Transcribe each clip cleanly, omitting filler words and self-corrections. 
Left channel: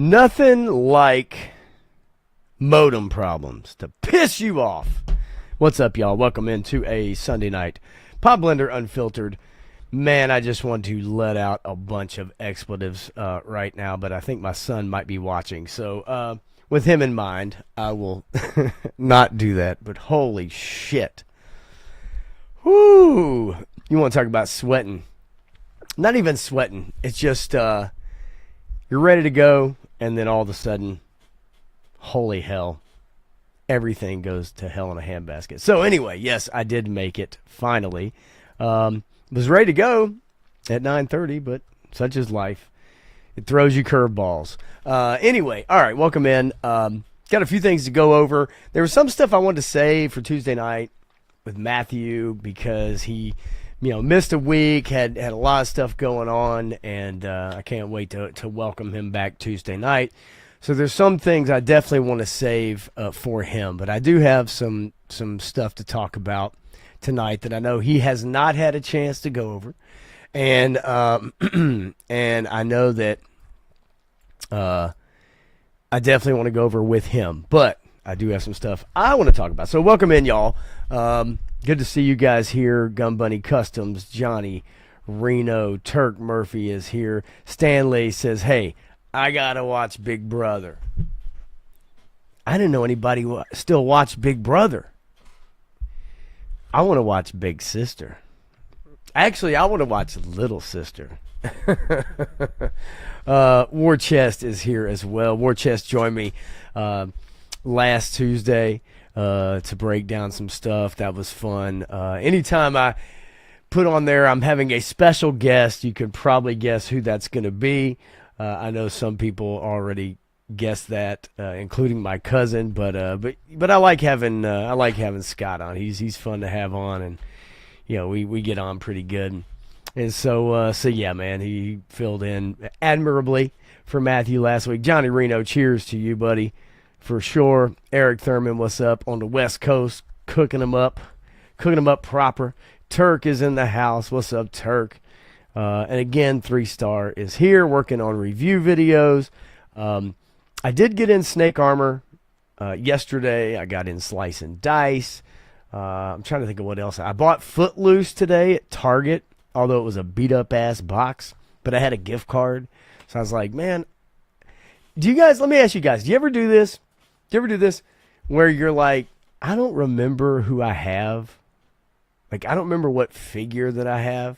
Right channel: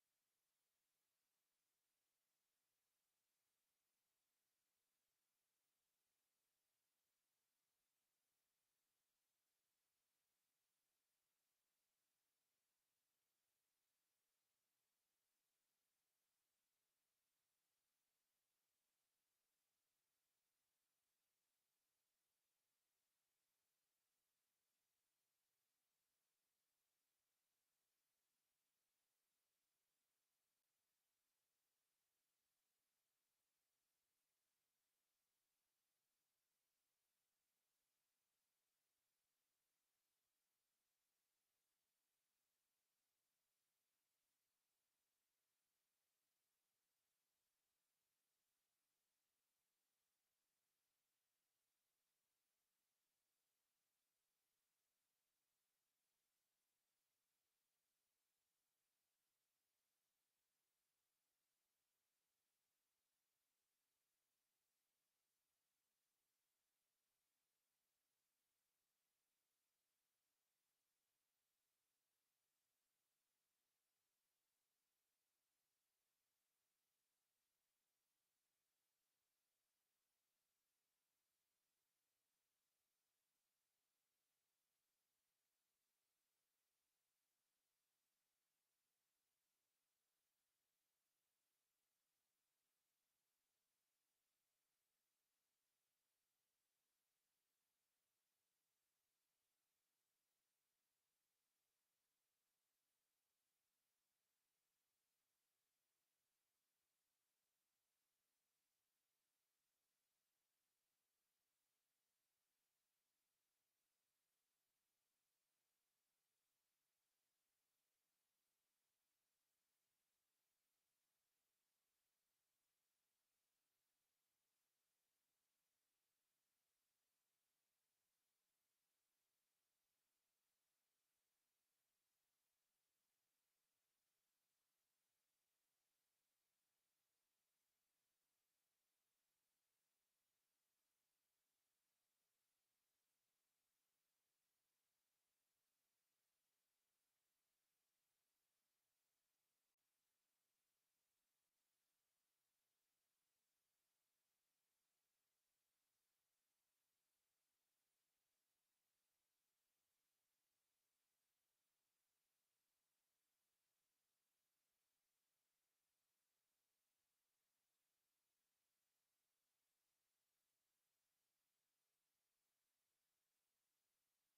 Nothing like modem problems to piss you off. What's up, y'all? Welcome into a Sunday night Blender Unfiltered. Man, I just want to let out a bunch of expletives right now, but I think my son might be watching. So with him in mind, I will not do that. But holy shit. Whoo! You want to talk about sweating. Not even sweating. It's just you're ready to go, and then all of a sudden, holy hell, everything goes to hell in a handbasket. So anyway, yes, I did make it finally. Was ready to go at 9:30, but such is life. It throws you curveballs. Anyway, all right, welcome in. Got a few things to go over. There was some stuff I wanted to say for Tuesday night with Matthew because he, missed a week, had a lot of stuff going on, and I can't wait to welcome him back Tuesday night. So there's some things I definitely want to save for him, but I do have some stuff to talk about tonight that I know he has not had a chance to go over, and and I know that I definitely want to go over with him, but I do have some stuff I want to talk about. So welcome in, y'all. Good to see you guys here. Gun Bunny Customs, Johnny, Reno, Turk Murphy is here. Stanley says, hey, I gotta watch Big Brother. I didn't know anybody still watched Big Brother. I want to watch Big Sister. Actually, I want to watch Little Sister. War Chest is here as well. War Chest joined me last Tuesday to break down some stuff. That was fun. Anytime I put on there, I'm having a special guest. You could probably guess who that's going to be. I know some people already guessed that, including my cousin. But I like having Scott on. He's fun to have on, and we get on pretty good. And so yeah, man, he filled in admirably for Matthew last week. Johnny Reno, cheers to you, buddy, for sure. Eric Thurman, what's up on the West Coast, cooking them up proper. Turk is in the house. What's up, Turk? And again, 3-Star is here working on review videos. I did get in Snake Armor yesterday. I got in Slice and Dice. I'm trying to think of what else. I bought Footloose today at Target, although it was a beat-up-ass box. But I had a gift card. So I was like, man, let me ask you guys, do you ever do this? Do you ever do this where you're like, I don't remember who I have. Like, I don't remember what figure that I have.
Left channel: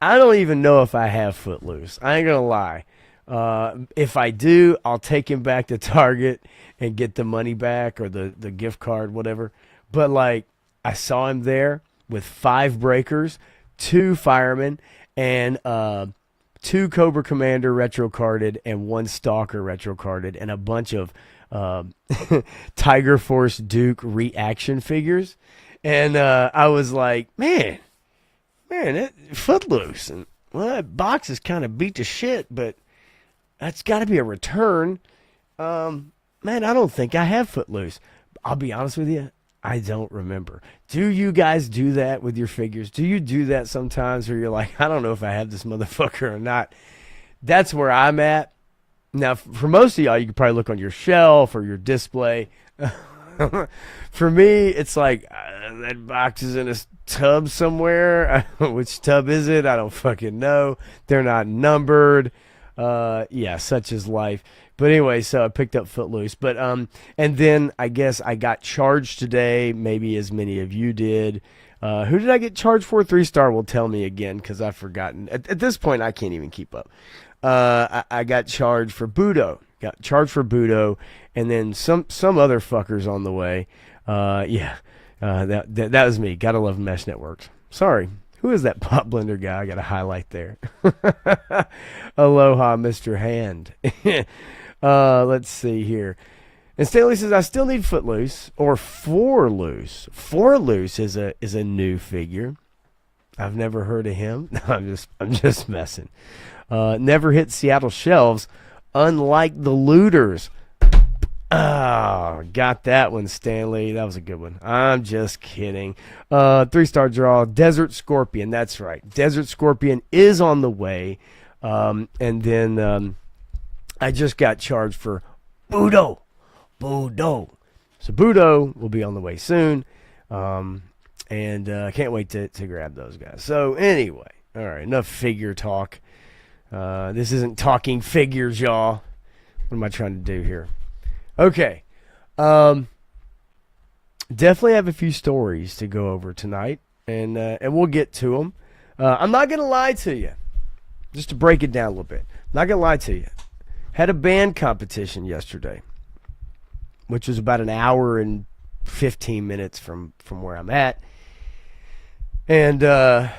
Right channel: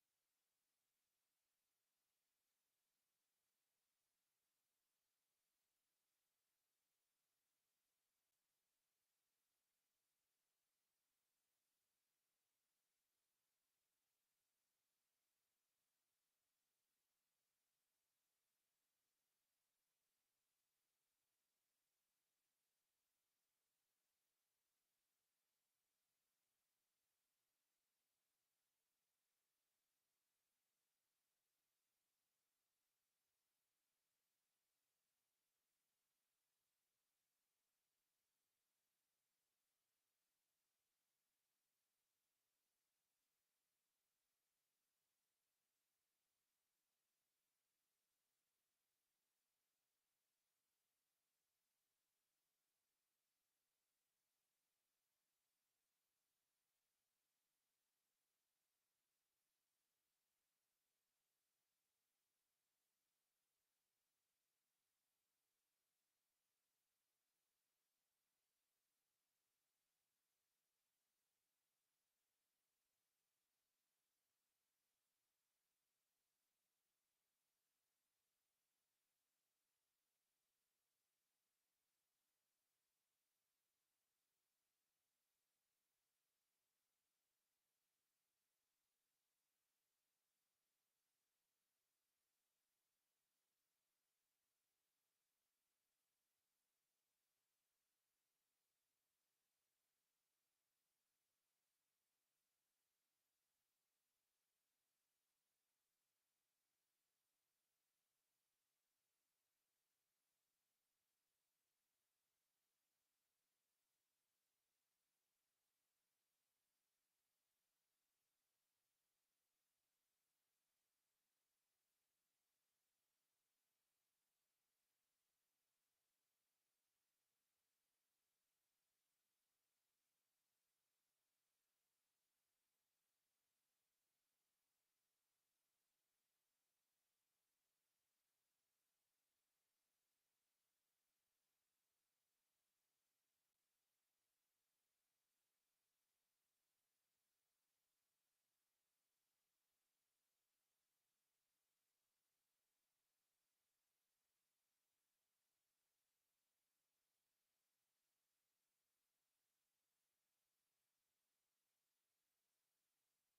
I don't even know if I have Footloose. I ain't gonna lie. If I do, I'll take him back to Target and get the money back or the gift card, whatever. But like, I saw him there with 5 breakers, 2 firemen, and 2 Cobra Commander retro carded and 1 Stalker retro carded and a bunch of Tiger Force Duke reaction figures. And I was like, man, Footloose. And well, that box is kind of beat to shit, but that's got to be a return. Man, I don't think I have Footloose. I'll be honest with you, I don't remember. Do you guys do that with your figures? Do you do that sometimes where you're like, I don't know if I have this motherfucker or not? That's where I'm at. Now, for most of y'all, you could probably look on your shelf or your display. For me, it's like, that box is in a tub somewhere. Which tub is it? I don't fucking know. They're not numbered. Yeah, such is life. But anyway, so I picked up Footloose. But and then I guess I got charged today, maybe as many of you did. Who did I get charged for? 3-Star will tell me again because I've forgotten. At this point, I can't even keep up. I got charged for Budo. And then some other fuckers on the way. Yeah, that was me. Gotta love Mesh Networks. Sorry. Who is that Pop Blender guy? I got to highlight there. Aloha, Mr. Hand. Let's see here. And Stanley says, I still need Footloose or Four-Loose. Four-Loose is a new figure. I've never heard of him. No, I'm just messing. Never hit Seattle shelves, unlike the Looters. Oh, got that one, Stanley. That was a good one. I'm just kidding. 3-Star draw. Desert Scorpion. That's right. Desert Scorpion is on the way. And then I just got charged for Budo. Budo. So Budo will be on the way soon. And I can't wait to grab those guys. So anyway, all right, enough figure talk. This isn't talking figures, y'all. What am I trying to do here? Okay. Definitely have a few stories to go over tonight, and we'll get to them. I'm not going to lie to you. Just to break it down a little bit. I'm not going to lie to you. Had a band competition yesterday, which was about an hour and 15 minutes from where I'm at. And I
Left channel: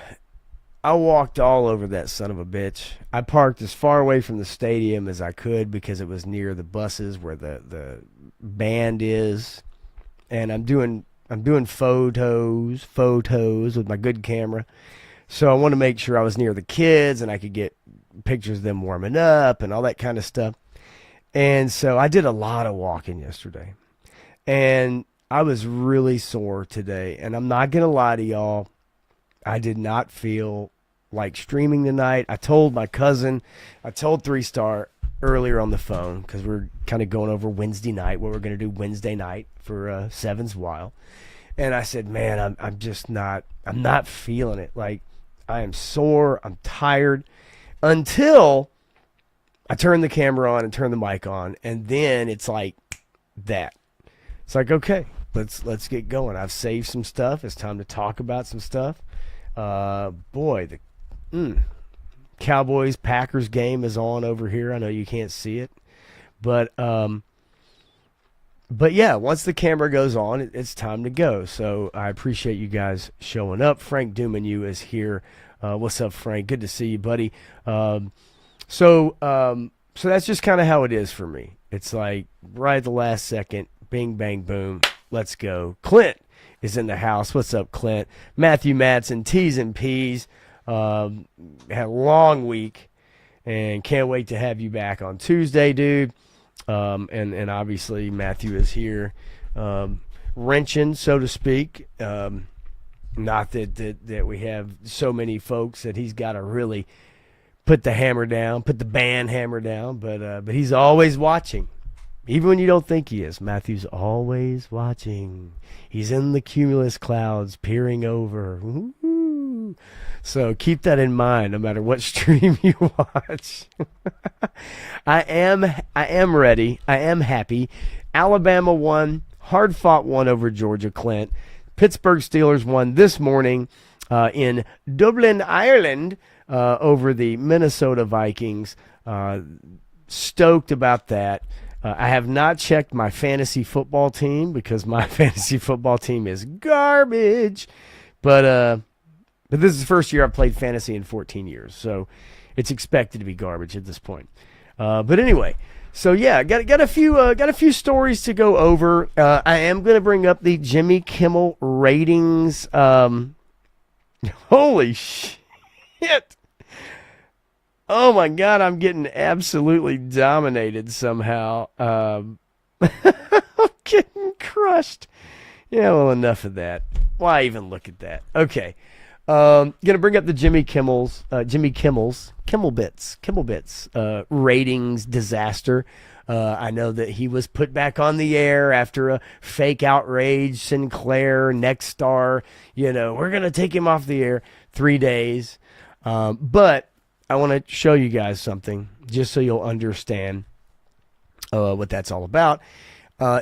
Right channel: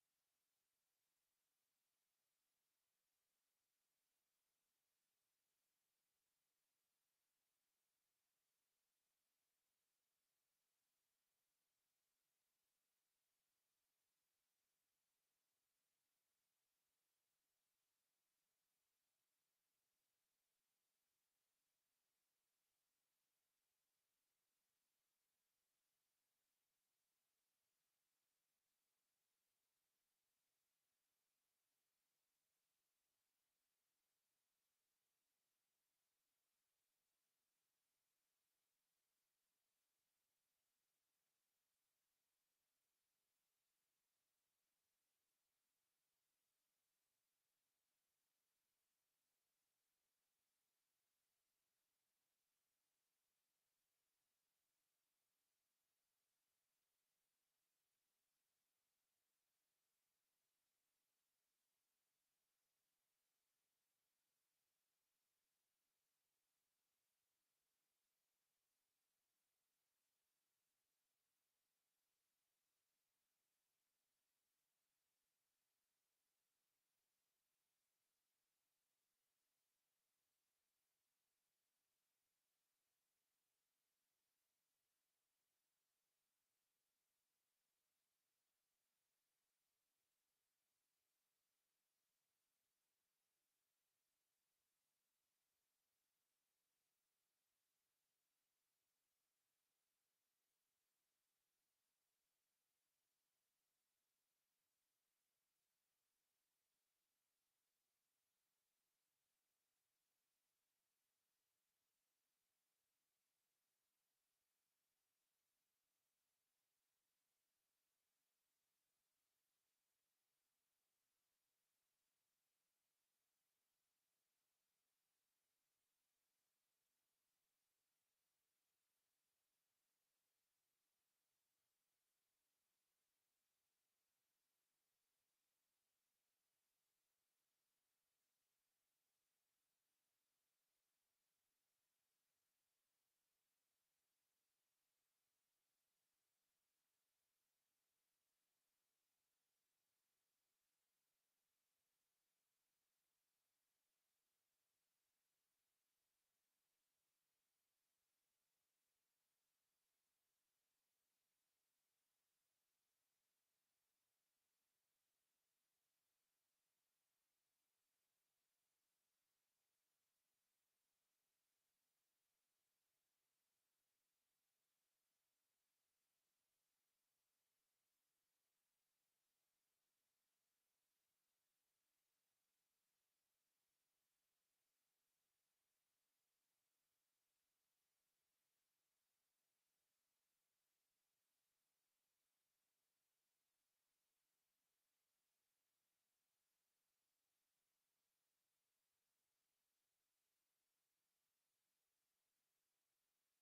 walked all over that son of a bitch. I parked as far away from the stadium as I could because it was near the buses where the band is. And I'm doing photos with my good camera. So I want to make sure I was near the kids and I could get pictures of them warming up and all that kind of stuff. And so I did a lot of walking yesterday. And I was really sore today. And I'm not going to lie to y'all. I did not feel like streaming tonight. I told my cousin, I told 3-Star earlier on the phone because we're kind of going over Wednesday night, what we're going to do Wednesday night for Seven's Wild. And I said, man, I'm not feeling it. Like, I am sore. I'm tired until I turn the camera on and turn the mic on. And then it's like that. It's like, okay, let's get going. I've saved some stuff. It's time to talk about some stuff. Boy, the Cowboys Packers game is on over here. I know you can't see it, but yeah, once the camera goes on, it's time to go. So I appreciate you guys showing up. Frank Dumanu is here. What's up, Frank? Good to see you, buddy. So that's just kind of how it is for me. It's like right at the last second, bing, bang, boom, let's go. Clint is in the house. What's up, Clint? Matthew Madsen, T's and P's. Had a long week and can't wait to have you back on Tuesday, dude. And obviously Matthew is here, wrenching, so to speak. Not that we have so many folks that he's got to really put the hammer down, put the band hammer down, but he's always watching. Even when you don't think he is, Matthew's always watching. He's in the cumulus clouds, peering over. Ooh. So keep that in mind, no matter what stream you watch. I am ready. I am happy. Alabama won, hard-fought one over Georgia, Clint. Pittsburgh Steelers won this morning in Dublin, Ireland, over the Minnesota Vikings. Stoked about that. I have not checked my fantasy football team because my fantasy football team is garbage. But this is the first year I've played fantasy in 14 years, so it's expected to be garbage at this point. But anyway, so yeah, got a few stories to go over. I am going to bring up the Jimmy Kimmel ratings. Holy shit! Oh my God, I'm getting absolutely dominated somehow. I'm getting crushed. Yeah, well, enough of that. Why even look at that? Okay. Gonna bring up the Jimmy Kimmel's Kimmel Bits ratings disaster. I know that he was put back on the air after a fake outrage. Sinclair, Nexstar, we're gonna take him off the air 3 days. But I want to show you guys something just so you'll understand what that's all about.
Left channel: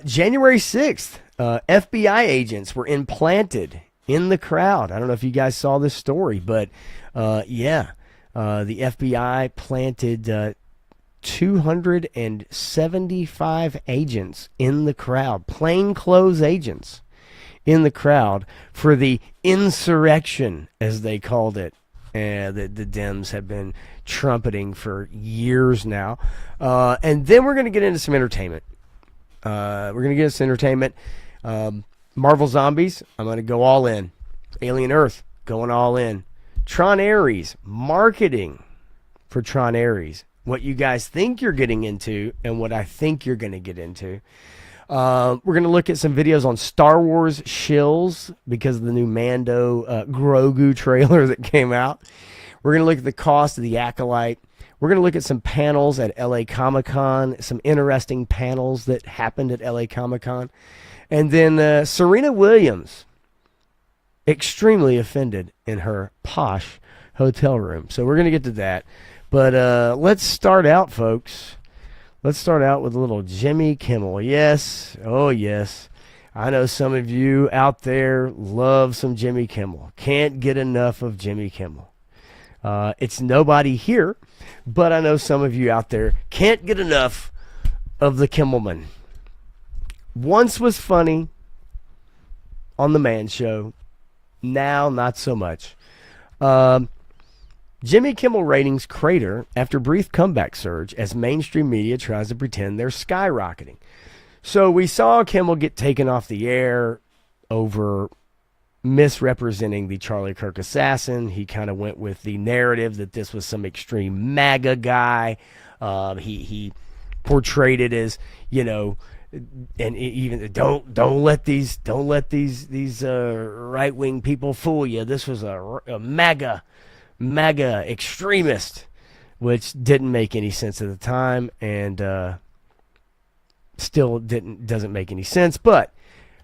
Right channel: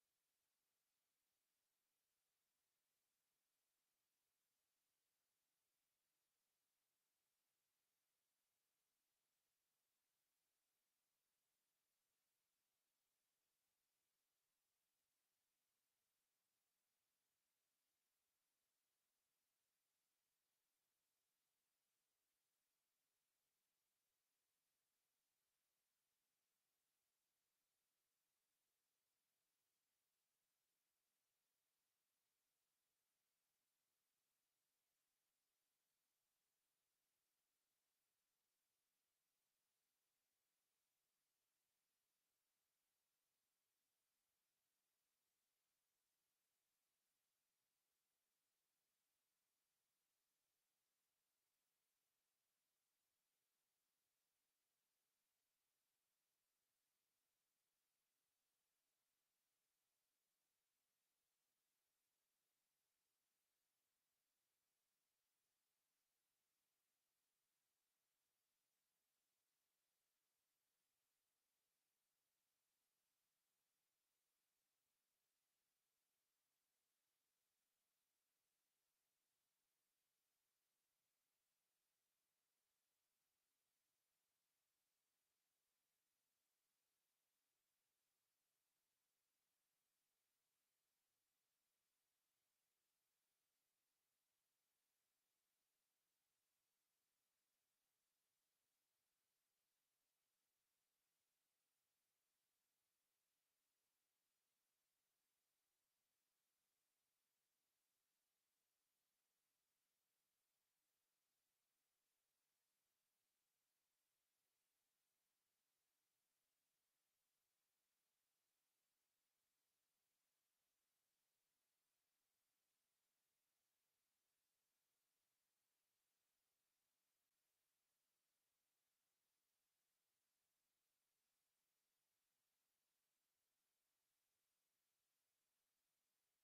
January 6th, FBI agents were implanted in the crowd. I don't know if you guys saw this story, but the FBI planted 275 agents in the crowd, plainclothes agents in the crowd for the insurrection, as they called it. The Dems have been trumpeting for years now. And then we're going to get into some entertainment. Marvel Zombies, I'm going to go all in. Alien Earth, going all in. Tron Ares, marketing for Tron Ares. What you guys think you're getting into and what I think you're going to get into. We're going to look at some videos on Star Wars shills because of the new Mando Grogu trailer that came out. We're going to look at the cost of the Acolyte. We're going to look at some panels at LA Comic-Con, some interesting panels that happened at LA Comic-Con. And then Serena Williams, extremely offended in her posh hotel room. So we're going to get to that. But let's start out, folks. Let's start out with a little Jimmy Kimmel. Yes, oh yes. I know some of you out there love some Jimmy Kimmel. Can't get enough of Jimmy Kimmel. It's nobody here, but I know some of you out there can't get enough of the Kimmelman. Once was funny on the Man Show. Now, not so much. Jimmy Kimmel ratings crater after brief comeback surge as mainstream media tries to pretend they're skyrocketing. So we saw Kimmel get taken off the air over misrepresenting the Charlie Kirk assassin. He kind of went with the narrative that this was some extreme MAGA guy. He portrayed it as, you know, and even don't let these right wing people fool you. This was a MAGA extremist, which didn't make any sense at the time, and still doesn't make any sense. But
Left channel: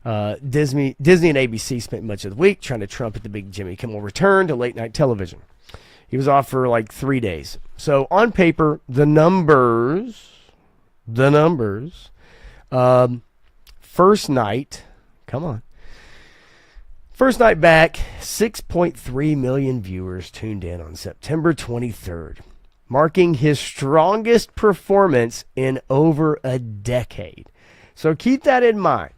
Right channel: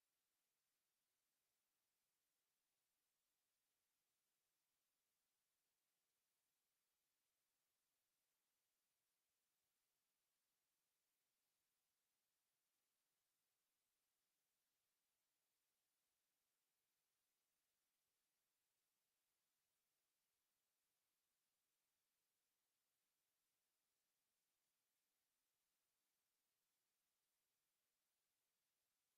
Disney and ABC spent much of the week trying to trumpet the big Jimmy Kimmel return to late night television. He was off for like 3 days. So on paper, the numbers. First night, come on. First night back, 6.3 million viewers tuned in on September 23rd, marking his strongest performance in over a decade. So keep that in mind,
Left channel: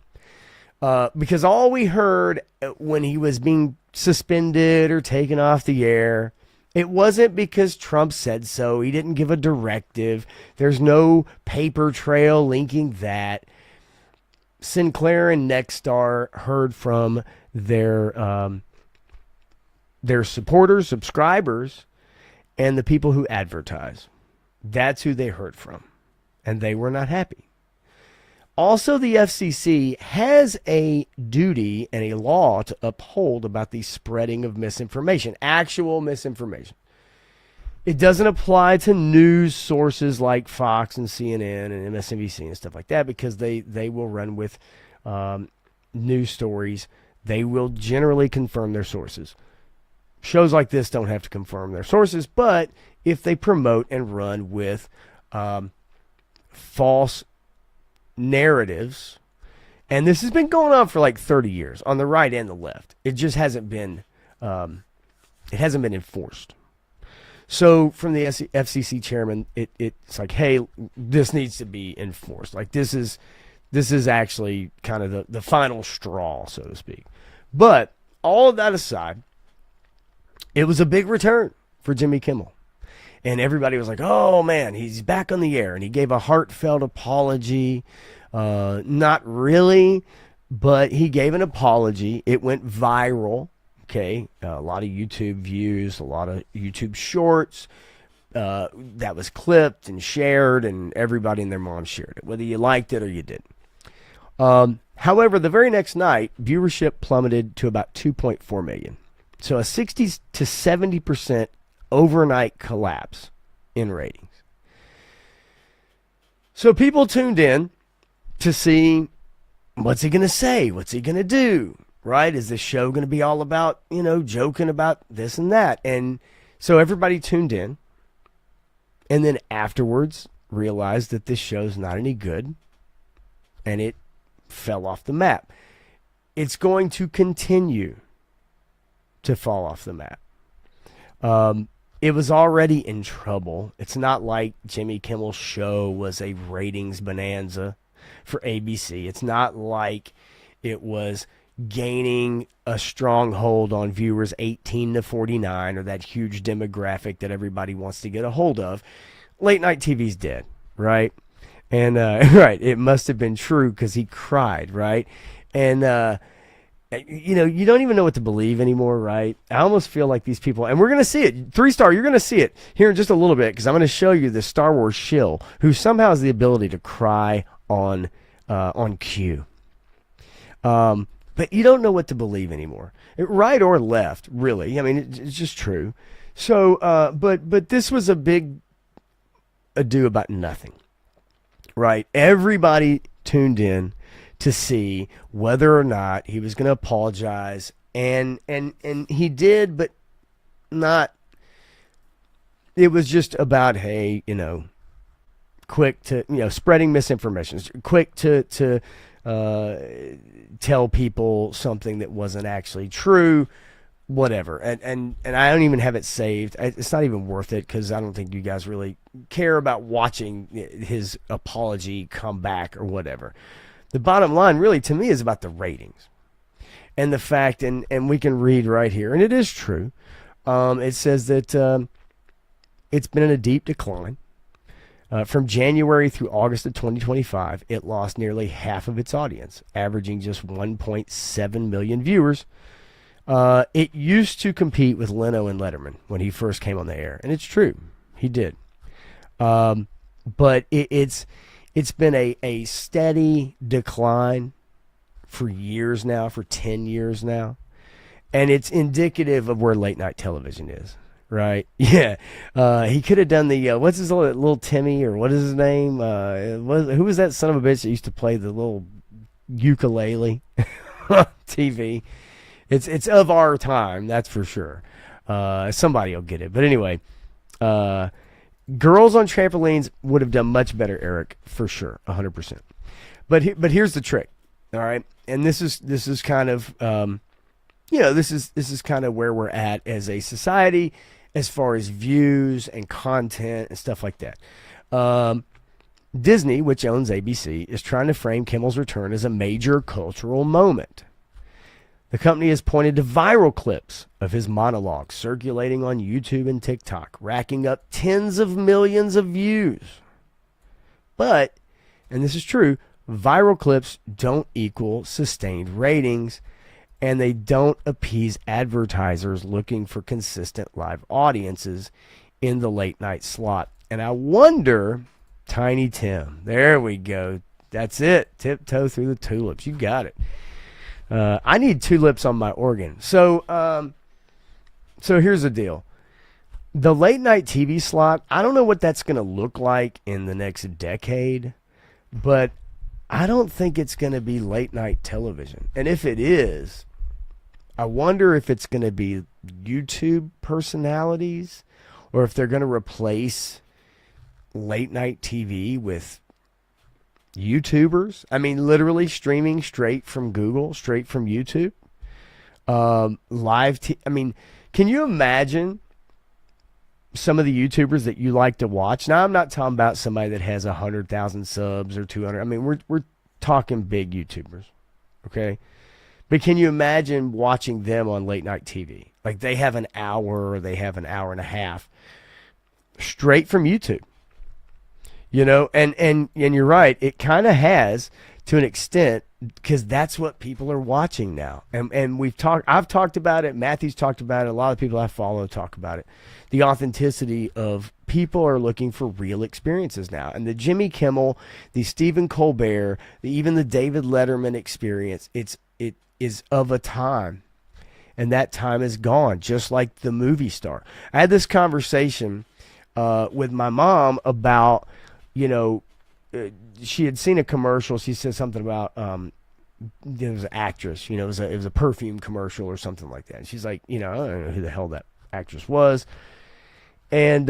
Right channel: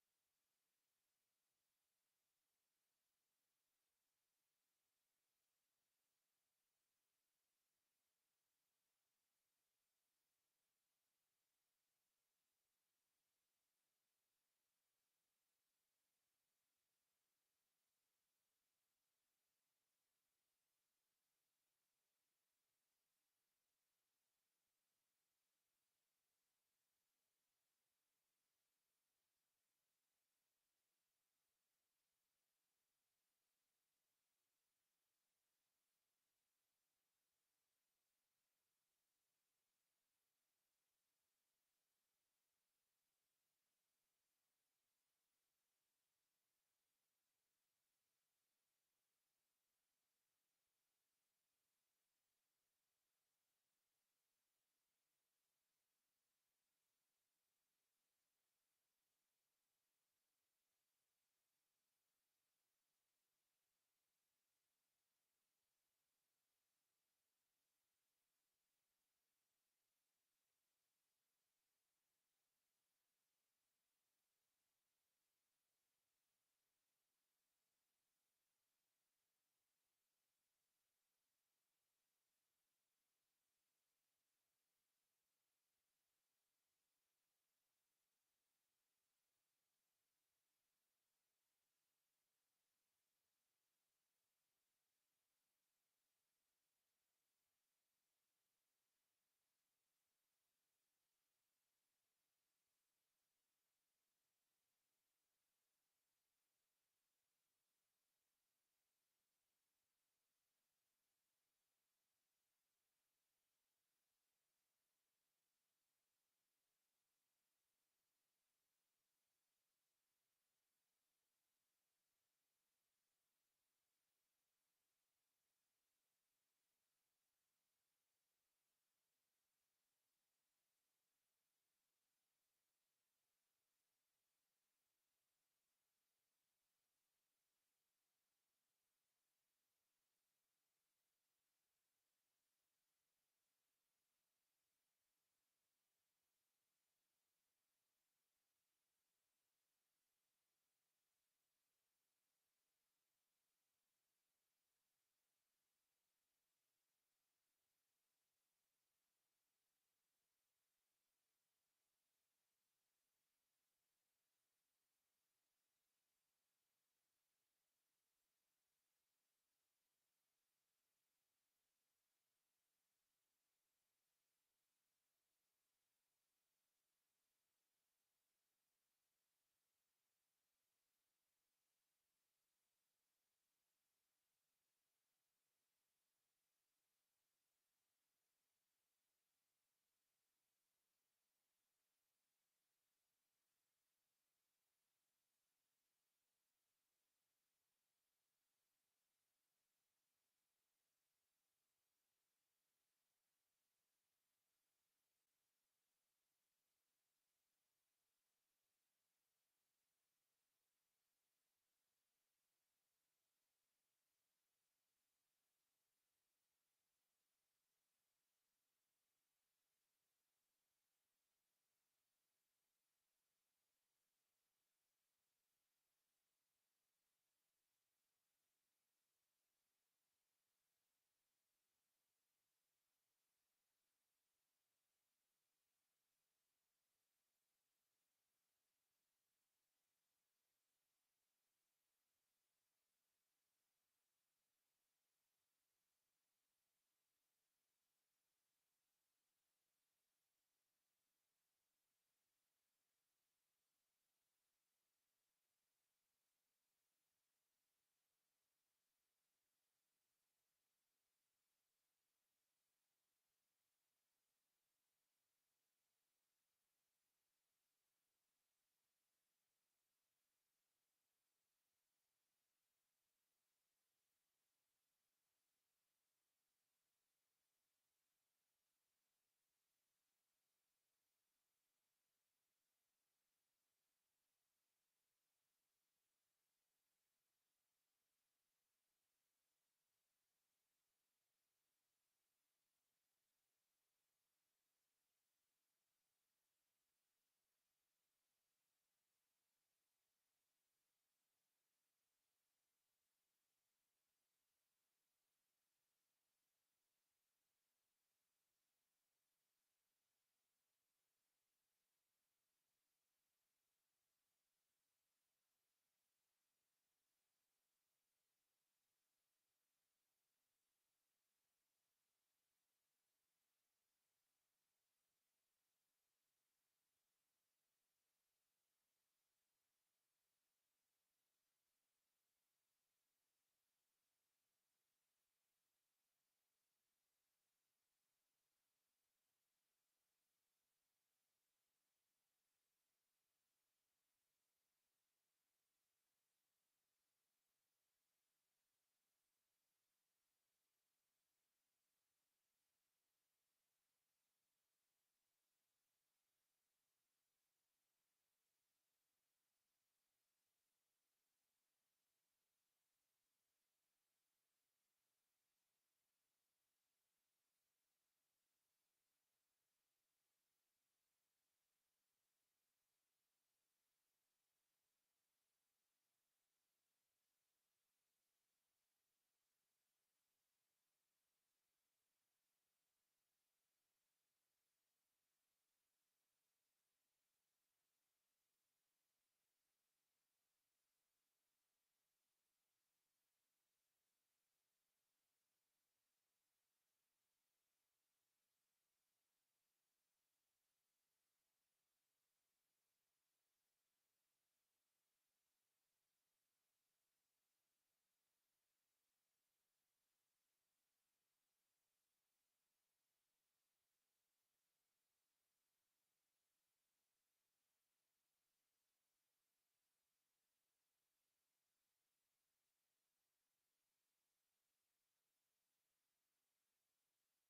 because all we heard when he was being suspended or taken off the air, it wasn't because Trump said so. He didn't give a directive. There's no paper trail linking that. Sinclair and Nexstar heard from their supporters, subscribers, and the people who advertise. That's who they heard from, and they were not happy. Also, the FCC has a duty and a law to uphold about the spreading of misinformation, actual misinformation. It doesn't apply to news sources like Fox and CNN and MSNBC and stuff like that, because they will run with news stories. They will generally confirm their sources. Shows like this don't have to confirm their sources, but if they promote and run with false narratives, and this has been going on for like 30 years on the right and the left, it just hasn't been enforced. So from the FCC chairman, it's like, hey, this needs to be enforced. Like this is actually kind of the final straw, so to speak. But all of that aside, it was a big return for Jimmy Kimmel. And everybody was like, oh, man, he's back on the air. And he gave a heartfelt apology. Not really, but he gave an apology. It went viral. Okay, a lot of YouTube views, a lot of YouTube shorts. That was clipped and shared, and everybody and their mom shared it, whether you liked it or you didn't. However, the very next night, viewership plummeted to about 2.4 million. So a 60 to 70% overnight collapse in ratings. So people tuned in to see, what's he going to say? What's he going to do? Right? Is this show going to be all about, joking about this and that? And so everybody tuned in, and then afterwards realized that this show's not any good, and it fell off the map. It's going to continue to fall off the map. It was already in trouble. It's not like Jimmy Kimmel's show was a ratings bonanza for ABC. It's not like it was gaining a strong hold on viewers 18 to 49, or that huge demographic that everybody wants to get a hold of. Late night TV's dead, right? And right, it must have been true, because he cried, right? And you don't even know what to believe anymore, right? I almost feel like these people, and we're going to see it, 3-star, you're going to see it here in just a little bit, because I'm going to show you the Star Wars shill who somehow has the ability to cry on cue. But you don't know what to believe anymore, right or left, really. I mean, it's just true. So, but this was a big ado about nothing, right? Everybody tuned in to see whether or not he was going to apologize, and he did, but not. It was just about, hey, quick to, spreading misinformation, quick to tell people something that wasn't actually true, whatever. And I don't even have it saved. It's not even worth it because I don't think you guys really care about watching his apology come back or whatever. The bottom line really to me is about the ratings and the fact, and we can read right here, and it is true. It says that it's been in a deep decline. From January through August of 2025, it lost nearly half of its audience, averaging just 1.7 million viewers. It used to compete with Leno and Letterman when he first came on the air, and it's true, he did. But it's been a steady decline for years now, for 10 years now, and it's indicative of where late night television is. Right. Yeah. He could have done the, what's his little Timmy, or what is his name? Who was that son of a bitch that used to play the little ukulele TV? It's of our time, that's for sure. Somebody will get it. But anyway, Girls on Trampolines would have done much better, Eric, for sure, 100%. But here's the trick, all right? And this is kind of, this is kind of where we're at as a society, as far as views and content and stuff like that. Disney, which owns ABC, is trying to frame Kimmel's return as a major cultural moment. The company has pointed to viral clips of his monologue circulating on YouTube and TikTok, racking up tens of millions of views. But, and this is true, viral clips don't equal sustained ratings, and they don't appease advertisers looking for consistent live audiences in the late night slot. And I wonder, Tiny Tim, there we go. That's it. Tiptoe through the tulips. You got it. I need tulips on my organ. So here's the deal. The late night TV slot, I don't know what that's going to look like in the next decade, but I don't think it's going to be late night television. And if it is, I wonder if it's going to be YouTube personalities, or if they're going to replace late night TV with YouTubers. I mean, literally streaming straight from Google, straight from YouTube. I mean, can you imagine some of the YouTubers that you like to watch? Now, I'm not talking about somebody that has 100,000 subs or 200. I mean, we're talking big YouTubers, okay? But can you imagine watching them on late night TV? Like they have an hour or they have an hour and a half straight from YouTube. And you're right, it kind of has to an extent, because that's what people are watching now. And I've talked about it, Matthew's talked about it, a lot of people I follow talk about it. The authenticity of people are looking for real experiences now. And the Jimmy Kimmel, the Stephen Colbert, even the David Letterman experience, it is of a time, and that time is gone, just like the movie star. I had this conversation with my mom about, she had seen a commercial. She said something about there was an actress, it was a perfume commercial or something like that. And she's like, I don't know who the hell that actress was. And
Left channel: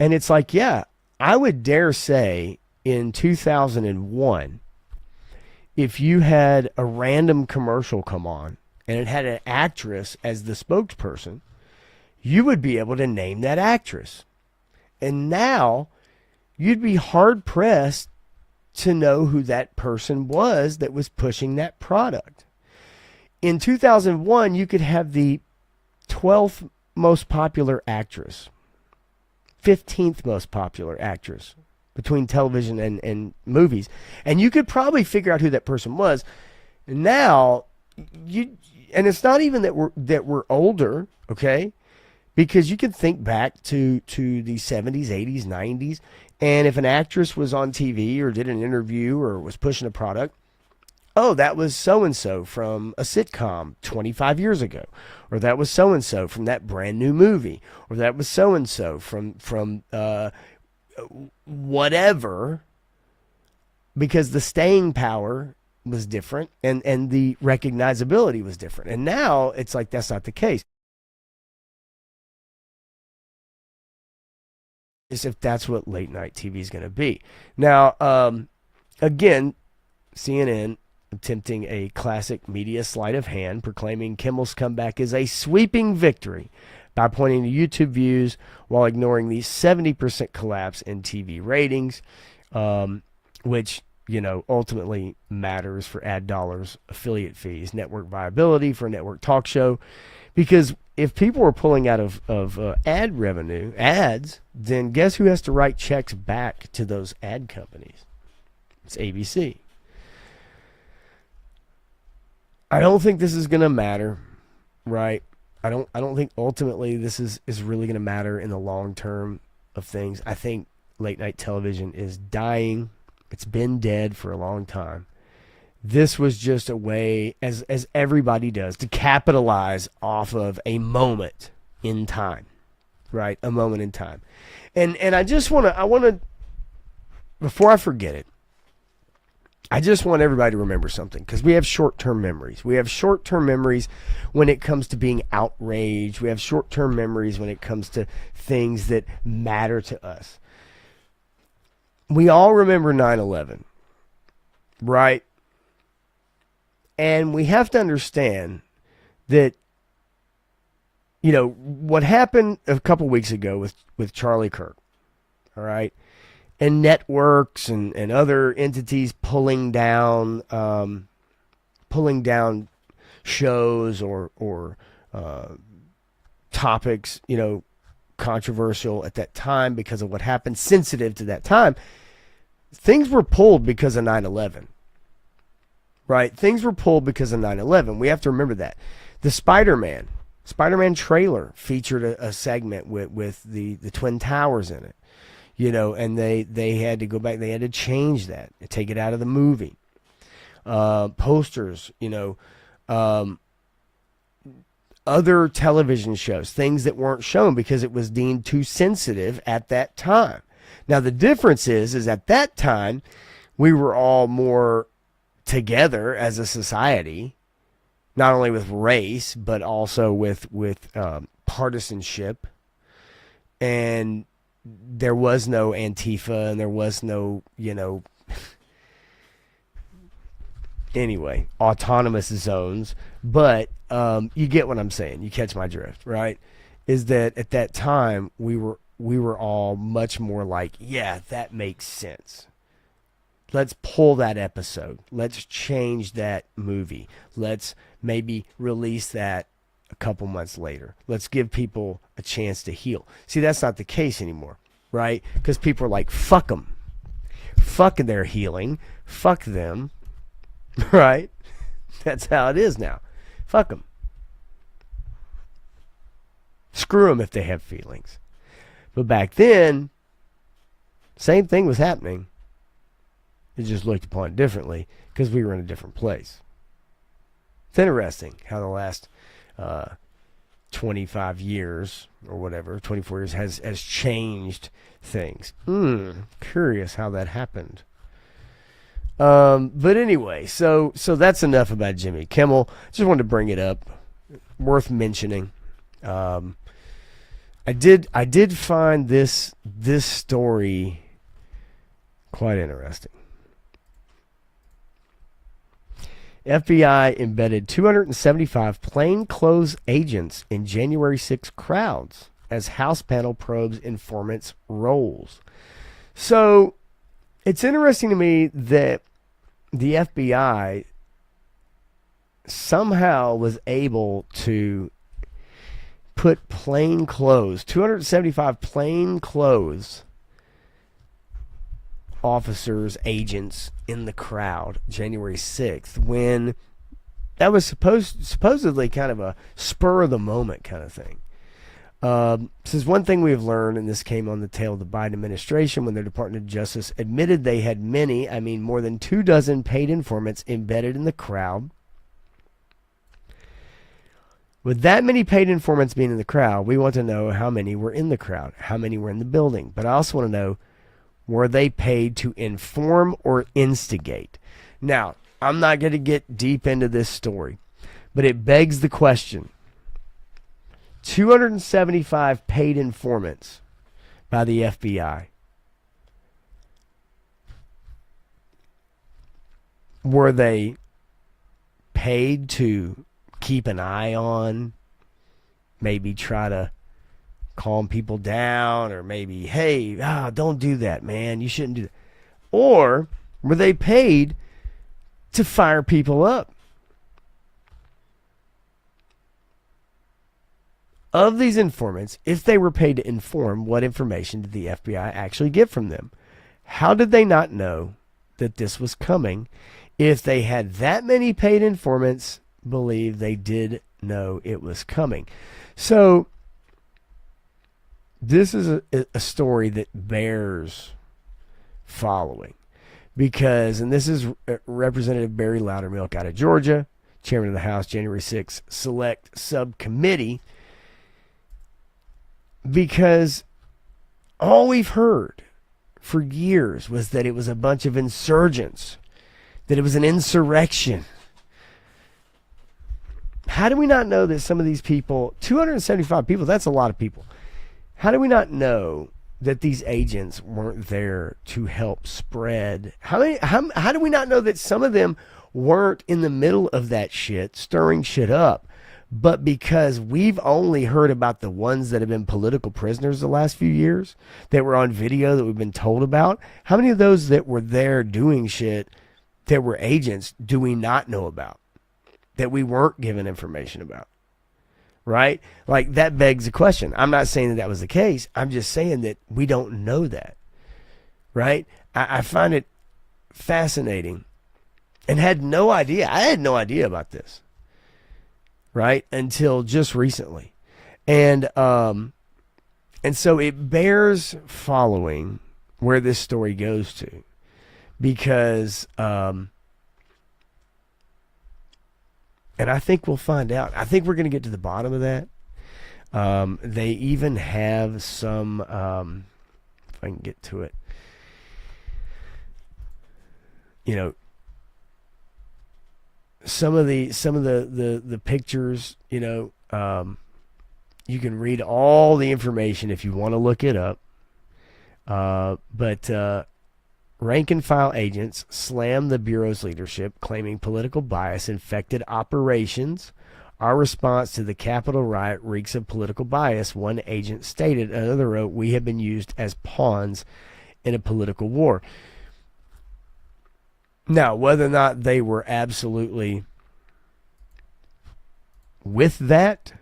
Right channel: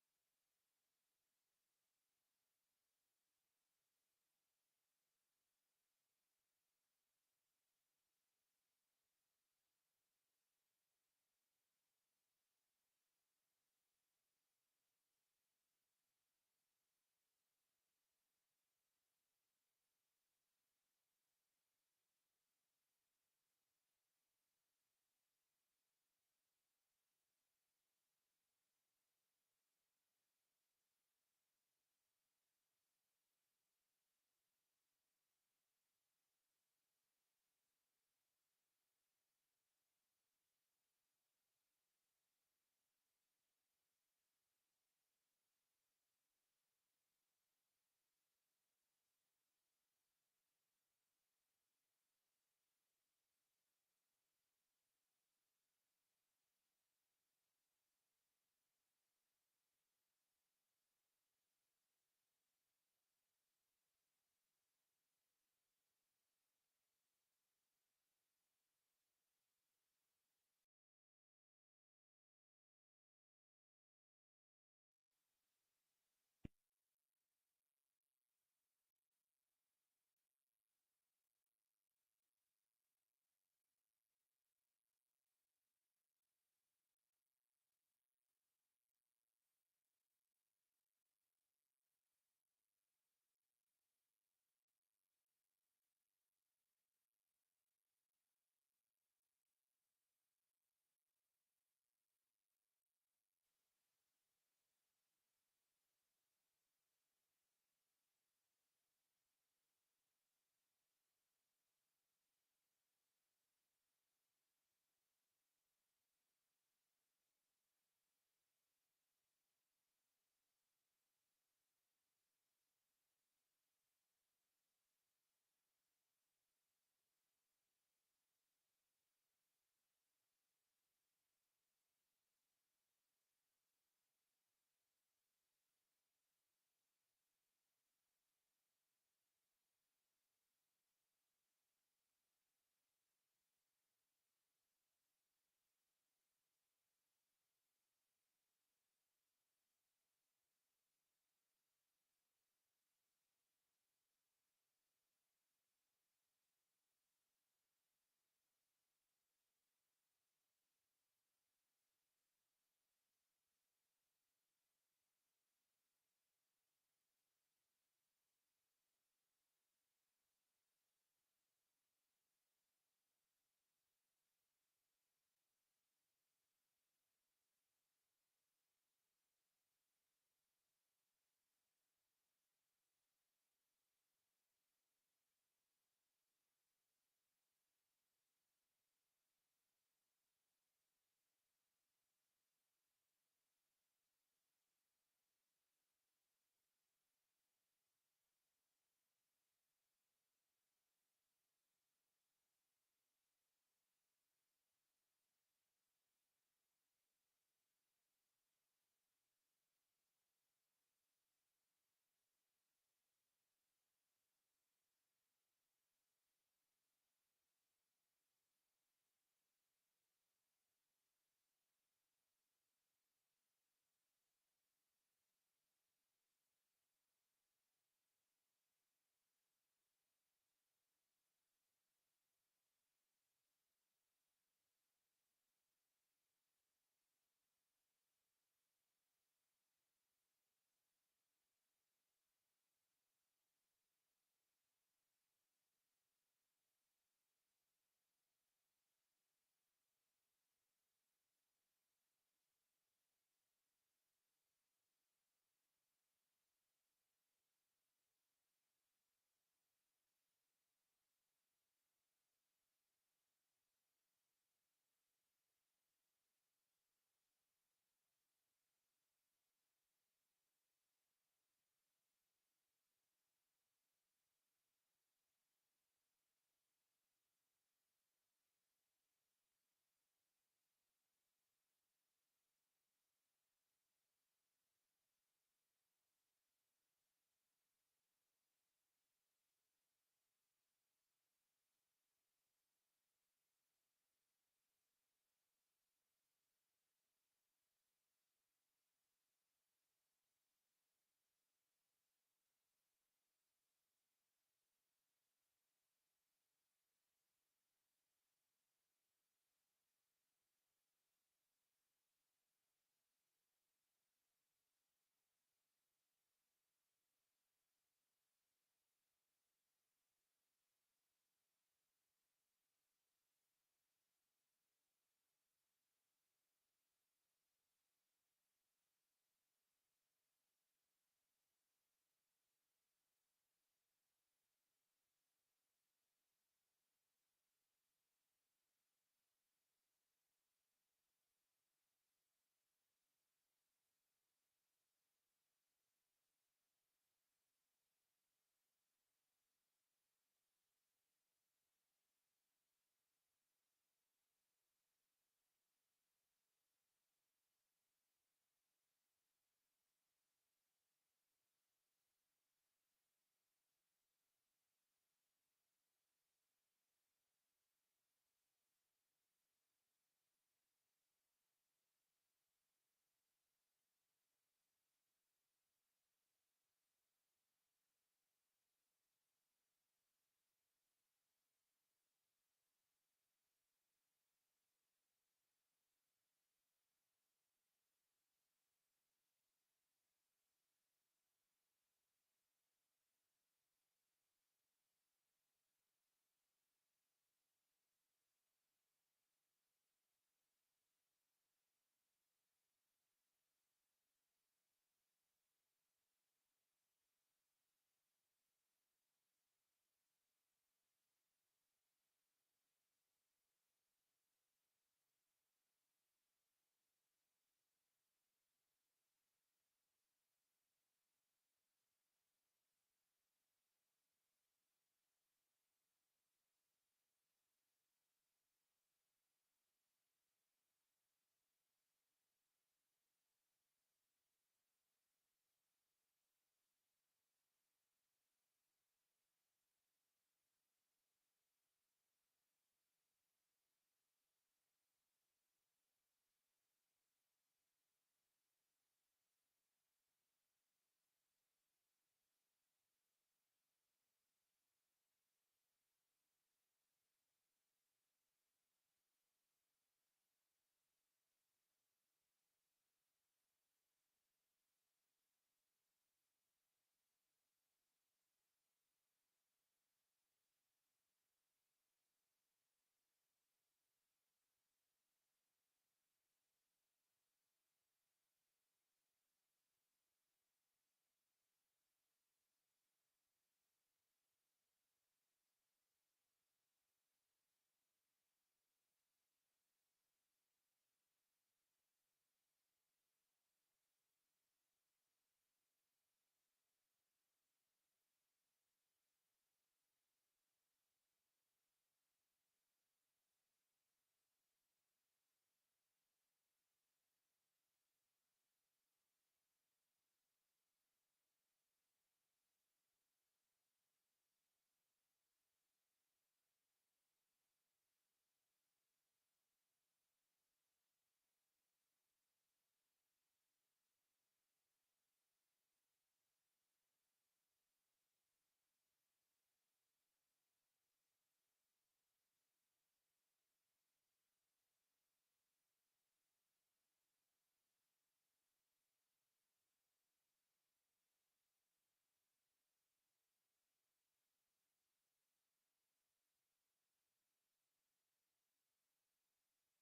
it's like, yeah, I would dare say in 2001, if you had a random commercial come on and it had an actress as the spokesperson, you would be able to name that actress. And now you'd be hard pressed to know who that person was that was pushing that product. In 2001, you could have the 12th most popular actress, 15th most popular actress between television and movies, and you could probably figure out who that person was. Now, and it's not even that we're older, okay? Because you can think back to the 70s, 80s, 90s, and if an actress was on TV or did an interview or was pushing a product, Oh, that was so and so from a sitcom 25 years ago, or that was so and so from that brand new movie, or that was so and so from whatever, because the staying power was different and the recognizability was different. And now it's like that's not the case. Is if that's what late night TV is going to be. Now, again, CNN attempting a classic media sleight of hand, proclaiming Kimmel's comeback is a sweeping victory by pointing to YouTube views while ignoring the 70% collapse in TV ratings, which ultimately matters for ad dollars, affiliate fees, network viability for a network talk show. Because if people are pulling out of ad revenue, ads, then guess who has to write checks back to those ad companies? It's ABC. I don't think this is going to matter, right? I don't think ultimately this is really going to matter in the long term of things. I think late night television is dying. It's been dead for a long time. This was just a way, as everybody does, to capitalize off of a moment in time, right? A moment in time. And I just want to, before I forget it, I just want everybody to remember something, because we have short-term memories. We have short-term memories when it comes to being outraged. We have short-term memories when it comes to things that matter to us. We all remember 9/11, right? And we have to understand that, what happened a couple weeks ago with Charlie Kirk, all right? And networks and other entities pulling down shows or topics, controversial at that time because of what happened, sensitive to that time. Things were pulled because of 9/11, right? Things were pulled because of 9/11. We have to remember that. The Spider-Man trailer featured a segment with the Twin Towers in it. And they had to go back. They had to change that, take it out of the movie. Posters, other television shows, things that weren't shown because it was deemed too sensitive at that time. Now, the difference is at that time, we were all more together as a society, not only with race, but also with partisanship. And there was no Antifa and there was no, anyway, autonomous zones. But you get what I'm saying. You catch my drift, right? Is that at that time we were all much more like, yeah, that makes sense. Let's pull that episode. Let's change that movie. Let's maybe release that a couple months later. Let's give people a chance to heal. See, that's not the case anymore, right? Because people are like, fuck them. Fuck their healing. Fuck them, right? That's how it is now. Fuck them. Screw them if they have feelings. But back then, same thing was happening. It just looked upon differently because we were in a different place. It's interesting how the last 25 years or whatever, 24 years has changed things. Curious how that happened. But anyway, so that's enough about Jimmy Kimmel. Just wanted to bring it up. Worth mentioning. I did find this story quite interesting. FBI embedded 275 plainclothes agents in January 6 crowds as House panel probes informants' roles. So it's interesting to me that the FBI somehow was able to put plain clothes, 275 plain clothes officers, agents in the crowd January 6th, when that was supposedly kind of a spur of the moment kind of thing. Says one thing we have learned, and this came on the tail of the Biden administration when their Department of Justice admitted they had many, I mean more than 24 paid informants embedded in the crowd. With that many paid informants being in the crowd, we want to know how many were in the crowd, how many were in the building. But I also want to know, were they paid to inform or instigate? Now, I'm not going to get deep into this story, but it begs the question. 275 paid informants by the FBI. Were they paid to keep an eye on, maybe try to calm people down, or maybe, hey, don't do that, man, you shouldn't do that? Or were they paid to fire people up? Of these informants, if they were paid to inform, what information did the FBI actually get from them? How did they not know that this was coming? If they had that many paid informants, believe they did know it was coming. So this is a story that bears following, because, and this is Representative Barry Loudermilk out of Georgia, chairman of the House January 6th Select Subcommittee, because all we've heard for years was that it was a bunch of insurgents, that it was an insurrection. How do we not know that some of these people, 275 people, that's a lot of people. How do we not know that these agents weren't there to help spread? How do we not know that some of them weren't in the middle of that shit, stirring shit up, but because we've only heard about the ones that have been political prisoners the last few years, that were on video that we've been told about? How many of those that were there doing shit that were agents do we not know about, that we weren't given information about? Right? Like, that begs the question. I'm not saying that that was the case. I'm just saying that we don't know that. Right? I find it fascinating, and had no idea. I had no idea about this. Right? Until just recently. And so it bears following where this story goes to, because and I think we'll find out. I think we're going to get to the bottom of that. They even have some, if I can get to it, you know, some of the pictures, you know, you can read all the information if you want to look it up. But rank and file agents slammed the Bureau's leadership, claiming political bias infected operations. Our response to the Capitol riot reeks of political bias, one agent stated. Another wrote, we have been used as pawns in a political war. Now, whether or not they were absolutely with that,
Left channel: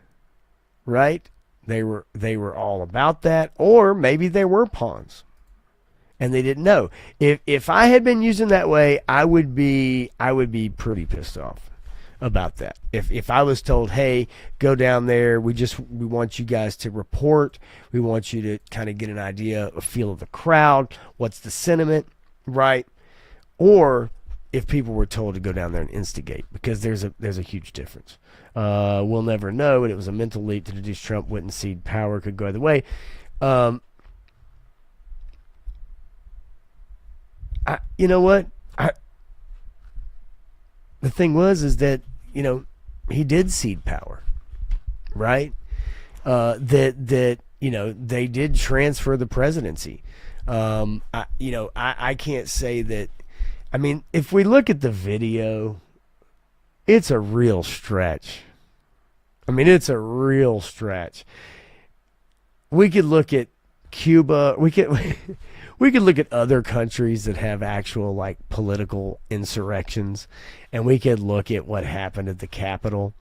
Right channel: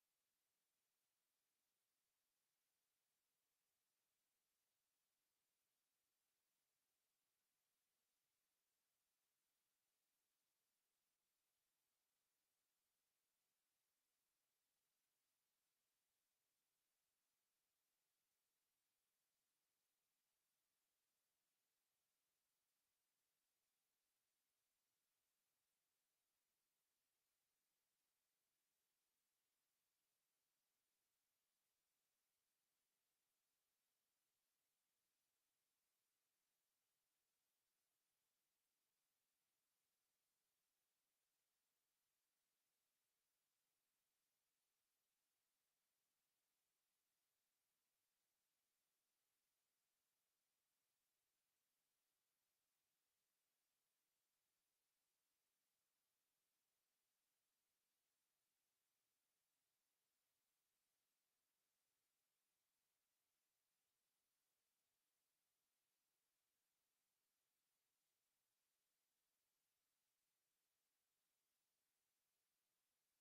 right? They were all about that, or maybe they were pawns and they didn't know. If I had been using that way, I would be pretty pissed off about that. If I was told, hey, go down there, we want you guys to report, we want you to kind of get an idea, a feel of the crowd, what's the sentiment, right? Or if people were told to go down there and instigate, because there's a huge difference. We'll never know, and it was a mental leap to deduce Trump wouldn't cede power, could go either way. You know what? The thing is that, you know, he did cede power, right? That you know, they did transfer the presidency. I can't say that. I mean, if we look at the video, it's a real stretch. I mean, it's a real stretch. We could look at Cuba. We could look at other countries that have actual, like, political insurrections, and we could look at what happened at the Capitol.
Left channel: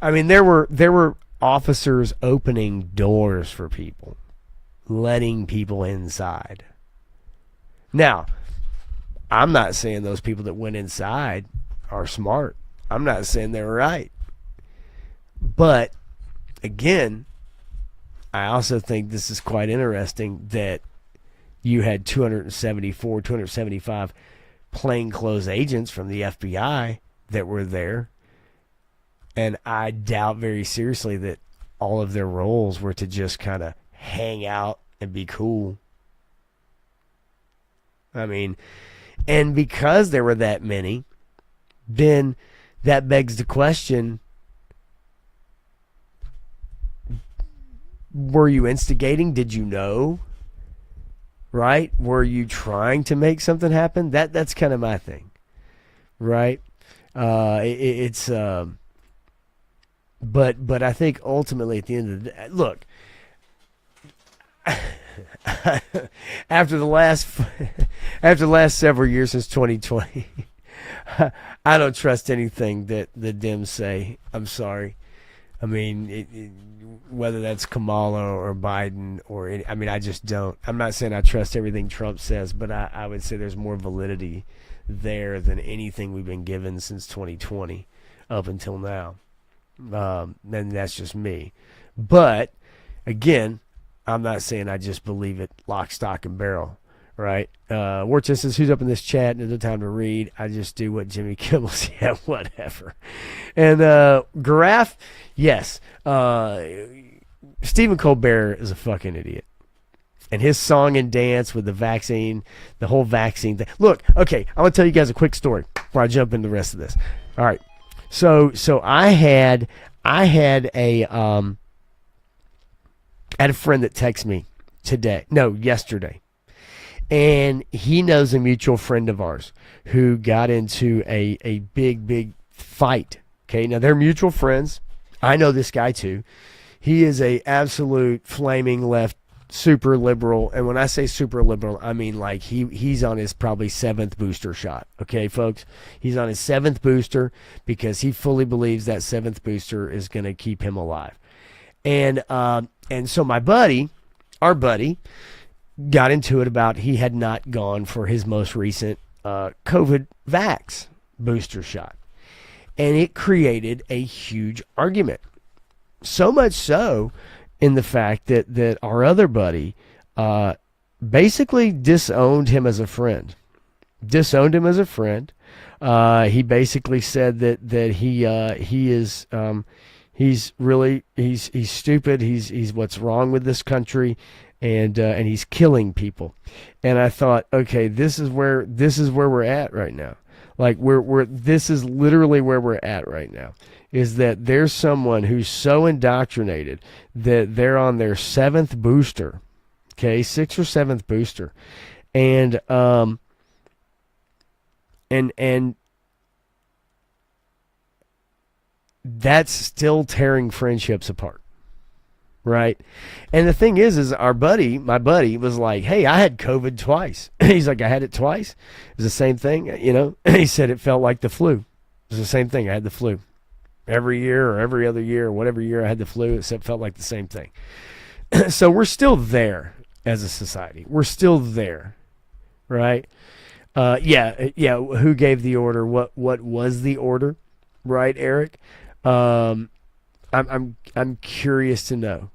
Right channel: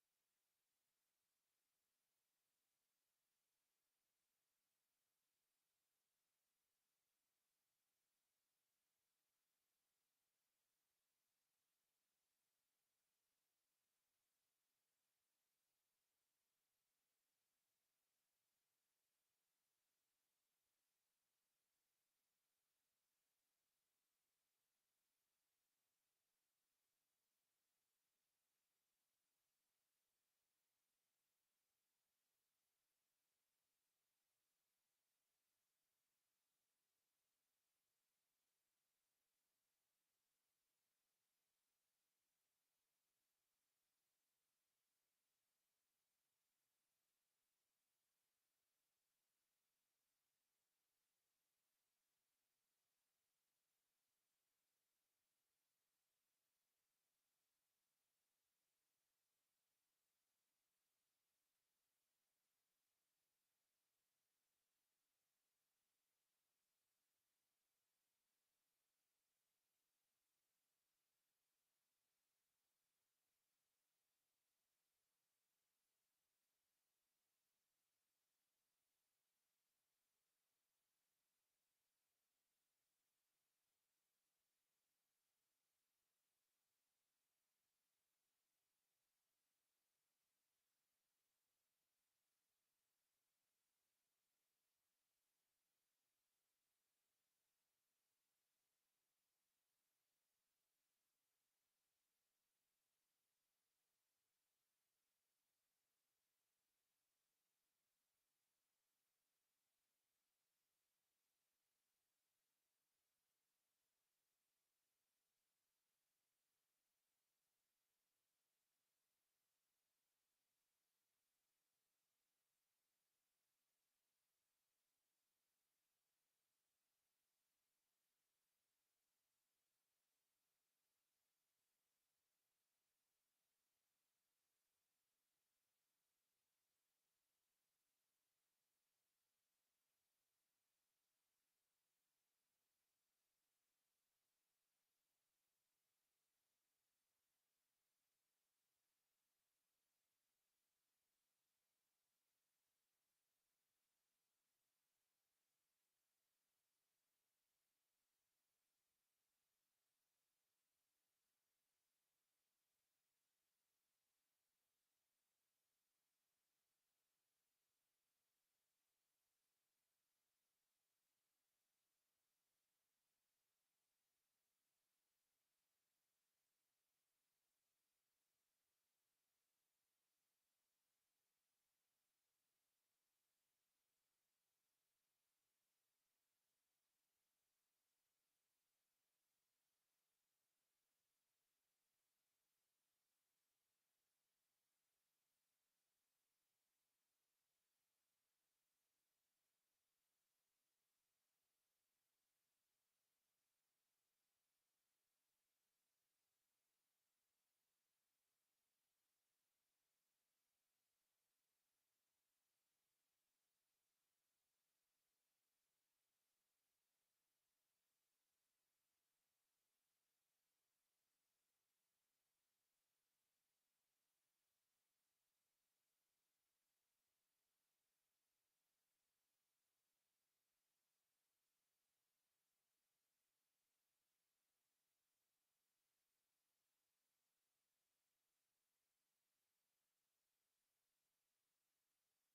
I mean, there were officers opening doors for people, letting people inside. Now, I'm not saying those people that went inside are smart. I'm not saying they're right. But again, I also think this is quite interesting that you had 274, 275 plainclothes agents from the FBI that were there. And I doubt very seriously that all of their roles were to just kind of hang out and be cool. I mean, and because there were that many, then that begs the question, were you instigating? Did you know? Right? Were you trying to make something happen? That's kind of my thing. Right? But I think ultimately at the end of the day, look, after the last several years since 2020, I don't trust anything that the Dems say. I'm sorry. I mean, whether that's Kamala or Biden or I just don't. I'm not saying I trust everything Trump says, but I would say there's more validity there than anything we've been given since 2020 up until now. And that's just me. But again, I'm not saying I just believe it lock, stock, and barrel, right? Warchest says, who's up in this chat? There's no time to read. I just do what Jimmy Kimmel says. Yeah, whatever. And Garaf, yes. Stephen Colbert is a fucking idiot. And his song and dance with the vaccine, the whole vaccine thing. Look, okay, I'm going to tell you guys a quick story before I jump into the rest of this. All right. So I had a friend that texted me yesterday, and he knows a mutual friend of ours who got into a big fight. Okay, now they're mutual friends. I know this guy too. He is a absolute flaming left, super liberal, and when I say super liberal, I mean like he's on his probably 7th booster shot. Okay, folks, he's on his 7th booster because he fully believes that 7th booster is going to keep him alive. And so our buddy, got into it about he had not gone for his most recent COVID vax booster shot, and it created a huge argument. So much so, in the fact that our other buddy basically disowned him as a friend. He basically said that he is he's stupid. He's what's wrong with this country, and he's killing people. And I thought, okay, this is where we're at right now. Like this is literally where we're at right now. Is that there's someone who's so indoctrinated that they're on their 7th booster, okay, 6th or 7th booster, and that's still tearing friendships apart, right? And the thing is my buddy was like, hey, I had COVID twice. He's like, I had it twice. It was the same thing, He said it felt like the flu. It was the same thing. I had the flu. Every year or every other year or whatever year I had the flu, it felt like the same thing. So we're still there as a society. We're still there, right? Yeah. Who gave the order? What was the order, right, Eric? I'm curious to know.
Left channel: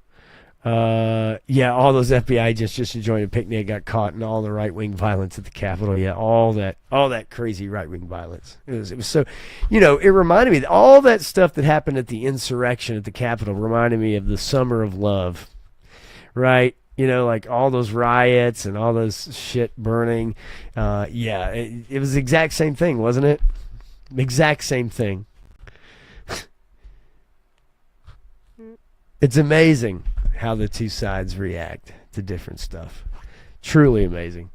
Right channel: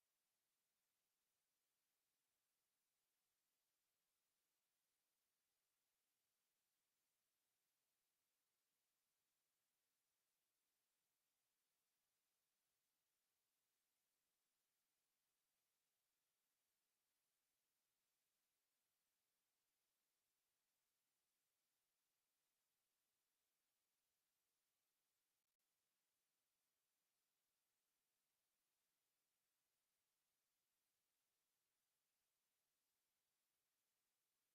All those FBI agents just enjoying a picnic got caught in all the right-wing violence at the Capitol. Yeah, all that crazy right-wing violence. It was so, it reminded me that all that stuff that happened at the insurrection at the Capitol reminded me of the Summer of Love, right? Like all those riots and all those shit burning. It was the exact same thing, wasn't it? Exact same thing. It's amazing how the two sides react to different stuff. Truly amazing.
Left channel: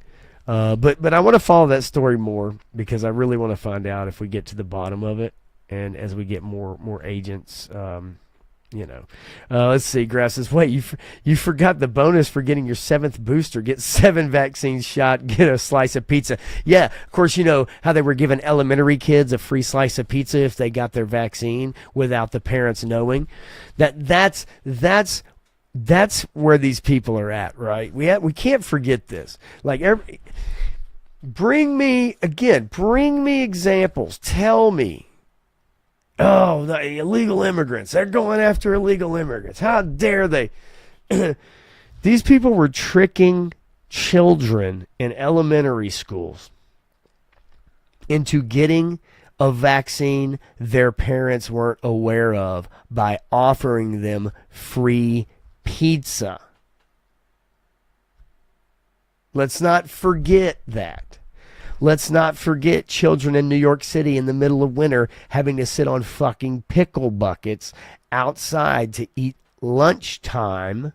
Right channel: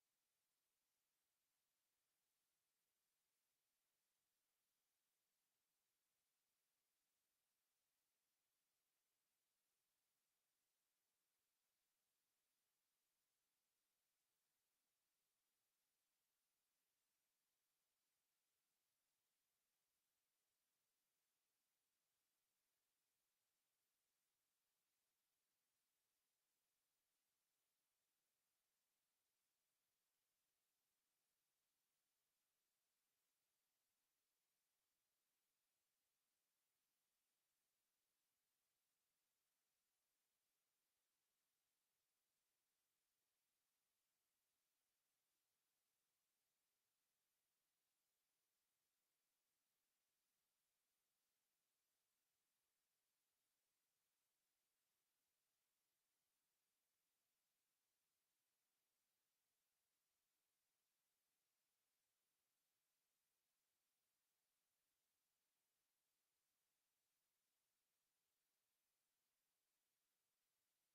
But I want to follow that story more because I really want to find out if we get to the bottom of it, and as we get more agents, let's see. Grass says, wait, you forgot the bonus for getting your 7th booster. Get 7 vaccines shot, get a slice of pizza. Yeah, of course, you know how they were giving elementary kids a free slice of pizza if they got their vaccine without the parents knowing. That's where these people are at, right? We can't forget this. Like bring me examples. Tell me Oh, the illegal immigrants. They're going after illegal immigrants. How dare they? These people were tricking children in elementary schools into getting a vaccine their parents weren't aware of by offering them free pizza. Let's not forget that. Let's not forget children in New York City in the middle of winter having to sit on fucking pickle buckets outside to eat lunchtime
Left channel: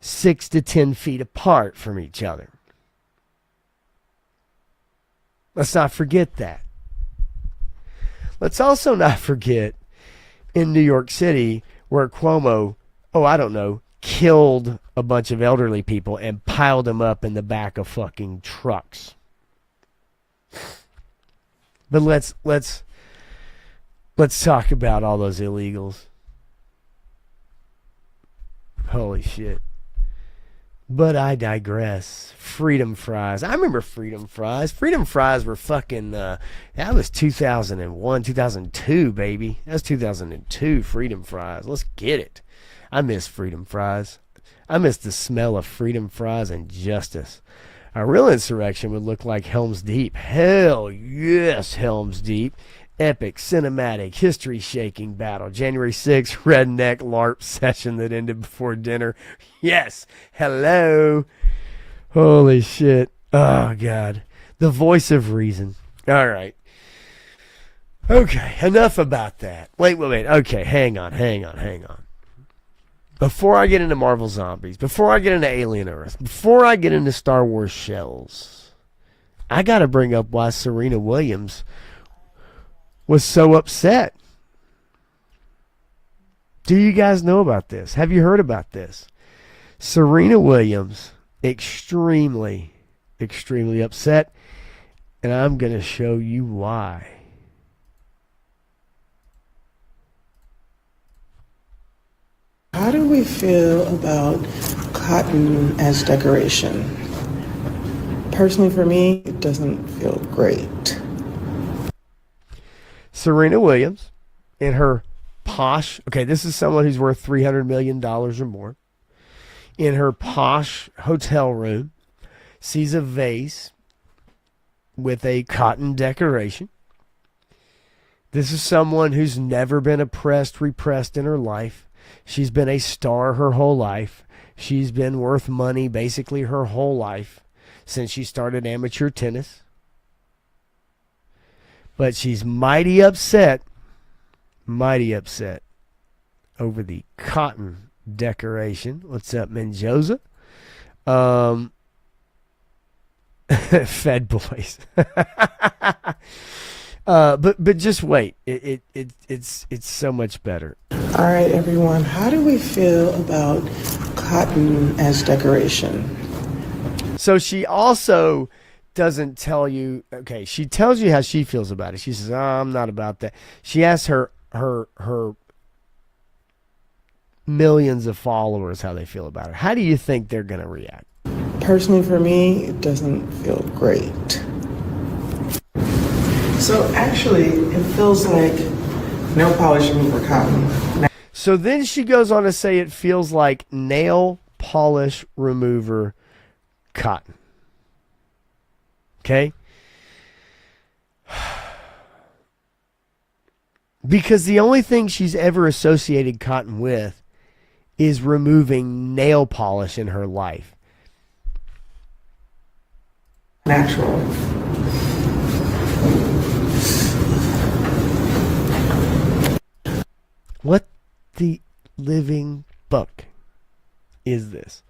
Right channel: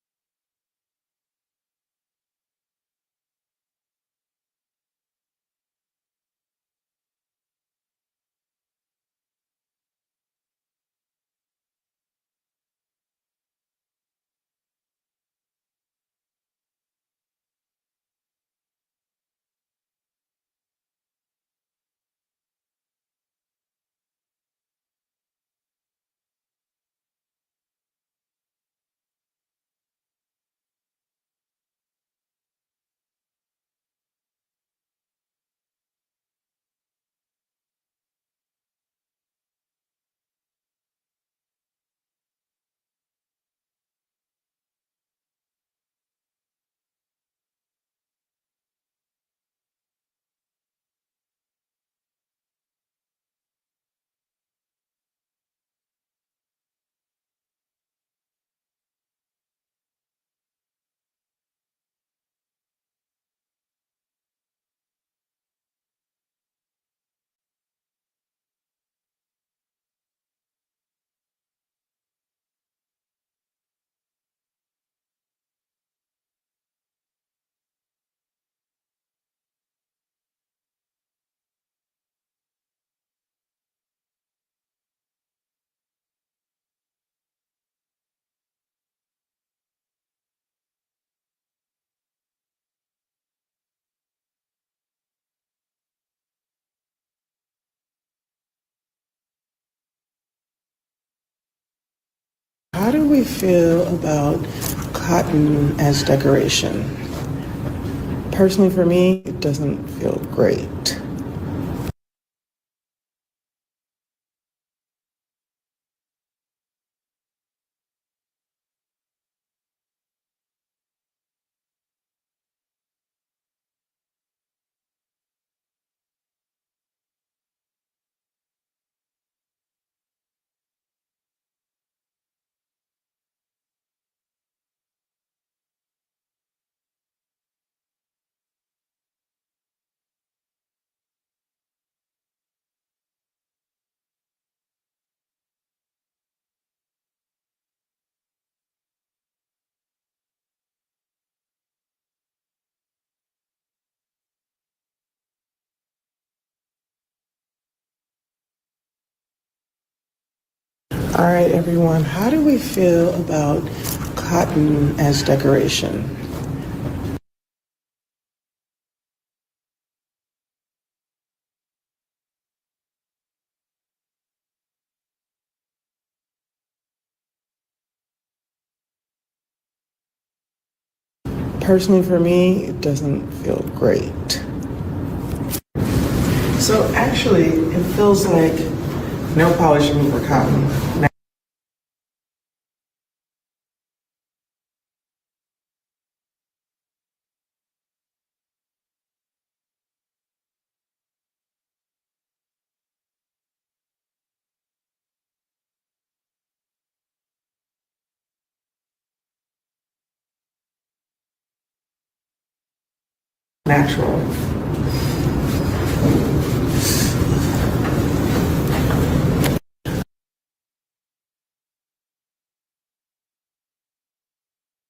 6 to 10 feet apart from each other. Let's not forget that. Let's also not forget in New York City where Cuomo, killed a bunch of elderly people and piled them up in the back of fucking trucks. But let's talk about all those illegals. Holy shit. But I digress. Freedom fries. I remember freedom fries. Freedom fries were fucking, that was 2001, 2002, baby. That was 2002, freedom fries. Let's get it. I miss freedom fries. I miss the smell of freedom fries and justice. A real insurrection would look like Helm's Deep. Hell yes, Helm's Deep. Epic, cinematic, history-shaking battle. January 6th, redneck LARP session that ended before dinner. Yes. Hello. Holy shit. Oh, God. The voice of reason. All right. Okay, enough about that. Wait. Okay, hang on. Before I get into Marvel Zombies, before I get into Alien Earth, before I get into Star Wars Shells, I got to bring up why Serena Williams was so upset. Do you guys know about this? Have you heard about this? Serena Williams, extremely, extremely upset, and I'm going to show you why. How do we feel about cotton as decoration? Personally, for me, it doesn't feel great. Serena Williams, in her posh, this is someone who's worth $300 million or more, in her posh hotel room, sees a vase with a cotton decoration. This is someone who's never been repressed in her life. She's been a star her whole life. She's been worth money basically her whole life since she started amateur tennis. But she's mighty upset over the cotton decoration. What's up, Menjoza? Fed boys. But just wait. It's so much better. All right, everyone. How do we feel about cotton as decoration? So she also doesn't tell you. Okay, she tells you how she feels about it. She says, I'm not about that." She asks her millions of followers how they feel about it. How do you think they're going to react? Personally, for me, it doesn't feel great. So actually, it feels like nail polish remover cotton. So then she goes on to say it feels like nail polish remover cotton. Okay? Because the only thing she's ever associated cotton with is removing nail polish in her life. Natural. What the living fuck is this?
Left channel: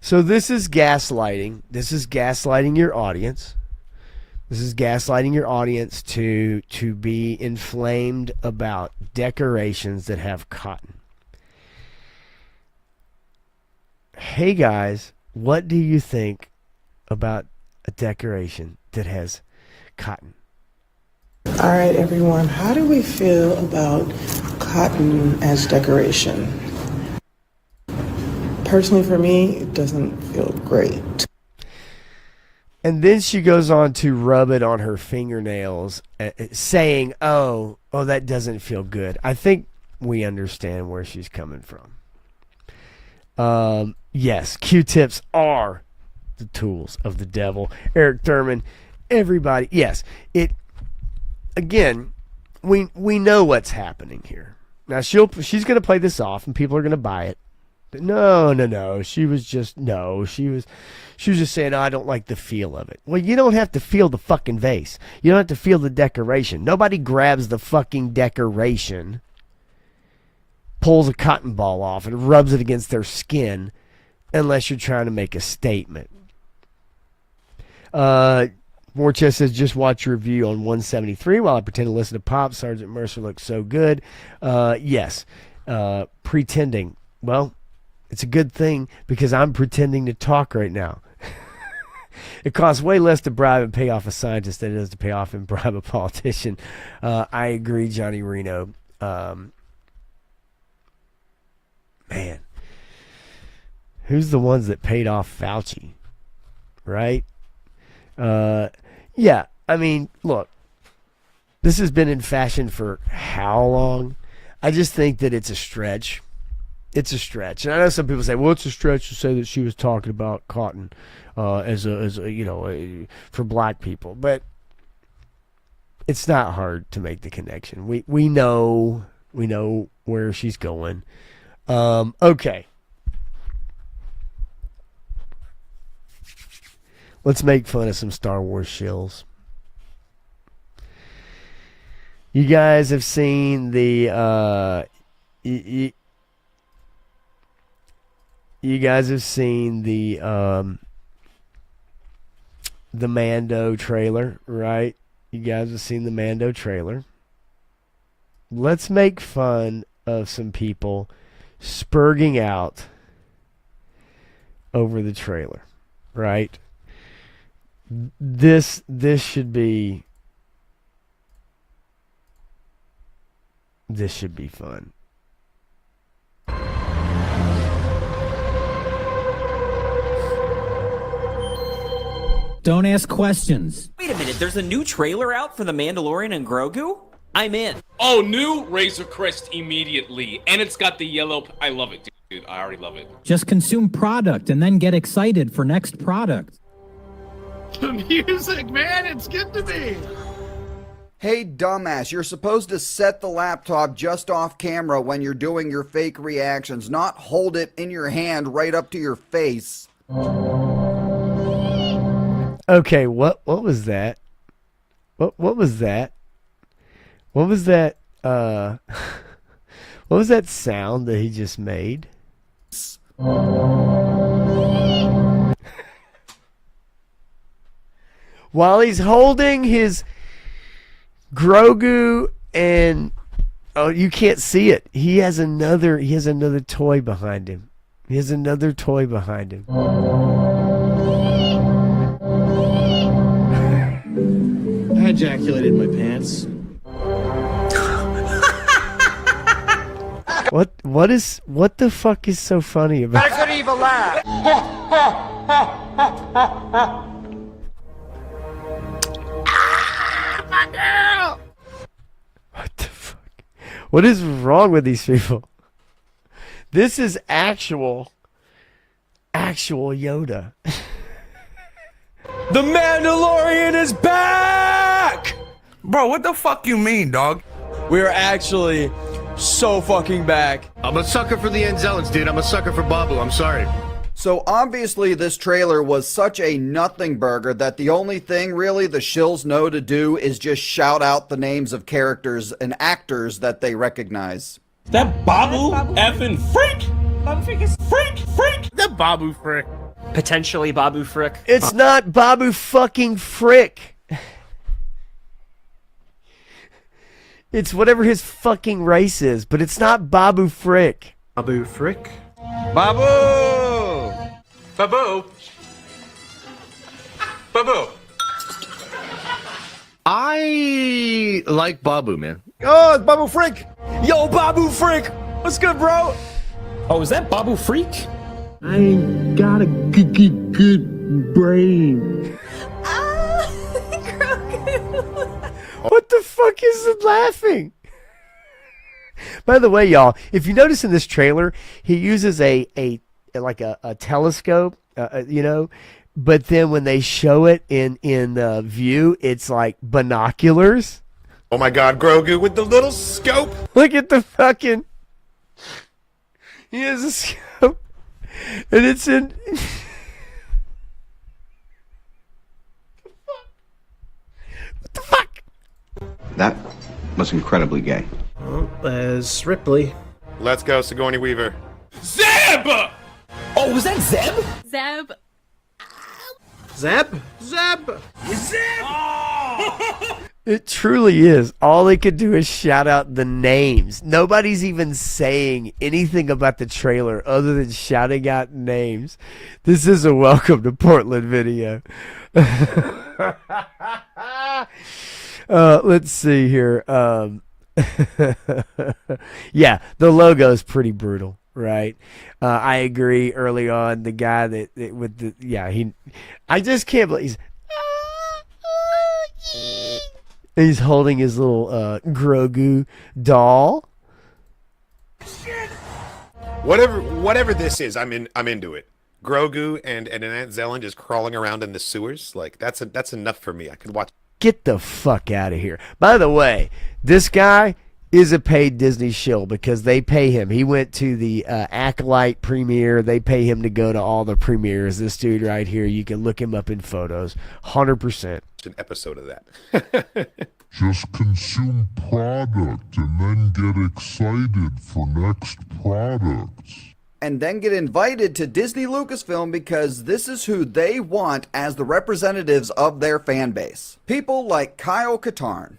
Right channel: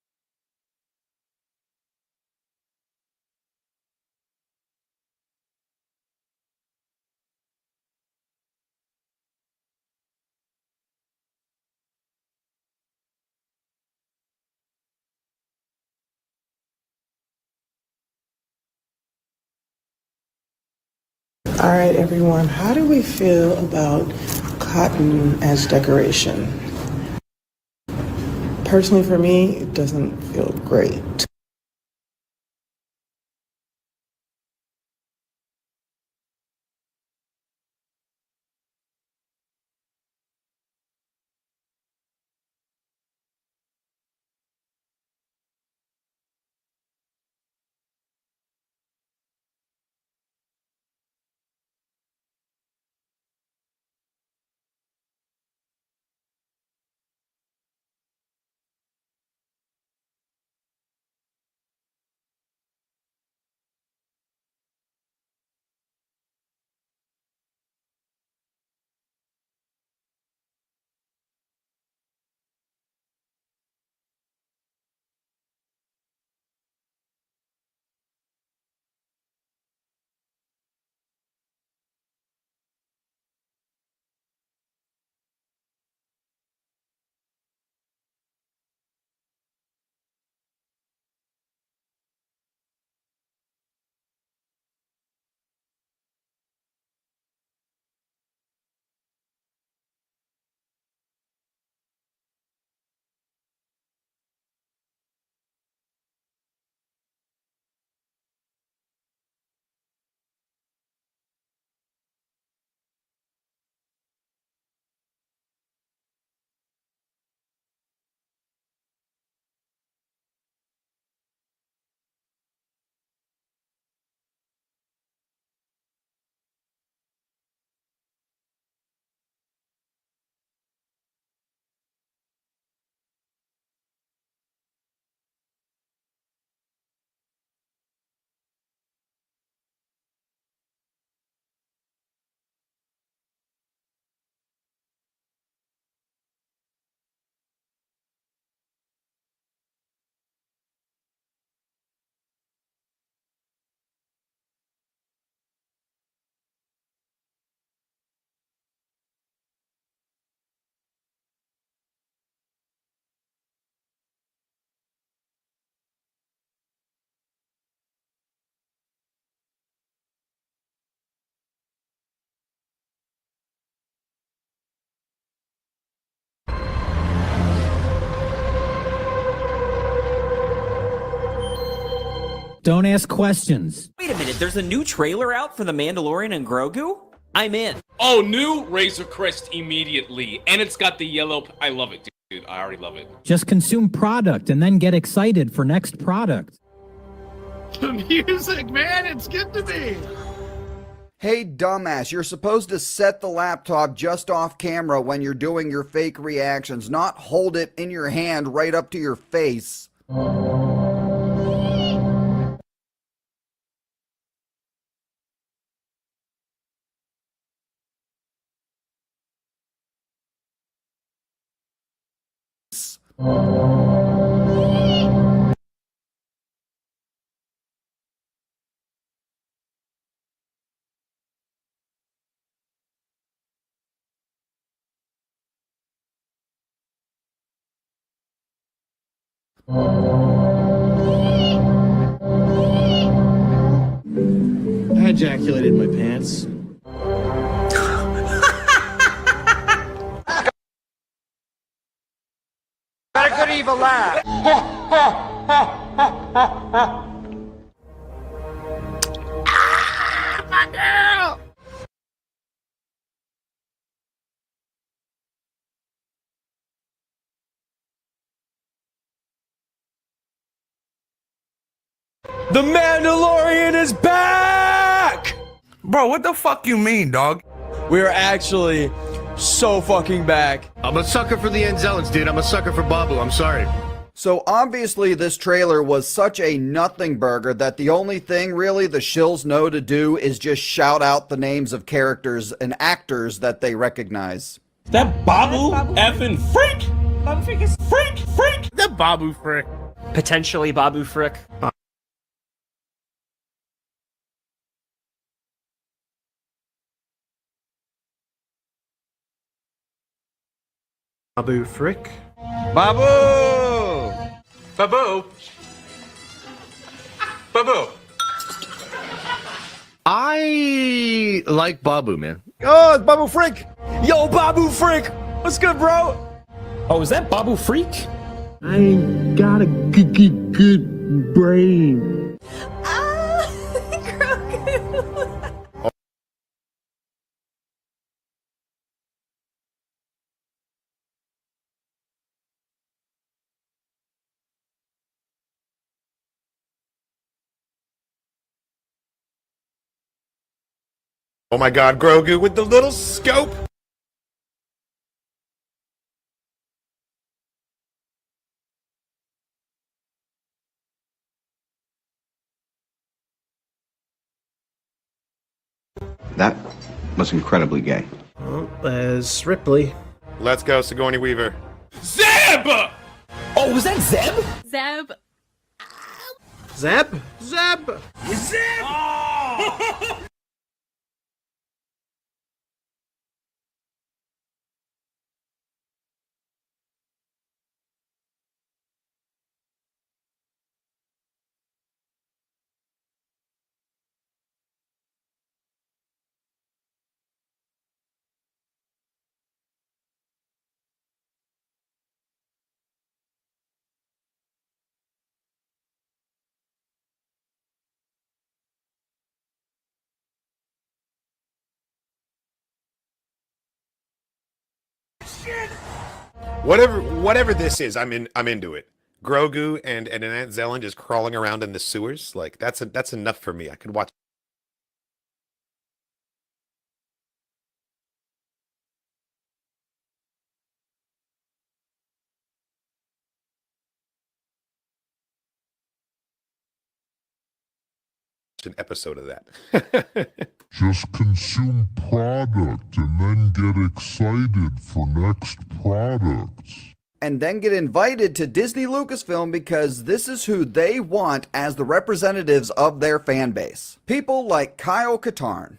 So this is gaslighting. This is gaslighting your audience. This is gaslighting your audience to be inflamed about decorations that have cotton. Hey guys, what do you think about a decoration that has cotton? All right, everyone. How do we feel about cotton as decoration? Personally, for me, it doesn't feel great. And then she goes on to rub it on her fingernails, saying, oh, that doesn't feel good. I think we understand where she's coming from. Yes, Q-tips are the tools of the devil. Eric Thurman, everybody. Yes, again, we know what's happening here. Now, she's going to play this off, and people are going to buy it. But no. She was just saying, I don't like the feel of it. Well, you don't have to feel the fucking vase. You don't have to feel the decoration. Nobody grabs the fucking decoration, pulls a cotton ball off, and rubs it against their skin unless you're trying to make a statement. Morchest says, just watch your review on 173 while I pretend to listen to Pop. Sergeant Mercer looks so good. Yes. Pretending. Well, it's a good thing because I'm pretending to talk right now. It costs way less to bribe and pay off a scientist than it does to pay off and bribe a politician. I agree, Johnny Reno. Man. Who's the ones that paid off Fauci? Right? Yeah, I mean, look, this has been in fashion for how long? I just think that it's a stretch. It's a stretch. And I know some people say, well, it's a stretch to say that she was talking about cotton as a for black people. But it's not hard to make the connection. We know where she's going. Okay. Let's make fun of some Star Wars shills. You guys have seen the you guys have seen the Mando trailer, right? You guys have seen the Mando trailer. Let's make fun of some people spurging out over the trailer, right? This should be fun. Don't ask questions. Wait a minute, there's a new trailer out for The Mandalorian and Grogu? I'm in. Oh, new Razor Crest immediately. And it's got the yellow... I love it, dude. I already love it. Just consume product and then get excited for next product. The music, man, it's good to be. Hey, dumbass, you're supposed to set the laptop just off camera when you're doing your fake reactions, not hold it in your hand right up to your face. Okay, what was that? What was that? What was that what was that sound that he just made? While he's holding his Grogu and you can't see it. He has another toy behind him. He has another toy behind him. I ejaculated in my pants. What the fuck is so funny about Not a good evil laugh. my girl? What the fuck? What is wrong with these people? This is actual Yoda. The Mandalorian is back! Bro, what the fuck you mean, dog? We are actually so fucking back. I'm a sucker for the Anzellans, dude. I'm a sucker for Babu. I'm sorry. So obviously this trailer was such a nothing burger that the only thing really the shills know to do is just shout out the names of characters and actors that they recognize. That Babu effing freak? Babu Freak is Freak? The Babu Frick. Potentially Babu Frick. It's not Babu fucking Frick. It's whatever his fucking race is, but it's not Babu Frick. Babu Frick? Babu! Babu? Babu? I like Babu, man. Oh, it's Babu Frick! Yo, Babu Frick! What's good, bro? Oh, is that Babu Freak? I ain't got a good brain. fuck is it laughing? By the way, y'all, if you notice in this trailer, he uses a telescope, but then when they show it in view, it's like binoculars. Oh my God, Grogu with the little scope. Look at the fucking. He has a scope, and it's in. What the fuck? That was incredibly gay. Well, as Ripley. Let's go, Sigourney Weaver. Zeb! Oh, was that Zeb? Zeb. Zeb? Zeb! Zeb! Oh! It truly is. All they could do is shout out the names. Nobody's even saying anything about the trailer other than shouting out names. This is a welcome to Portland video. Let's see here. Yeah, the logo is pretty brutal, right? I agree. Early on, the guy I just can't believe he's holding his little Grogu doll. Shit! Whatever this is, I'm into it. Grogu and Aunt Zelen just crawling around in the sewers, like that's enough for me. I could watch. Get the fuck out of here. By the way, this guy is a paid Disney shill because they pay him. He went to the Acolyte premiere. They pay him to go to all the premieres. This dude right here, you can look him up in photos. 100%. An episode of that. Just consume product and then get excited for next products. And then get invited to Disney Lucasfilm because this is who they want as the representatives of their fan base. People like Kyle Katarn.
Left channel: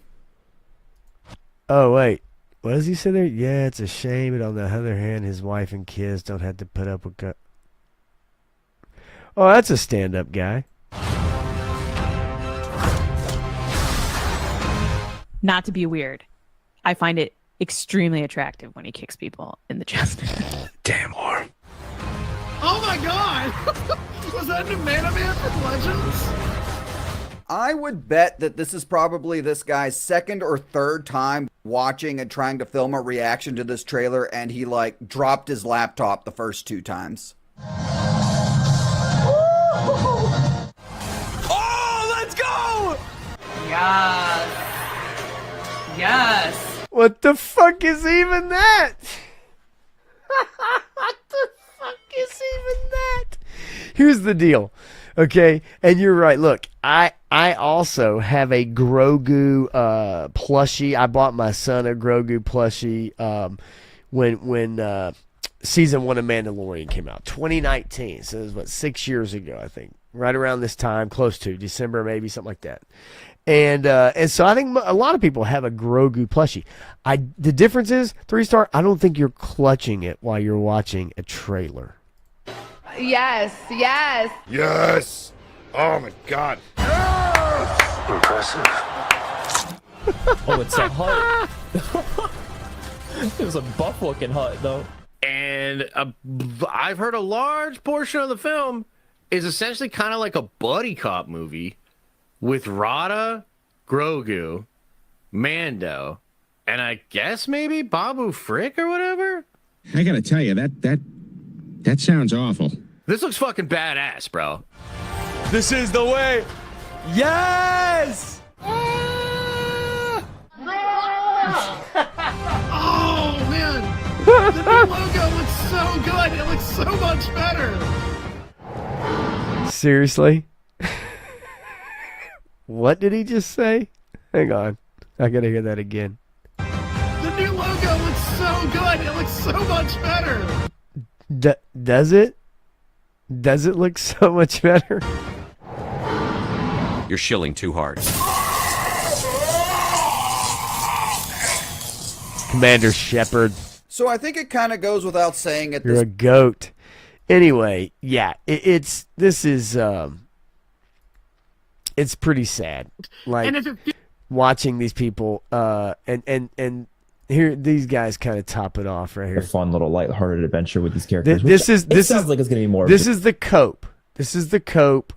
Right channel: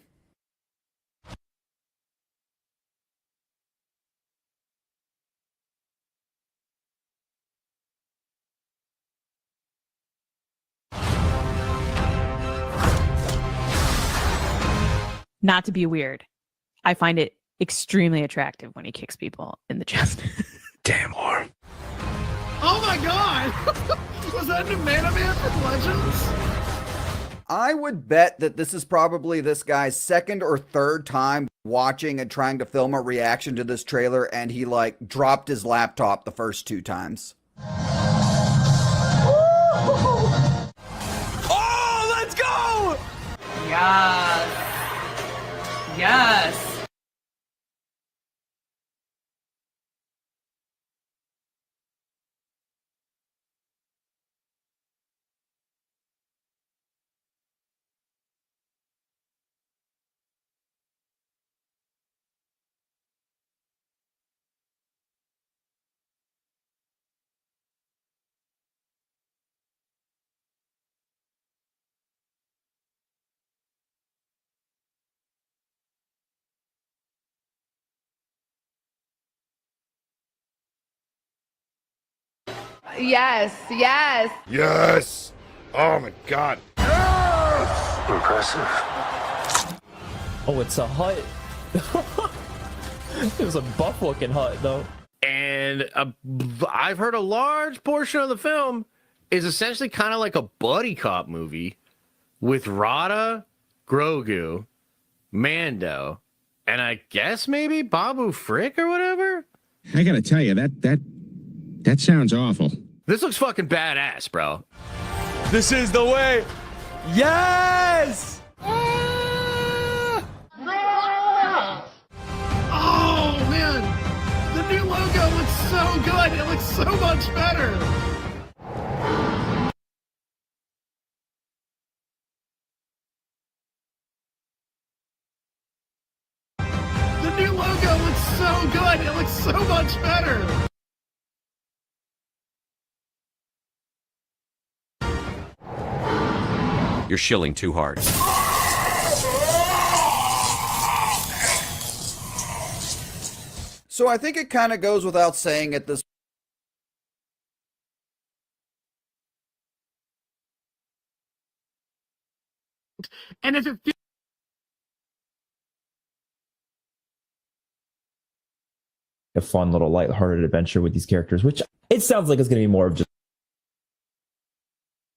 Oh, wait. What does he say there? Yeah, it's a shame, but on the other hand, his wife and kids don't have to put up with... Oh, that's a stand-up guy. Not to be weird, I find it extremely attractive when he kicks people in the chest. Damn, Lauren. Oh my god! Was that new Man from Legends? I would bet that this is probably this guy's second or third time watching and trying to film a reaction to this trailer, and he like dropped his laptop the first 2 times. Oh, let's go! Yes. Yes. What the fuck is even that? What the fuck is even that? Here's the deal, okay? And you're right. Look, I also have a Grogu plushie. I bought my son a Grogu plushie when season 1 of Mandalorian came out, 2019. So it was 6 years ago, I think, right around this time, close to December, maybe something like that. And so I think a lot of people have a Grogu plushie. The difference is 3-star. I don't think you're clutching it while you're watching a trailer. Yes. Yes. Yes. Oh my God. Yes! Impressive. Oh, it's a hut. It was a buff-looking hut, though. And I've heard a large portion of the film is essentially kind of like a buddy cop movie with Rada, Grogu, Mando, and I guess maybe Babu Frick or whatever. I gotta tell you, that sounds awful. This looks fucking badass, bro. This is the way. Yes! Oh man! The new logo looks so good! It looks so much better! Seriously? What did he just say? Hang on. I gotta hear that again. The new logo looks so good! It looks so much better! Does it? Does it look so much better? You're shilling too hard. Commander Shepard. So I think it kind of goes without saying at You're this... a goat. Anyway, yeah, it's pretty sad. Like, and if it watching these people, and here these guys kind of top it off right here. A fun little lighthearted adventure with these characters. This sounds like it's gonna be more. This is the cope. This is the cope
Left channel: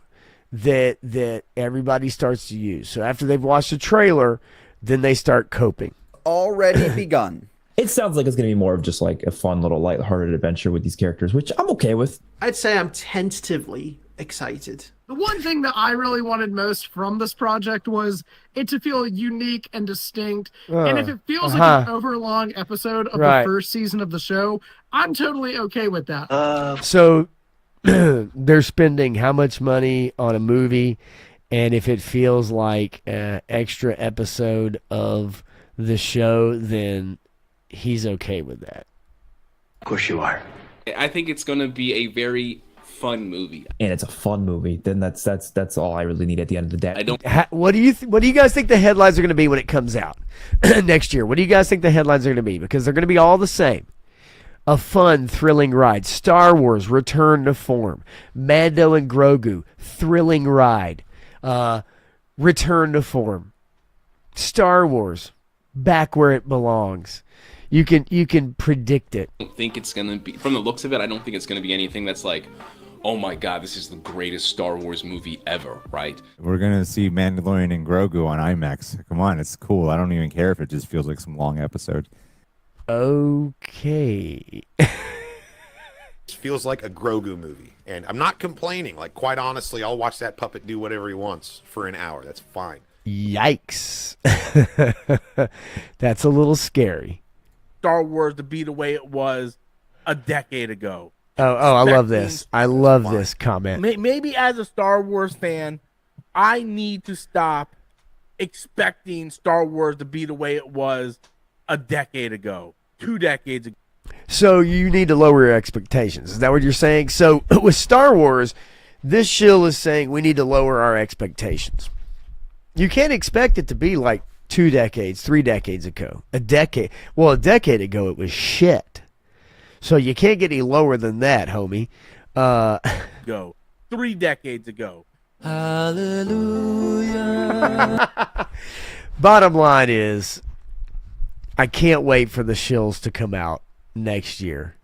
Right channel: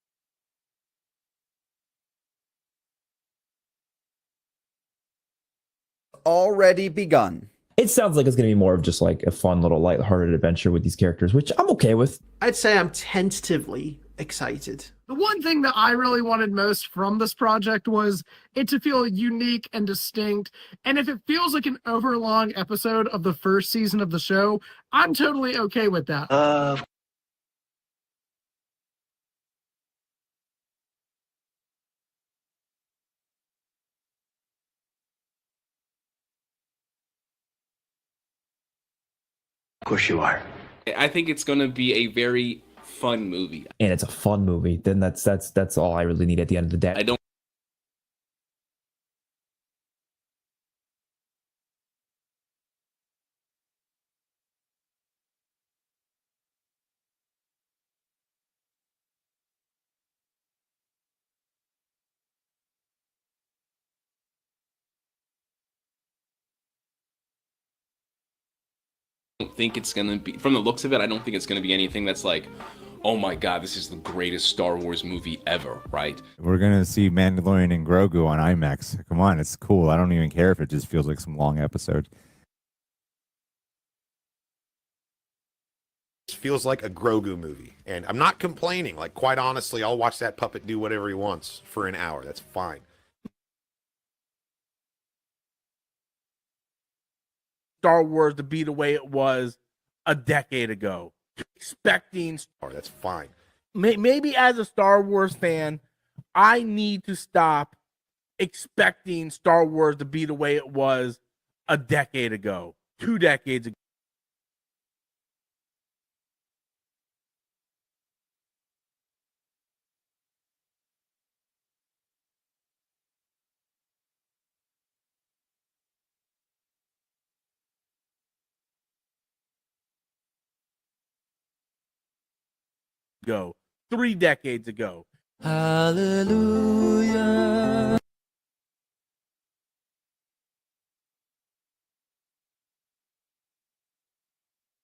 that everybody starts to use. So after they've watched the trailer, then they start coping. Already begun. It sounds like it's going to be more of just like a fun little lighthearted adventure with these characters, which I'm okay with. I'd say I'm tentatively excited. The one thing that I really wanted most from this project was it to feel unique and distinct. And if it feels like an overlong episode of the first season of the show, I'm totally okay with that. So they're spending how much money on a movie, and if it feels like an extra episode of the show, then he's okay with that. Of course you are. I think it's going to be a very fun movie. And it's a fun movie. Then that's all I really need at the end of the day. I don't. What do you guys think the headlines are going to be when it comes out next year? What do you guys think the headlines are going to be? Because they're going to be all the same. A fun, thrilling ride. Star Wars, return to form. Mando and Grogu, thrilling ride. Return to form. Star Wars, back where it belongs. You can predict it. I don't think it's going to be, from the looks of it, I don't think it's going to be anything that's like, oh my God, this is the greatest Star Wars movie ever, right? We're going to see Mandalorian and Grogu on IMAX. Come on, it's cool. I don't even care if it just feels like some long episode. Okay. It feels like a Grogu movie. And I'm not complaining. Like, quite honestly, I'll watch that puppet do whatever he wants for an hour. That's fine. Yikes. That's a little scary. Star Wars to be the way it was a decade ago. Oh, I love this. I love this comment. Maybe as a Star Wars fan, I need to stop expecting Star Wars to be the way it was a decade ago, 2 decades ago. So you need to lower your expectations. Is that what you're saying? So with Star Wars, this shill is saying we need to lower our expectations. You can't expect it to be like 2 decades, 3 decades ago. A decade ago it was shit. So you can't get any lower than that, homie. Go 3 decades ago. Hallelujah. Bottom line is, I can't wait for the shills to come out next year.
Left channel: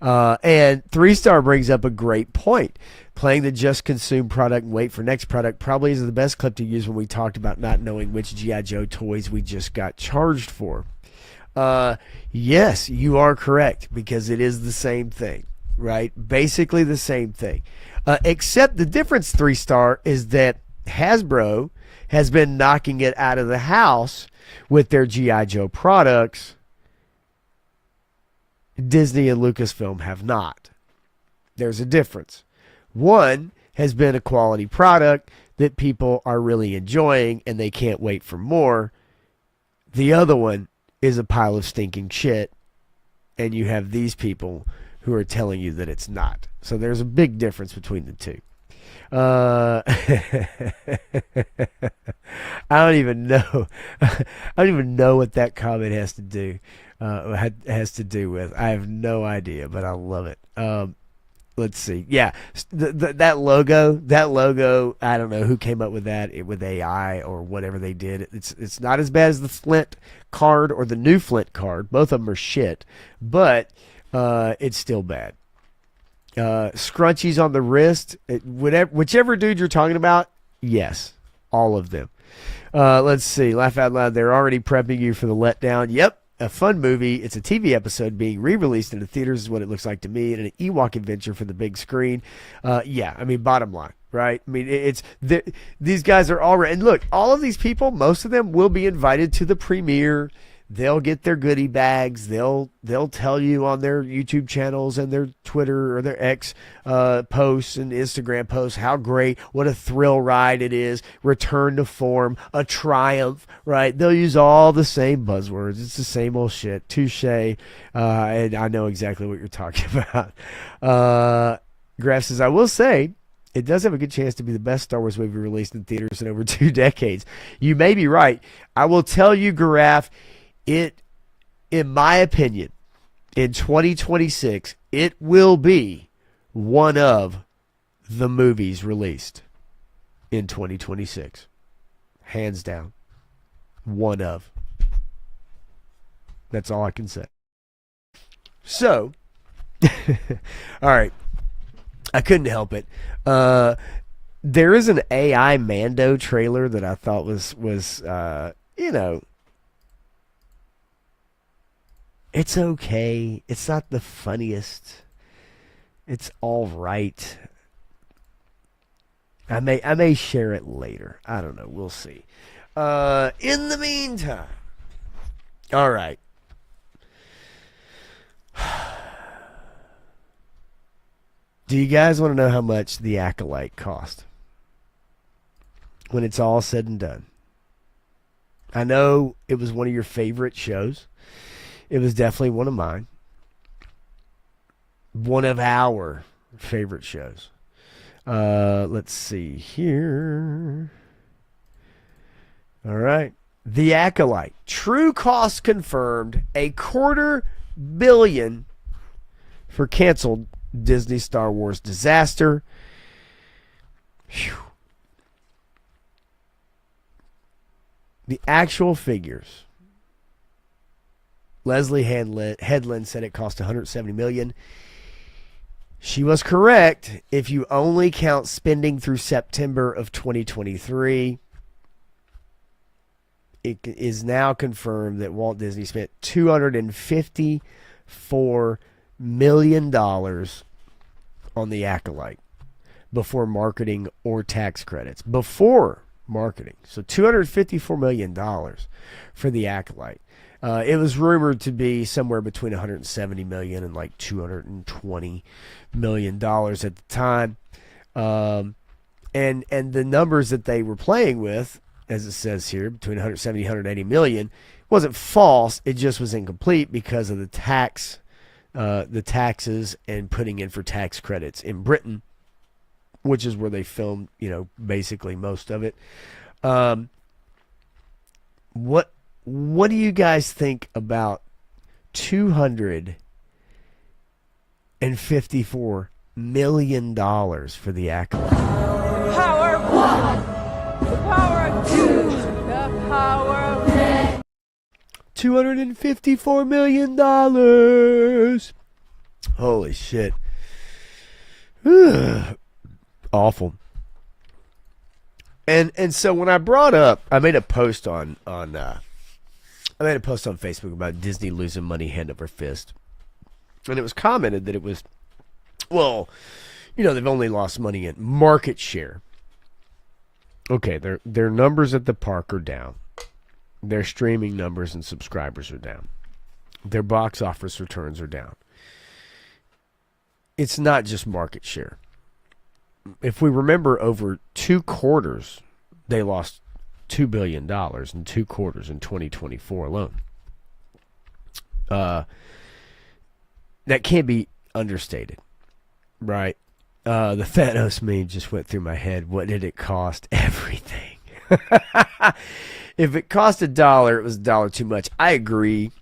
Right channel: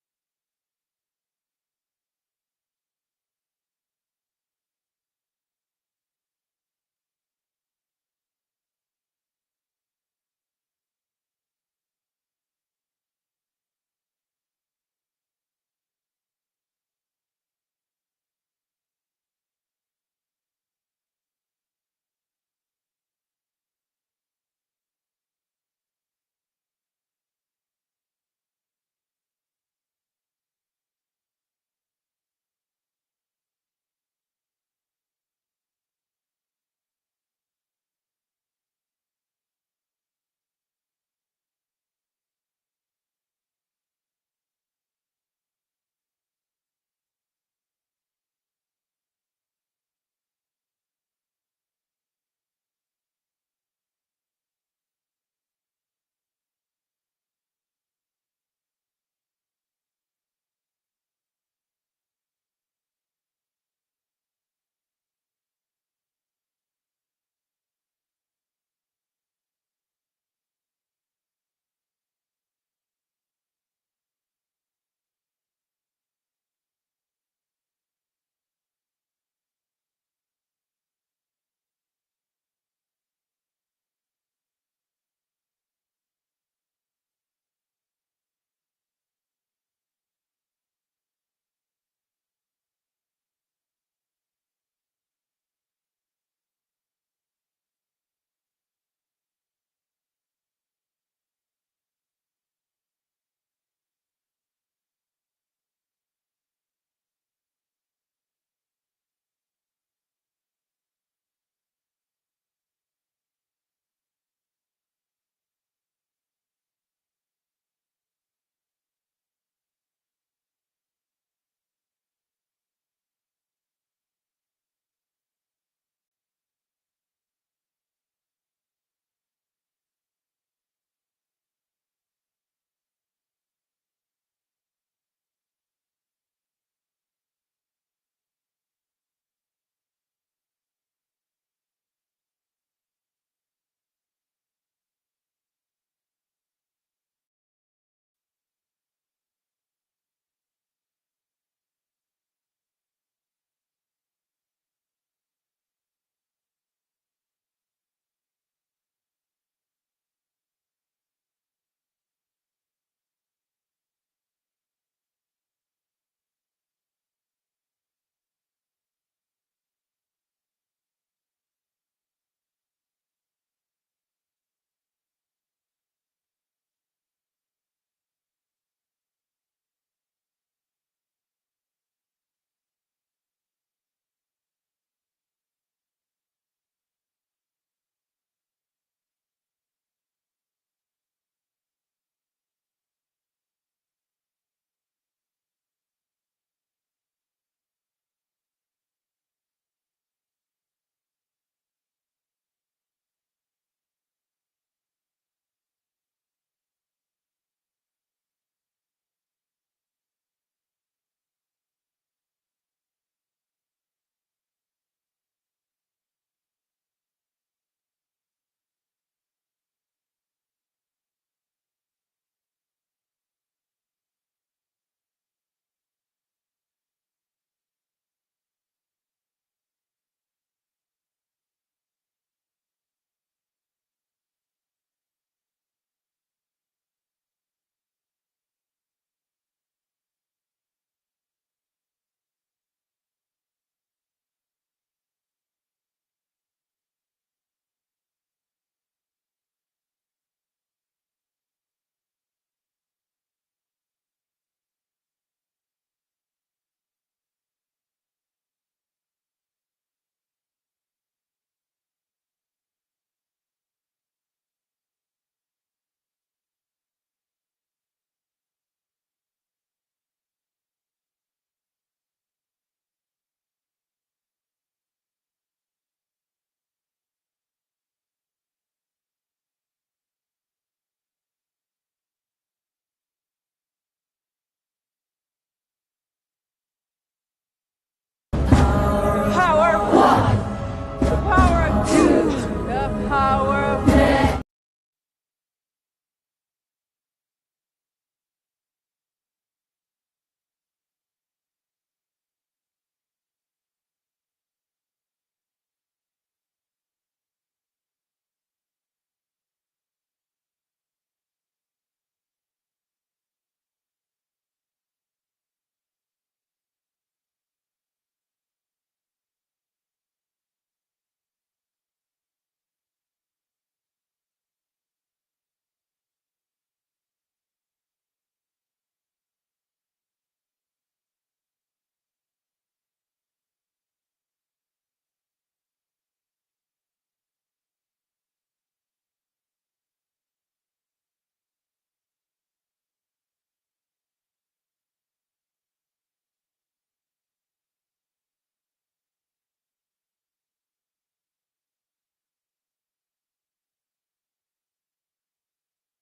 And 3-Star brings up a great point. Playing the just consume product and wait for next product probably is the best clip to use when we talked about not knowing which G.I. Joe toys we just got charged for. Yes, you are correct, because it is the same thing, right? Basically the same thing. Except the difference, 3-Star, is that Hasbro has been knocking it out of the house with their G.I. Joe products. Disney and Lucasfilm have not. There's a difference. One has been a quality product that people are really enjoying and they can't wait for more. The other one is a pile of stinking shit, and you have these people who are telling you that it's not. So there's a big difference between the two. I don't even know. I don't even know what that comment has to do. Has to do with. I have no idea, but I love it. Let's see. Yeah, that logo. I don't know who came up with that with AI or whatever they did. It's not as bad as the Flint card or the new Flint card. Both of them are shit, but it's still bad. Scrunchies on the wrist. Whichever dude you're talking about. Yes, all of them. Let's see. Laugh out loud. They're already prepping you for the letdown. Yep. A fun movie. It's a TV episode being re-released into theaters is what it looks like to me, and an Ewok adventure for the big screen. Yeah, I mean, bottom line, right? I mean, these guys are already, and look, all of these people, most of them will be invited to the premiere. They'll get their goodie bags. They'll tell you on their YouTube channels and their Twitter or their X posts and Instagram posts how great, what a thrill ride it is, return to form, a triumph, right? They'll use all the same buzzwords. It's the same old shit. Touche. And I know exactly what you're talking about. Graf says, I will say, it does have a good chance to be the best Star Wars movie released in theaters in over 2 decades. You may be right. I will tell you, Graf, in my opinion, in 2026, it will be one of the movies released in 2026. Hands down. One of. That's all I can say. So, all right. I couldn't help it. There is an AI Mando trailer that I thought was you know, it's okay. It's not the funniest. It's all right. I may share it later. I don't know. We'll see. In the meantime, all right. Do you guys want to know how much The Acolyte cost when it's all said and done? I know it was one of your favorite shows. It was definitely one of mine. One of our favorite shows. Let's see here. All right. The Acolyte. True cost confirmed. $250 million for canceled Disney Star Wars disaster. Whew. The actual figures. Leslie Headland said it cost $170 million. She was correct if you only count spending through September of 2023. It is now confirmed that Walt Disney spent $254 million on The Acolyte before marketing or tax credits. Before marketing. So $254 million for The Acolyte. It was rumored to be somewhere between $170 million and like $220 million at the time. And the numbers that they were playing with, as it says here, between 170 and 180 million, wasn't false. It just was incomplete because of the taxes and putting in for tax credits in Britain, which is where they filmed, basically most of it. What do you guys think about $254 million for The Acolyte? Power of one, the power of two, the power of ten. $254 million. Holy shit. Awful. And so when I brought up, I made a post on Facebook about Disney losing money hand over fist. And it was commented that it was, well, they've only lost money in market share. Okay, their numbers at the park are down. Their streaming numbers and subscribers are down. Their box office returns are down. It's not just market share. If we remember, over 2 quarters, they lost $2 billion in 2 quarters in 2024 alone. That can't be understated, right? The Thanos meme just went through my head. What did it cost? Everything. If it cost $1, it was $1 too much. I agree.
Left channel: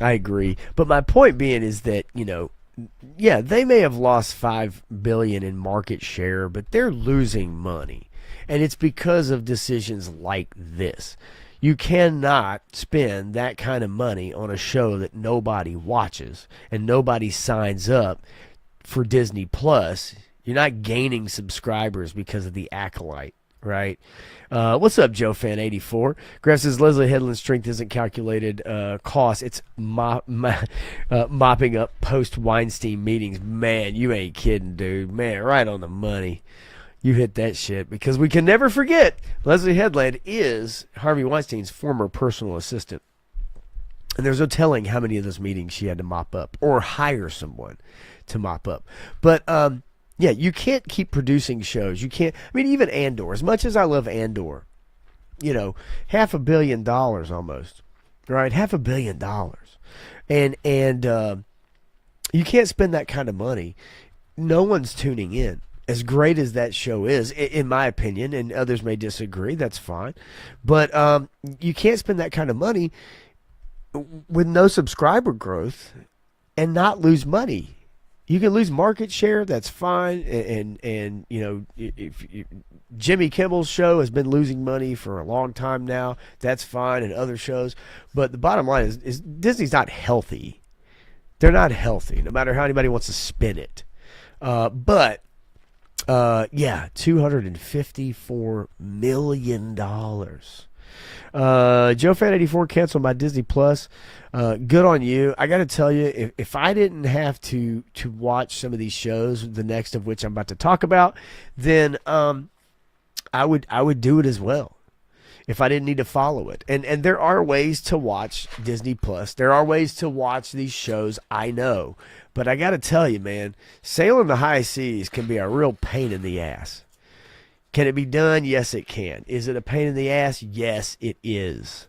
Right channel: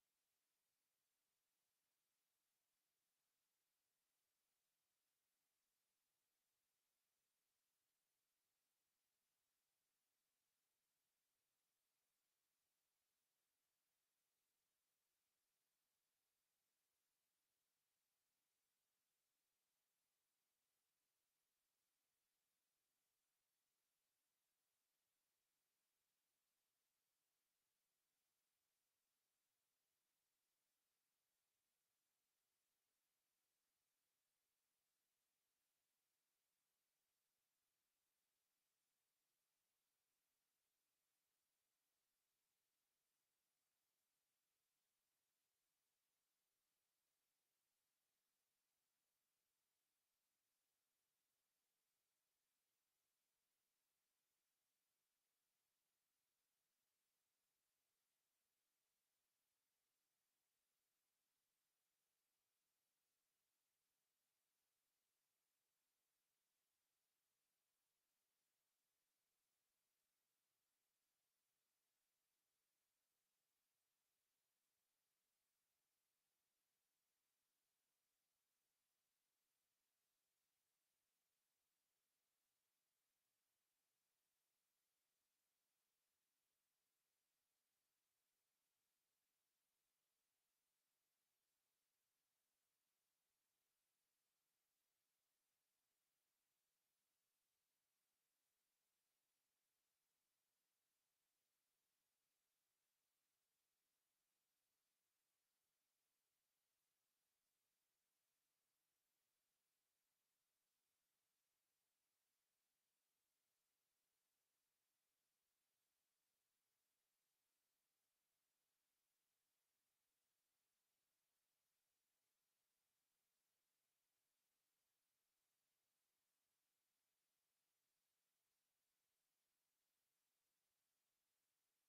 But my point being is that, yeah, they may have lost $5 billion in market share, but they're losing money. And it's because of decisions like this. You cannot spend that kind of money on a show that nobody watches and nobody signs up for Disney Plus. You're not gaining subscribers because of The Acolyte, right? What's up, Joe Fan 84? Graf says Leslie Headland's strength isn't calculated cost. It's mopping up post-Weinstein meetings. Man, you ain't kidding, dude. Man, right on the money. You hit that shit, because we can never forget Leslie Headland is Harvey Weinstein's former personal assistant. And there's no telling how many of those meetings she had to mop up or hire someone to mop up. But, yeah, you can't keep producing shows. You can't. I mean, even Andor. As much as I love Andor, $500 million almost, right? $500 million, and you can't spend that kind of money. No one's tuning in. As great as that show is, in my opinion, and others may disagree. That's fine, but you can't spend that kind of money with no subscriber growth and not lose money. You can lose market share, that's fine, and if Jimmy Kimmel's show has been losing money for a long time now, that's fine, and other shows. But the bottom line is Disney's not healthy. They're not healthy, no matter how anybody wants to spin it. But $254 million. Joe Fan 84 canceled my Disney Plus. Good on you. I got to tell you, if I didn't have to watch some of these shows, the next of which I'm about to talk about, then I would do it as well. If I didn't need to follow it. And there are ways to watch Disney Plus. There are ways to watch these shows, I know. But I got to tell you, man, sailing the high seas can be a real pain in the ass. Can it be done? Yes, it can. Is it a pain in the ass? Yes, it is.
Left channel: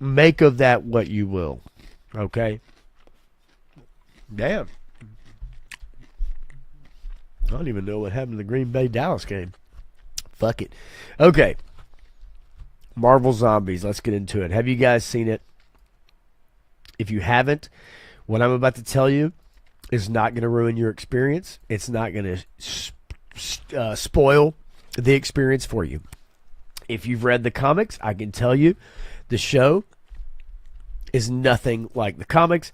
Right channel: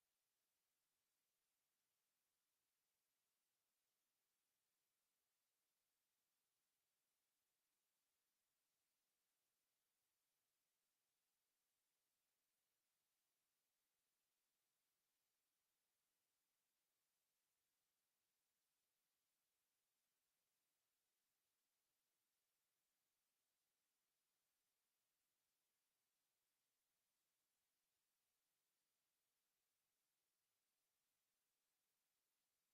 Make of that what you will. Okay? Damn. I don't even know what happened to the Green Bay Dallas game. Fuck it. Okay. Marvel Zombies. Let's get into it. Have you guys seen it? If you haven't, what I'm about to tell you is not going to ruin your experience. It's not going to spoil the experience for you. If you've read the comics, I can tell you the show is nothing like the comics.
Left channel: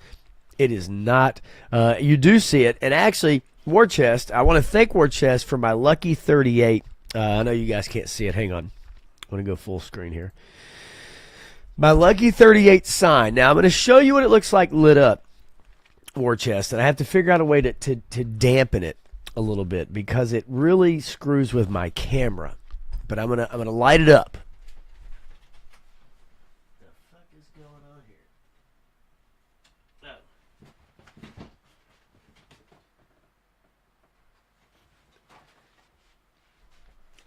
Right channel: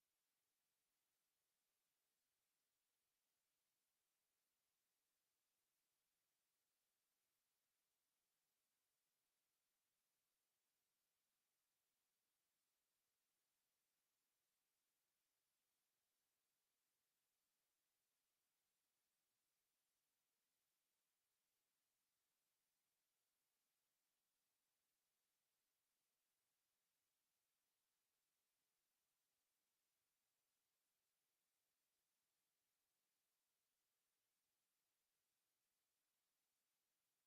It is not. You do see it. And actually, War Chest, I want to thank War Chest for my lucky 38. I know you guys can't see it. Hang on. I'm going to go full screen here. My lucky 38 sign. Now, I'm going to show you what it looks like lit up, War Chest. And I have to figure out a way to dampen it a little bit because it really screws with my camera. But I'm gonna light it up. What the fuck is going on here? Oh.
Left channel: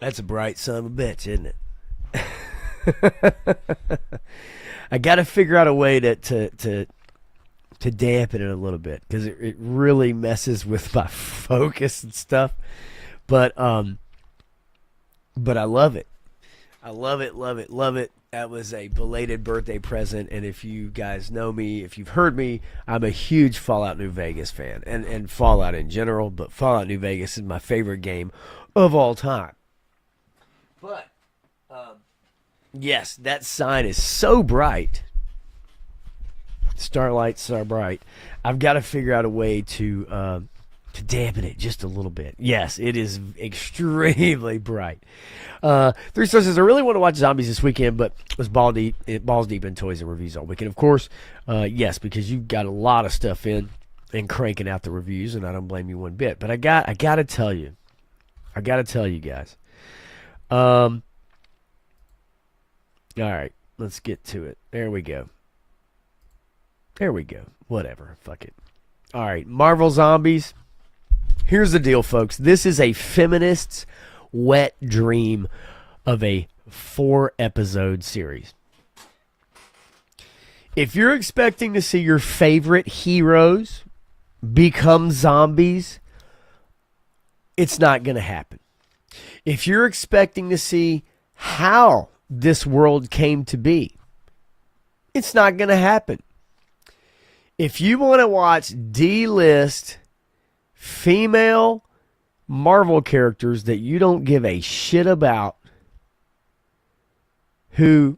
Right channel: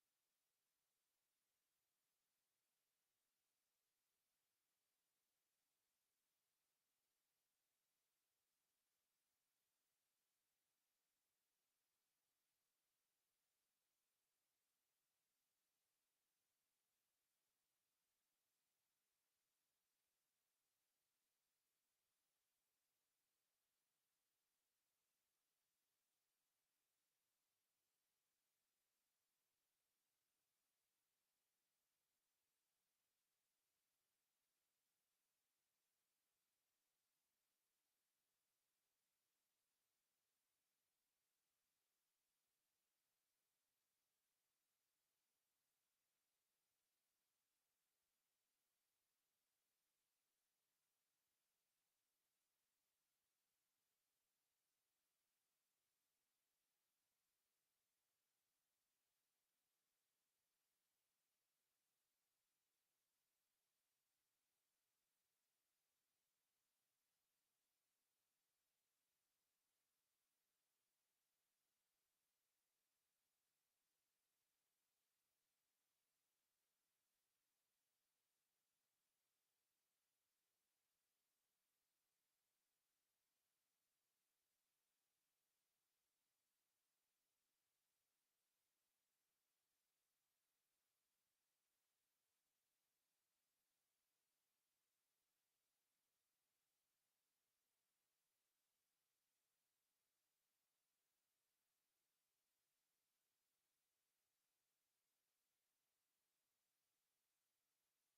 That's a bright son of a bitch, isn't it? I got to figure out a way to dampen it a little bit because it really messes with my focus and stuff. But I love it. I love it, love it, love it. That was a belated birthday present, and if you guys know me, if you've heard me, I'm a huge Fallout New Vegas fan, and Fallout in general, but Fallout New Vegas is my favorite game of all time. But yes, that sign is so bright. Starlight's so bright. I've got to figure out a way to dampen it just a little bit. Yes, it is extremely bright. 3 Stars says, I really want to watch Zombies this weekend, but was balls deep in toys and reviews all weekend. Of course, yes, because you've got a lot of stuff in and cranking out the reviews, and I don't blame you one bit. But I got to tell you. I got to tell you guys. All right, let's get to it. There we go. Whatever. Fuck it. All right, Marvel Zombies. Here's the deal, folks. This is a feminist's wet dream of a 4-episode series. If you're expecting to see your favorite heroes become zombies, it's not going to happen. If you're expecting to see how this world came to be, it's not going to happen. If you want to watch D-list female Marvel characters that you don't give a shit about, who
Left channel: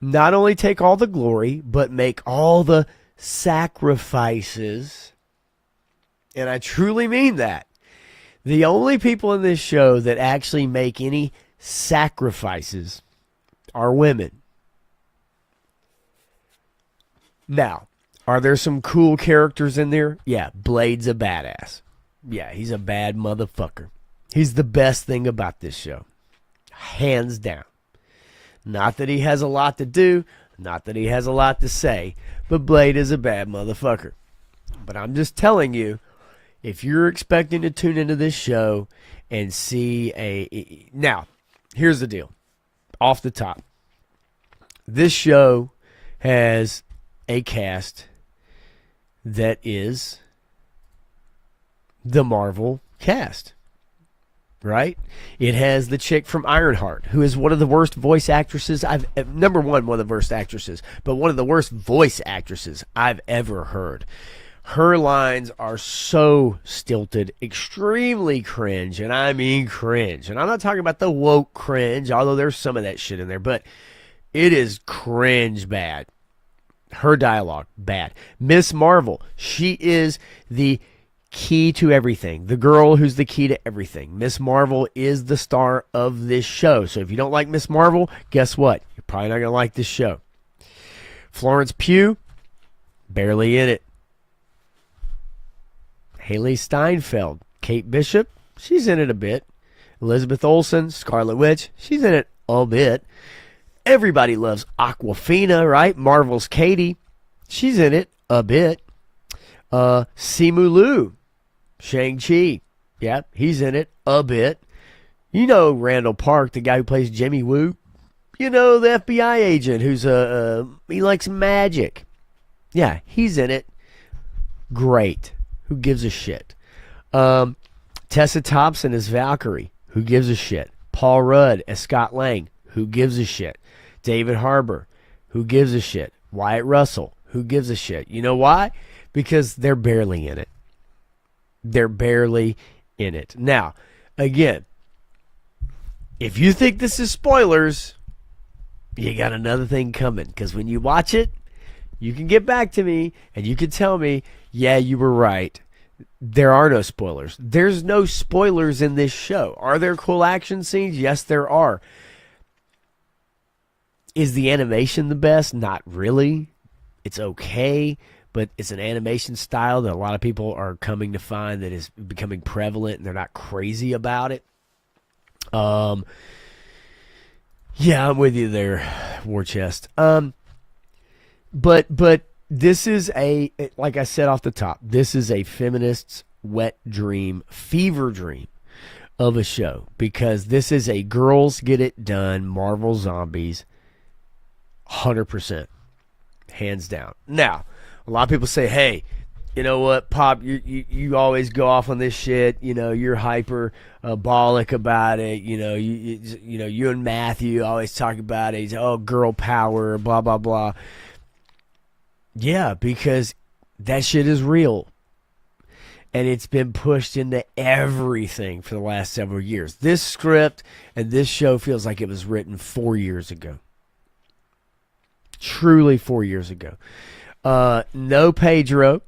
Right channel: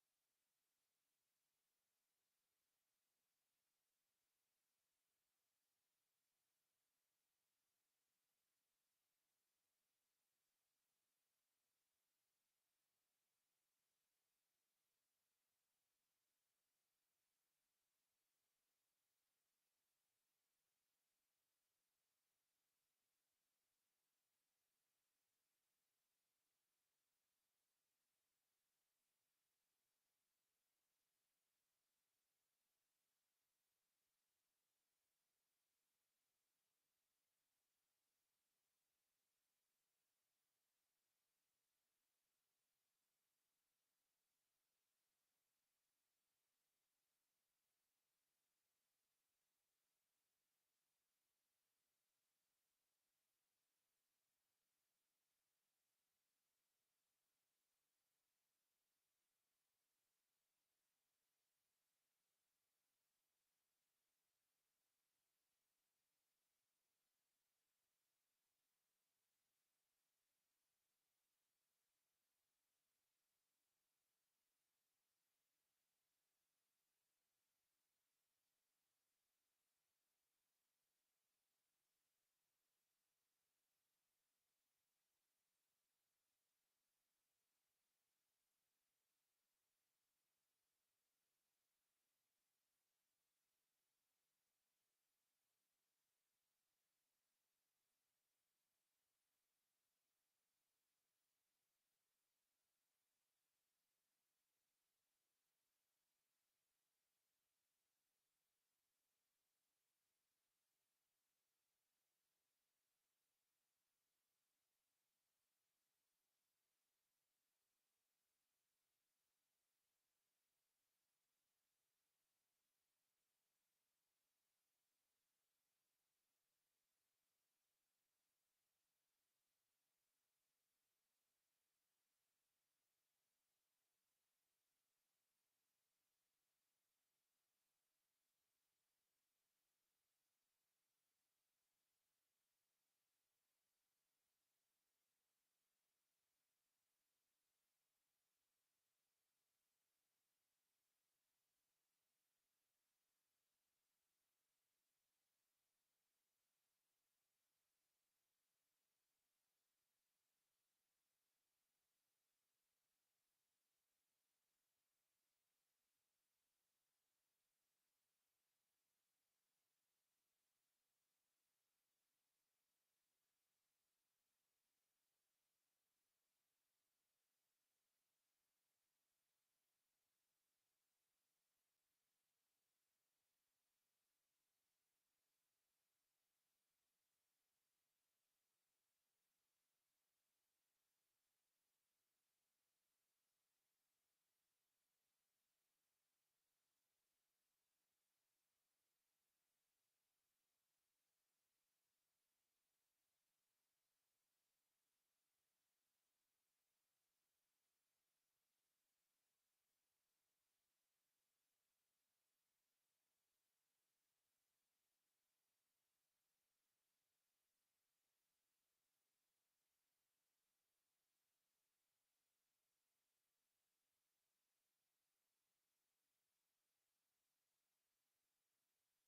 not only take all the glory, but make all the sacrifices, and I truly mean that, the only people in this show that actually make any sacrifices are women. Now, are there some cool characters in there? Yeah, Blade's a badass. Yeah, he's a bad motherfucker. He's the best thing about this show. Hands down. Not that he has a lot to do, not that he has a lot to say, but Blade is a bad motherfucker. But I'm just telling you, if you're expecting to tune into this show and see a... Now, here's the deal. Off the top. This show has a cast that is the Marvel cast, right? It has the chick from Ironheart, who is one of the worst voice actresses number one of the worst actresses, but one of the worst voice actresses I've ever heard. Her lines are so stilted, extremely cringe, and I mean cringe. And I'm not talking about the woke cringe, although there's some of that shit in there, but it is cringe bad. Her dialogue, bad. Miss Marvel, she is the key to everything. The girl who's the key to everything. Miss Marvel is the star of this show. So if you don't like Miss Marvel, guess what? You're probably not going to like this show. Florence Pugh, barely in it. Haley Steinfeld, Kate Bishop, she's in it a bit. Elizabeth Olsen, Scarlet Witch, she's in it a bit. Everybody loves Aquafina, right? Marvel's Katie, she's in it a bit. Simu Liu, Shang-Chi, yeah, he's in it a bit. You know Randall Park, the guy who plays Jimmy Woo. You know the FBI agent who's he likes magic. Yeah, he's in it. Great. Who gives a shit? Tessa Thompson as Valkyrie. Who gives a shit? Paul Rudd as Scott Lang. Who gives a shit? David Harbour. Who gives a shit? Wyatt Russell. Who gives a shit? You know why? Because they're barely in it. They're barely in it. Now, again, if you think this is spoilers, you got another thing coming. Because when you watch it, you can get back to me and you can tell me, yeah, you were right. There are no spoilers. There's no spoilers in this show. Are there cool action scenes? Yes, there are. Is the animation the best? Not really. It's okay, but it's an animation style that a lot of people are coming to find that is becoming prevalent, and they're not crazy about it. Yeah, I'm with you there, War Chest. But this is like I said off the top, this is a feminist's wet dream, fever dream of a show, because this is a girls get it done Marvel Zombies 100%, hands down. Now, a lot of people say, hey, you know what, Pop, you always go off on this shit. You know, you're hyperbolic about it. You know, you and Matthew always talk about it. Oh, girl power, blah, blah, blah. Yeah, because that shit is real. And it's been pushed into everything for the last several years. This script and this show feels like it was written 4 years ago. Truly 4 years ago. No Pedro.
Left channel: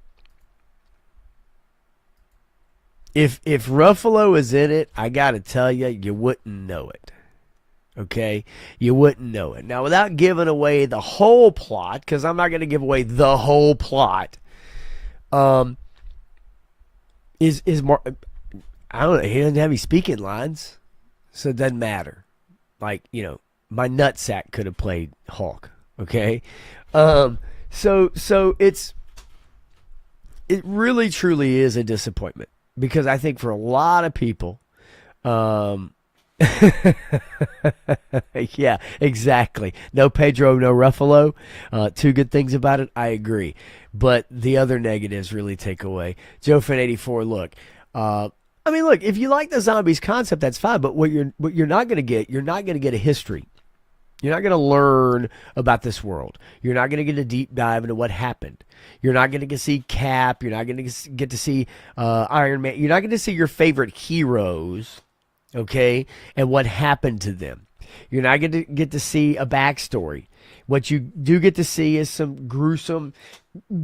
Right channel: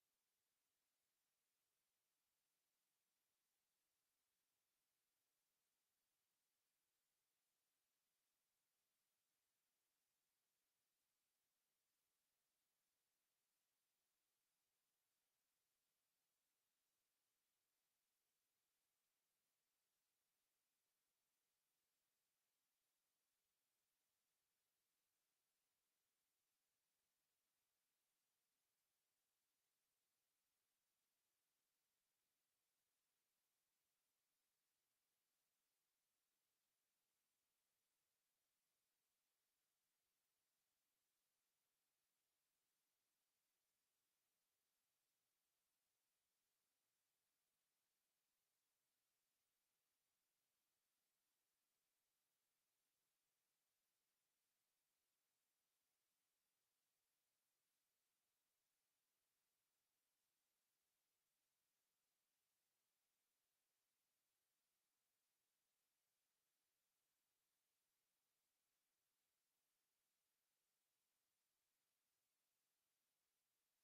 If Ruffalo is in it, I got to tell you, you wouldn't know it. Okay? You wouldn't know it. Now, without giving away the whole plot, because I'm not going to give away the whole plot, is more, I don't know, he doesn't have any speaking lines, so it doesn't matter. Like, you know, my nutsack could have played Hulk. Okay? So it really truly is a disappointment, because I think for a lot of people, yeah, exactly. No Pedro, no Ruffalo. Two good things about it, I agree. But the other negatives really take away. Joe Fin 84, look, I mean, look, if you like the zombies concept, that's fine. But what you're not going to get, you're not going to get a history. You're not going to learn about this world. You're not going to get a deep dive into what happened. You're not going to get to see Cap. You're not going to get to see Iron Man. You're not going to see your favorite heroes, okay, and what happened to them. You're not going to get to see a backstory. What you do get to see is some gruesome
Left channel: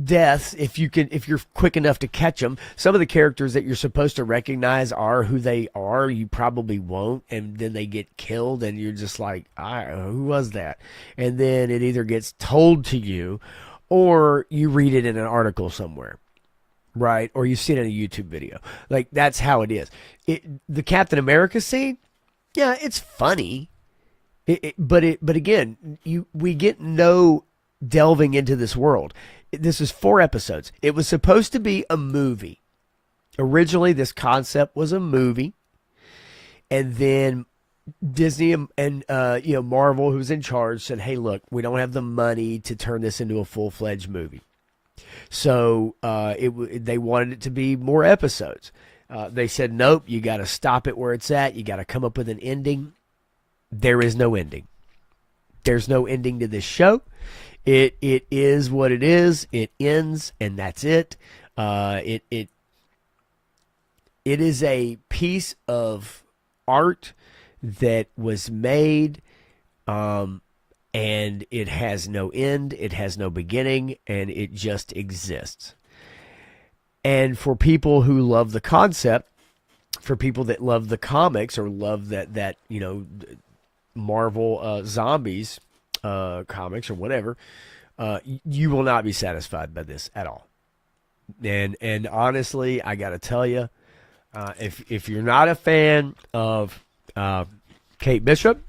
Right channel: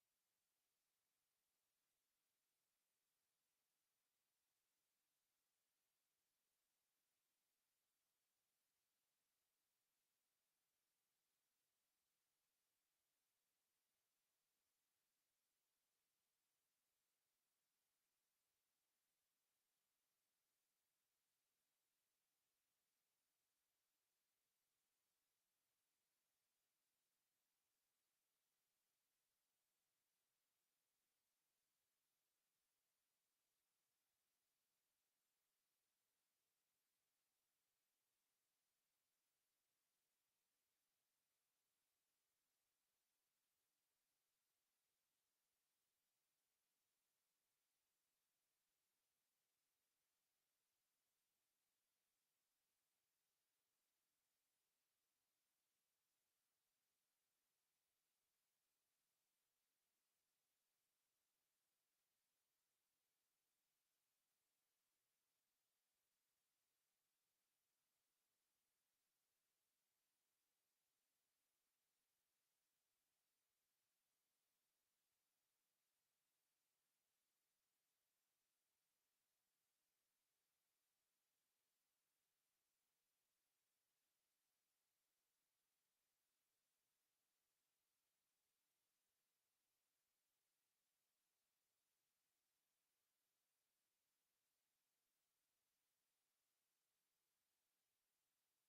deaths if you're quick enough to catch them. Some of the characters that you're supposed to recognize are who they are. You probably won't, and then they get killed, and you're just like, who was that? And then it either gets told to you, or you read it in an article somewhere, right? Or you see it in a YouTube video. Like, that's how it is. The Captain America scene, yeah, it's funny. But again, we get no delving into this world. This is 4 episodes. It was supposed to be a movie. Originally, this concept was a movie, and then Disney and Marvel, who's in charge, said, "Hey, look, we don't have the money to turn this into a full-fledged movie." So they wanted it to be more episodes. They said, "Nope, you got to stop it where it's at. You got to come up with an ending." There is no ending. There's no ending to this show. It is what it is. It ends, and that's it. It is a piece of art that was made, and it has no end. It has no beginning, and it just exists. And for people who love the concept, for people that love the comics or love that Marvel zombies comics or whatever, you will not be satisfied by this at all. And honestly, I got to tell you, if you're not a fan of Kate Bishop,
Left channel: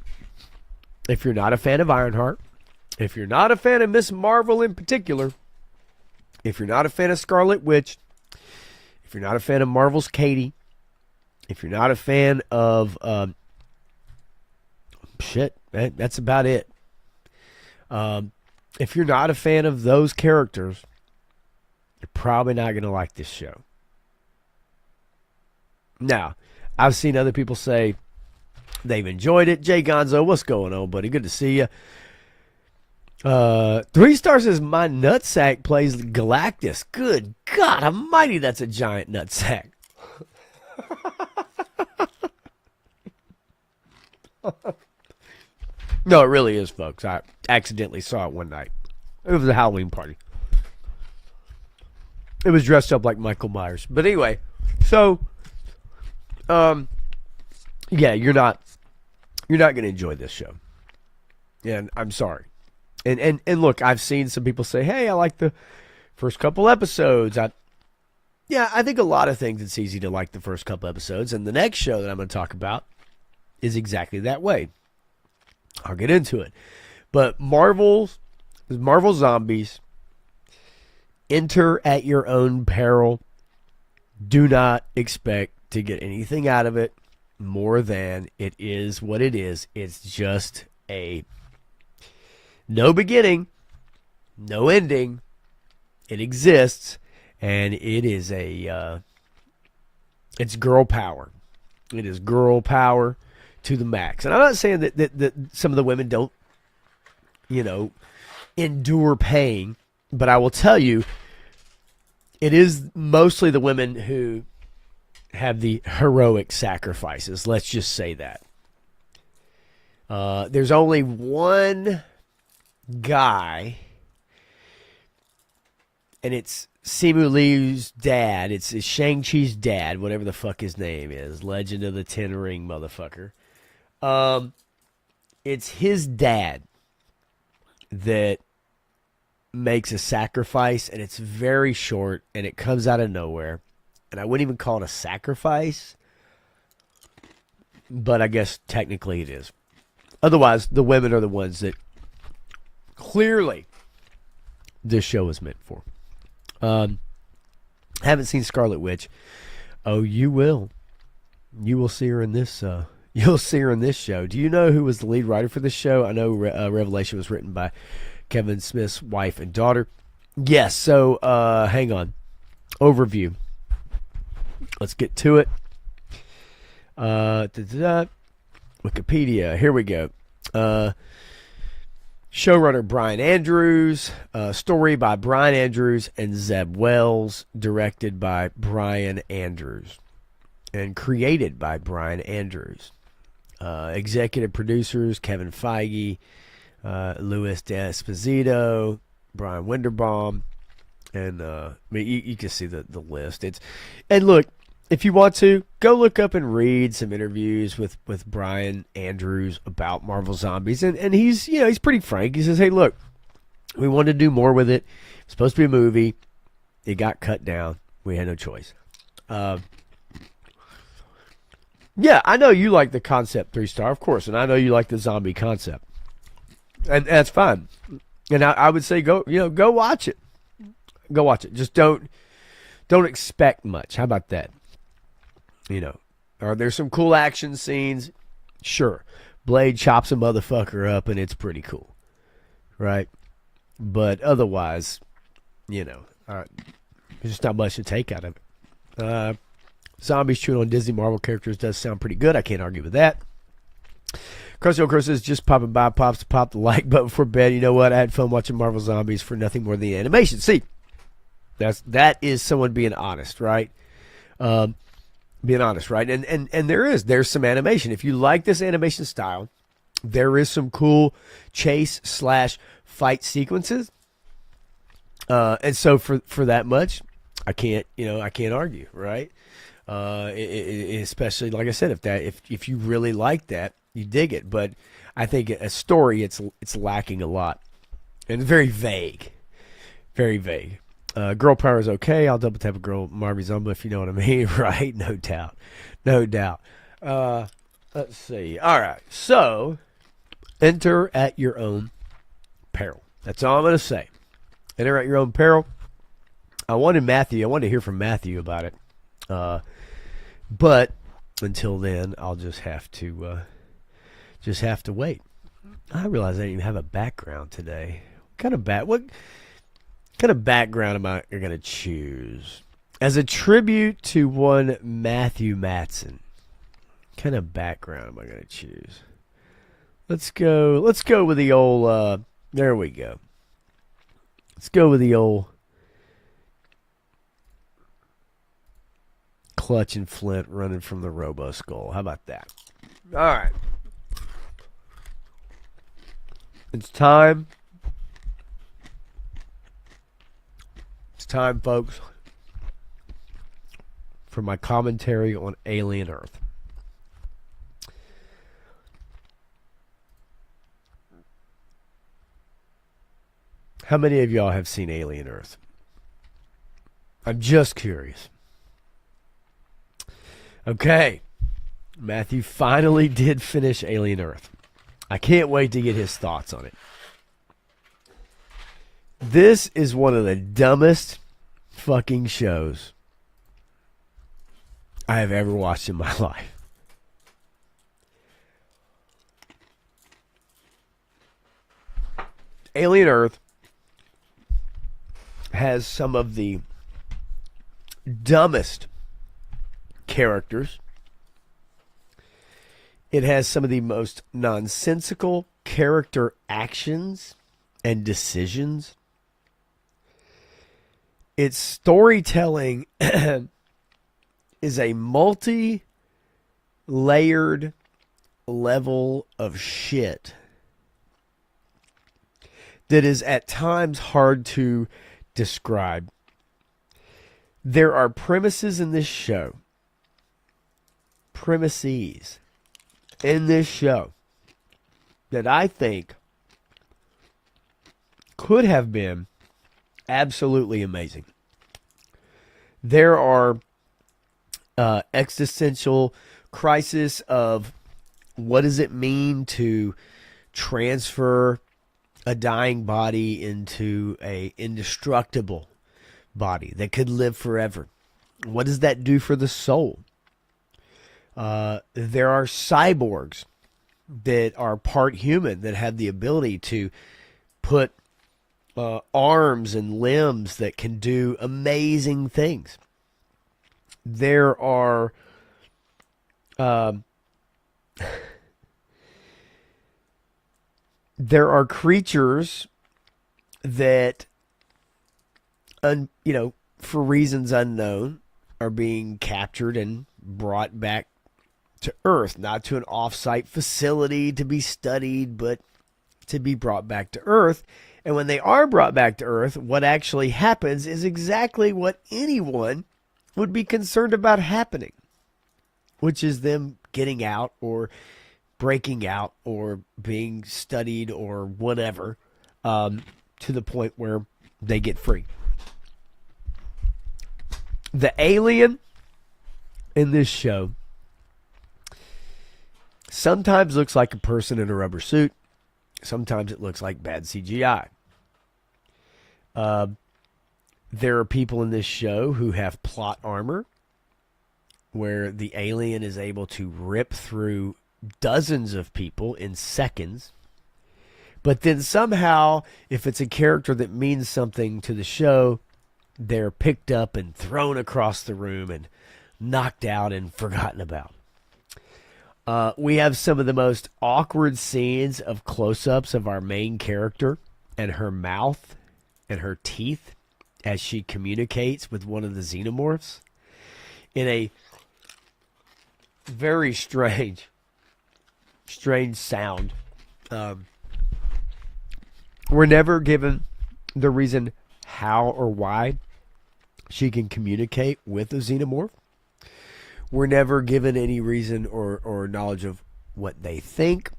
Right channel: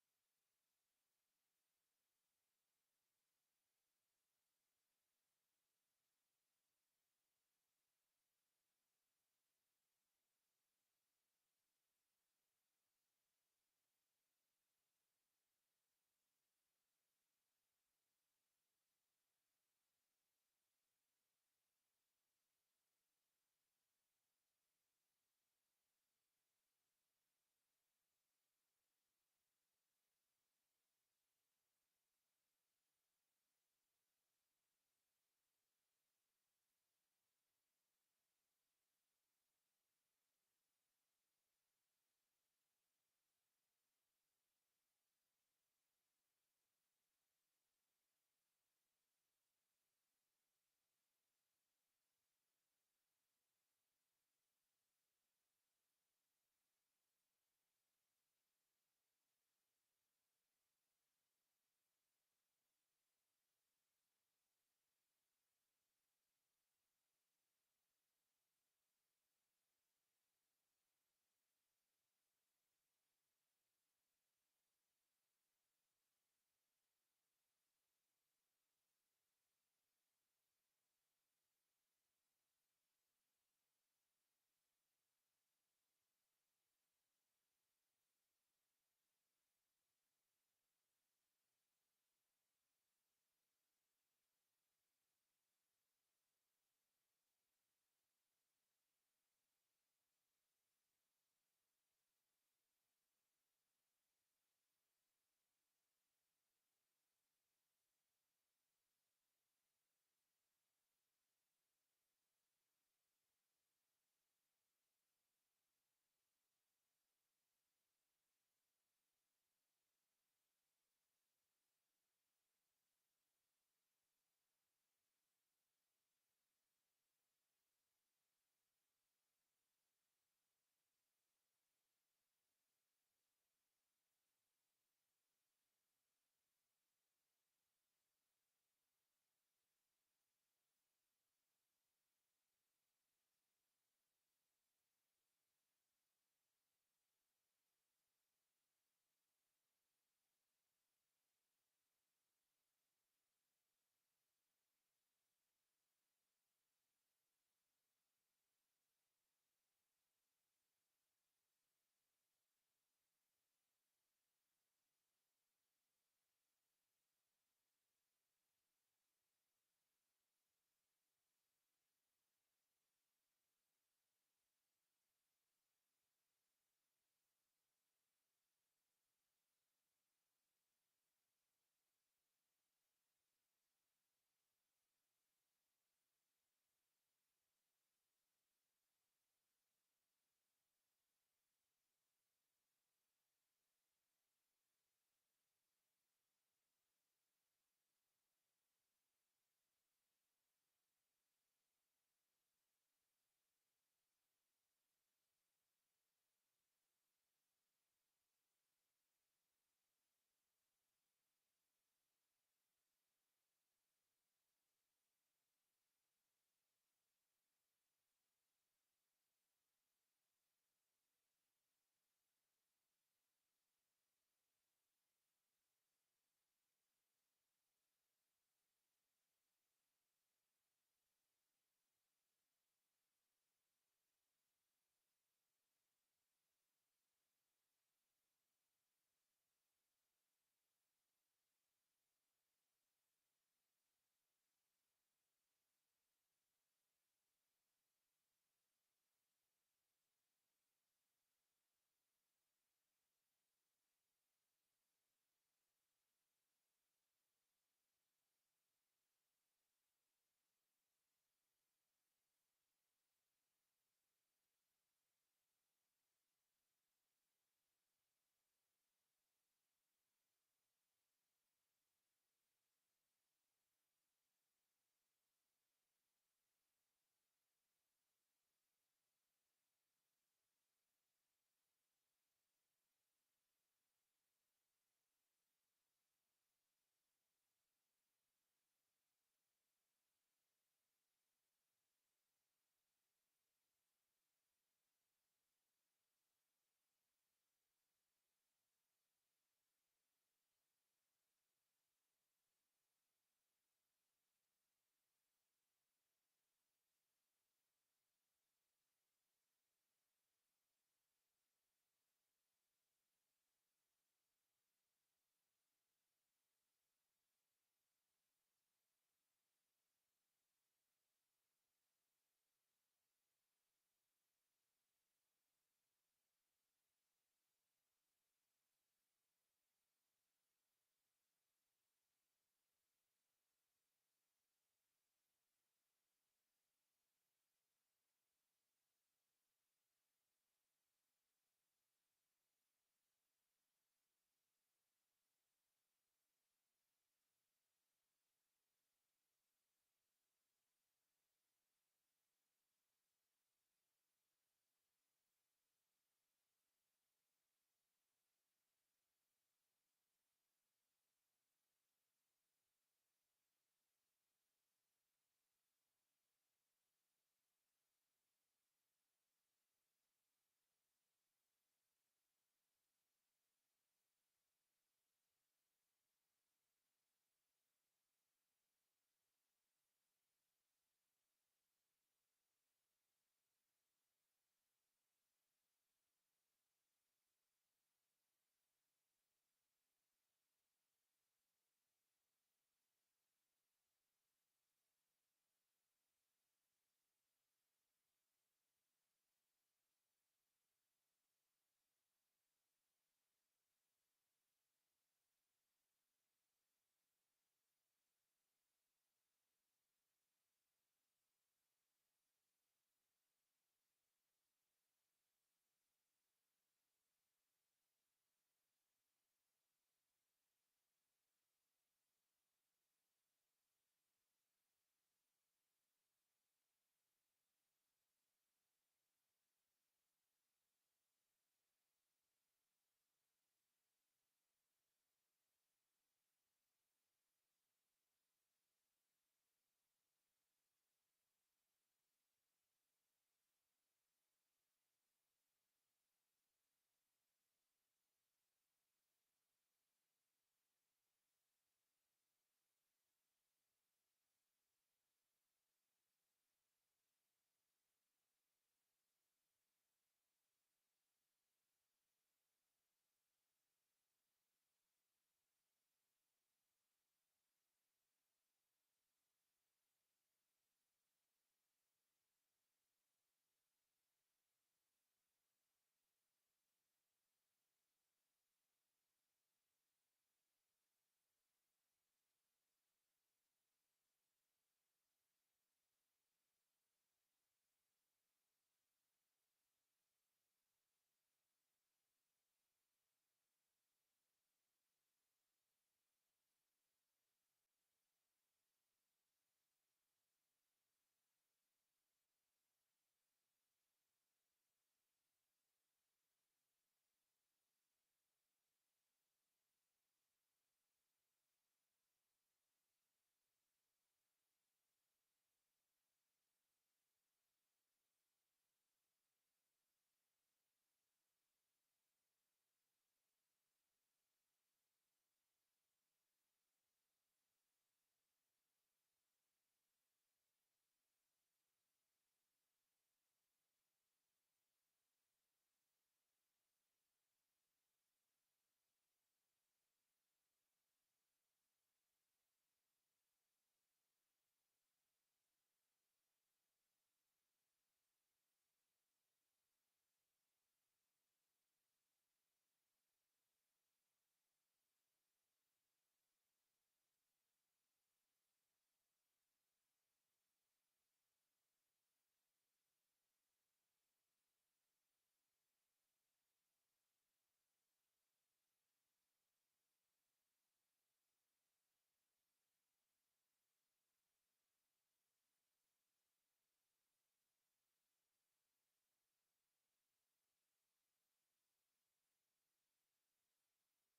if you're not a fan of Ironheart, if you're not a fan of Miss Marvel in particular, if you're not a fan of Scarlet Witch, if you're not a fan of Marvel's Katie, if you're not a fan of that's about it. If you're not a fan of those characters, you're probably not going to like this show. Now, I've seen other people say they've enjoyed it. Jay Gonzo, what's going on, buddy? Good to see you. 3 stars says my nutsack plays Galactus. Good God Almighty, that's a giant nutsack. No, it really is, folks. I accidentally saw it one night. It was a Halloween party. It was dressed up like Michael Myers. But anyway, so yeah, you're not going to enjoy this show. And I'm sorry. And look, I've seen some people say, "Hey, I like the first couple episodes." I think a lot of things it's easy to like the first couple episodes, and the next show that I'm going to talk about is exactly that way. I'll get into it. But Marvel Zombies, enter at your own peril. Do not expect to get anything out of it more than it is what it is. It's just a no beginning, no ending. It exists, and it is it's girl power. It is girl power to the max. And I'm not saying that some of the women don't, endure pain, but I will tell you, it is mostly the women who have the heroic sacrifices. Let's just say that. There's only one guy, and it's Simu Liu's dad. It's Shang-Chi's dad, whatever the fuck his name is. Legend of the Ten Ring motherfucker. It's his dad that makes a sacrifice, and it's very short, and it comes out of nowhere. And I wouldn't even call it a sacrifice, but I guess technically it is. Otherwise, the women are the ones that clearly this show is meant for. Haven't seen Scarlet Witch. Oh, you will. You will see her in this. You'll see her in this show. Do you know who was the lead writer for this show? I know Revelation was written by Kevin Smith's wife and daughter. Yes. So hang on. Overview. Let's get to it. Wikipedia. Here we go. Showrunner Brian Andrews. Story by Brian Andrews and Zeb Wells. Directed by Brian Andrews. And created by Brian Andrews. Executive producers Kevin Feige, Louis D'Esposito, Brian Winderbaum, and you can see the list. And look, if you want to, go look up and read some interviews with Brian Andrews about Marvel Zombies, and he's pretty frank. He says, "Hey, look, we wanted to do more with it. It's supposed to be a movie. It got cut down. We had no choice." Yeah, I know you like the concept 3-star, of course, and I know you like the zombie concept, and that's fine. And I would say go watch it. Go watch it. Just don't expect much. How about that? Are there some cool action scenes? Sure. Blade chops a motherfucker up, and it's pretty cool, right? But otherwise, there's just not much to take out of it. Zombies chewing on Disney Marvel characters does sound pretty good. I can't argue with that. Crusty Chris is just popping by, pops to pop the like button before bed. You know what? I had fun watching Marvel Zombies for nothing more than the animation. See, that is someone being honest, right? Being honest, right? And there's some animation. If you like this animation style, there is some cool chase/fight sequences. And so for that much, I can't argue, right? Especially like I said, if you really like that, you dig it. But I think a story, it's lacking a lot, and very vague, very vague. Girl power is okay. I'll double tap a girl Marby Zumba if you know what I mean, right? No doubt, no doubt. Let's see. All right, so enter at your own peril. That's all I'm gonna say. Enter at your own peril. I wanted to hear from Matthew about it. But until then, I'll just have to wait. I realize I didn't even have a background today. What kind of background am I going to choose? As a tribute to one Matthew Matson. What kind of background am I going to choose? Let's go with the old there we go. Let's go with the old Clutch and Flint running from the Robo Skull. How about that? All right. It's time. It's time, folks, for my commentary on Alien Earth. How many of y'all have seen Alien Earth? I'm just curious. Okay. Matthew finally did finish Alien Earth. I can't wait to get his thoughts on it. This is one of the dumbest fucking shows I have ever watched in my life. Alien Earth has some of the dumbest characters. It has some of the most nonsensical character actions and decisions. Its storytelling is a multi-layered level of shit that is at times hard to describe. There are premises in this show, that I think could have been absolutely amazing. There are existential crisis of what does it mean to transfer a dying body into a indestructible body that could live forever. What does that do for the soul? There are cyborgs that are part human that have the ability to put arms and limbs that can do amazing things. There are creatures that, for reasons unknown, are being captured and brought back to Earth, not to an off-site facility to be studied, but to be brought back to Earth. And when they are brought back to Earth, what actually happens is exactly what anyone would be concerned about happening, which is them getting out or breaking out or being studied or whatever, to the point where they get free. The alien in this show sometimes looks like a person in a rubber suit. Sometimes it looks like bad CGI. There are people in this show who have plot armor where the alien is able to rip through dozens of people in seconds. But then somehow, if it's a character that means something to the show, they're picked up and thrown across the room and knocked out and forgotten about. We have some of the most awkward scenes of close-ups of our main character and her mouth and her teeth as she communicates with one of the xenomorphs in a very strange sound. We're never given the reason how or why she can communicate with a xenomorph. We're never given any reason or knowledge of what they think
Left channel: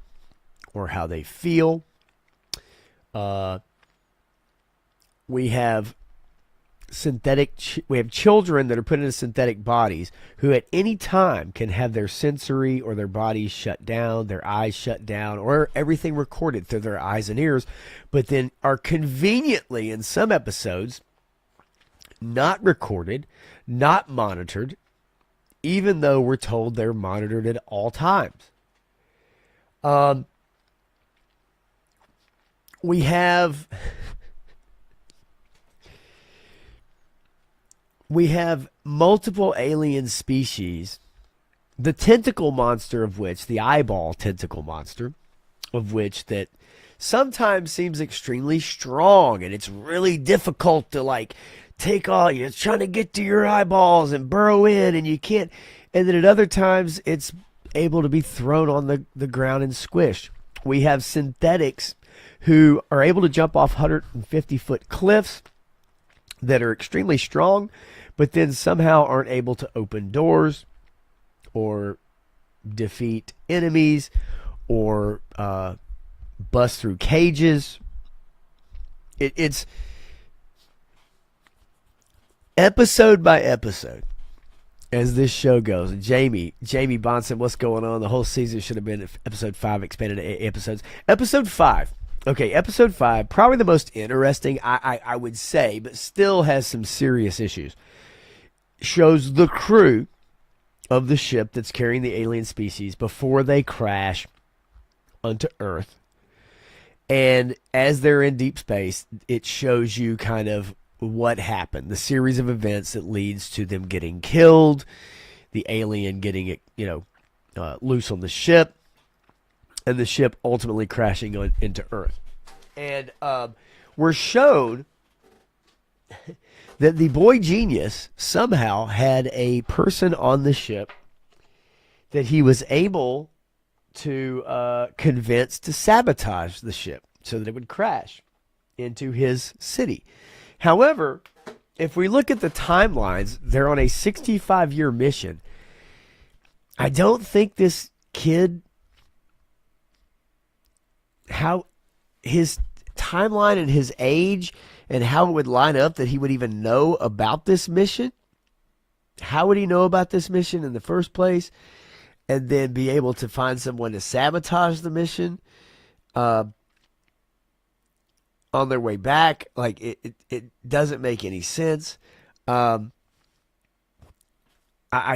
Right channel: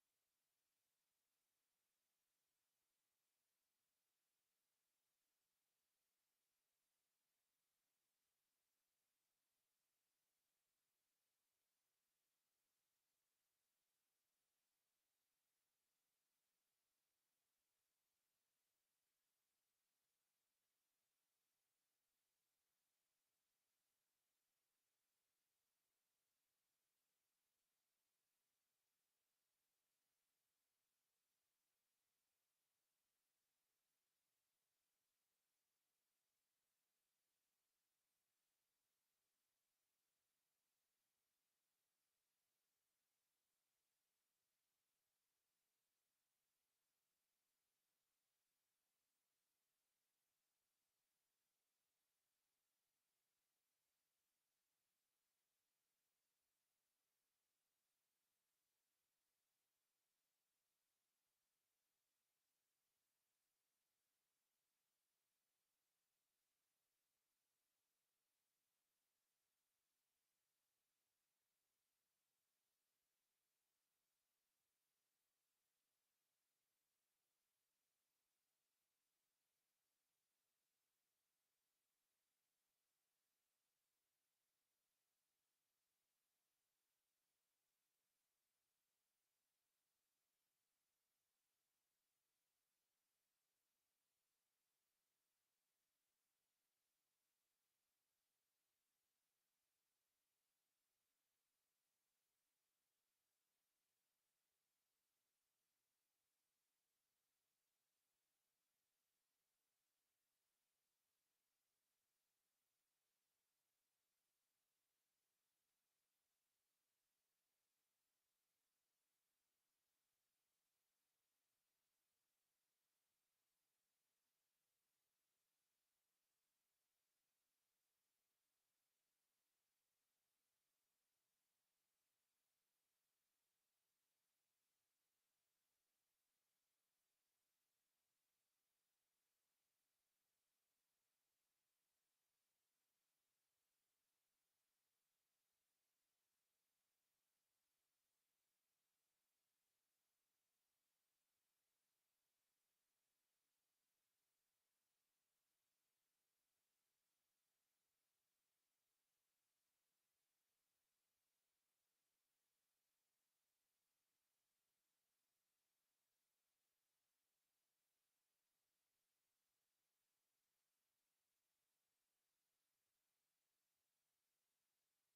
or how they feel. We have children that are put into synthetic bodies who at any time can have their sensory or their bodies shut down, their eyes shut down, or everything recorded through their eyes and ears, but then are conveniently in some episodes not recorded, not monitored, even though we're told they're monitored at all times. We have multiple alien species, the tentacle monster of which, the eyeball tentacle monster of which, that sometimes seems extremely strong, and it's really difficult to like take all, you're trying to get to your eyeballs and burrow in, and you can't. And then at other times, it's able to be thrown on the ground and squished. We have synthetics who are able to jump off 150-foot cliffs that are extremely strong, but then somehow aren't able to open doors or defeat enemies or bust through cages. It's episode by episode as this show goes. And Jamie Bond said, what's going on? The whole season should have been episode 5 expanded to 8 episodes. Episode 5. Okay, episode 5, probably the most interesting, I would say, but still has some serious issues. Shows the crew of the ship that's carrying the alien species before they crash onto Earth. And as they're in deep space, it shows you kind of what happened, the series of events that leads to them getting killed, the alien getting it, loose on the ship, and the ship ultimately crashing into Earth. And we're shown that the boy genius somehow had a person on the ship that he was able to convince to sabotage the ship so that it would crash into his city. However, if we look at the timelines, they're on a 65-year mission. I don't think this kid, how his timeline and his age and how it would line up that he would even know about this mission. How would he know about this mission in the first place? And then be able to find someone to sabotage the mission on their way back. Like, it doesn't make any sense. I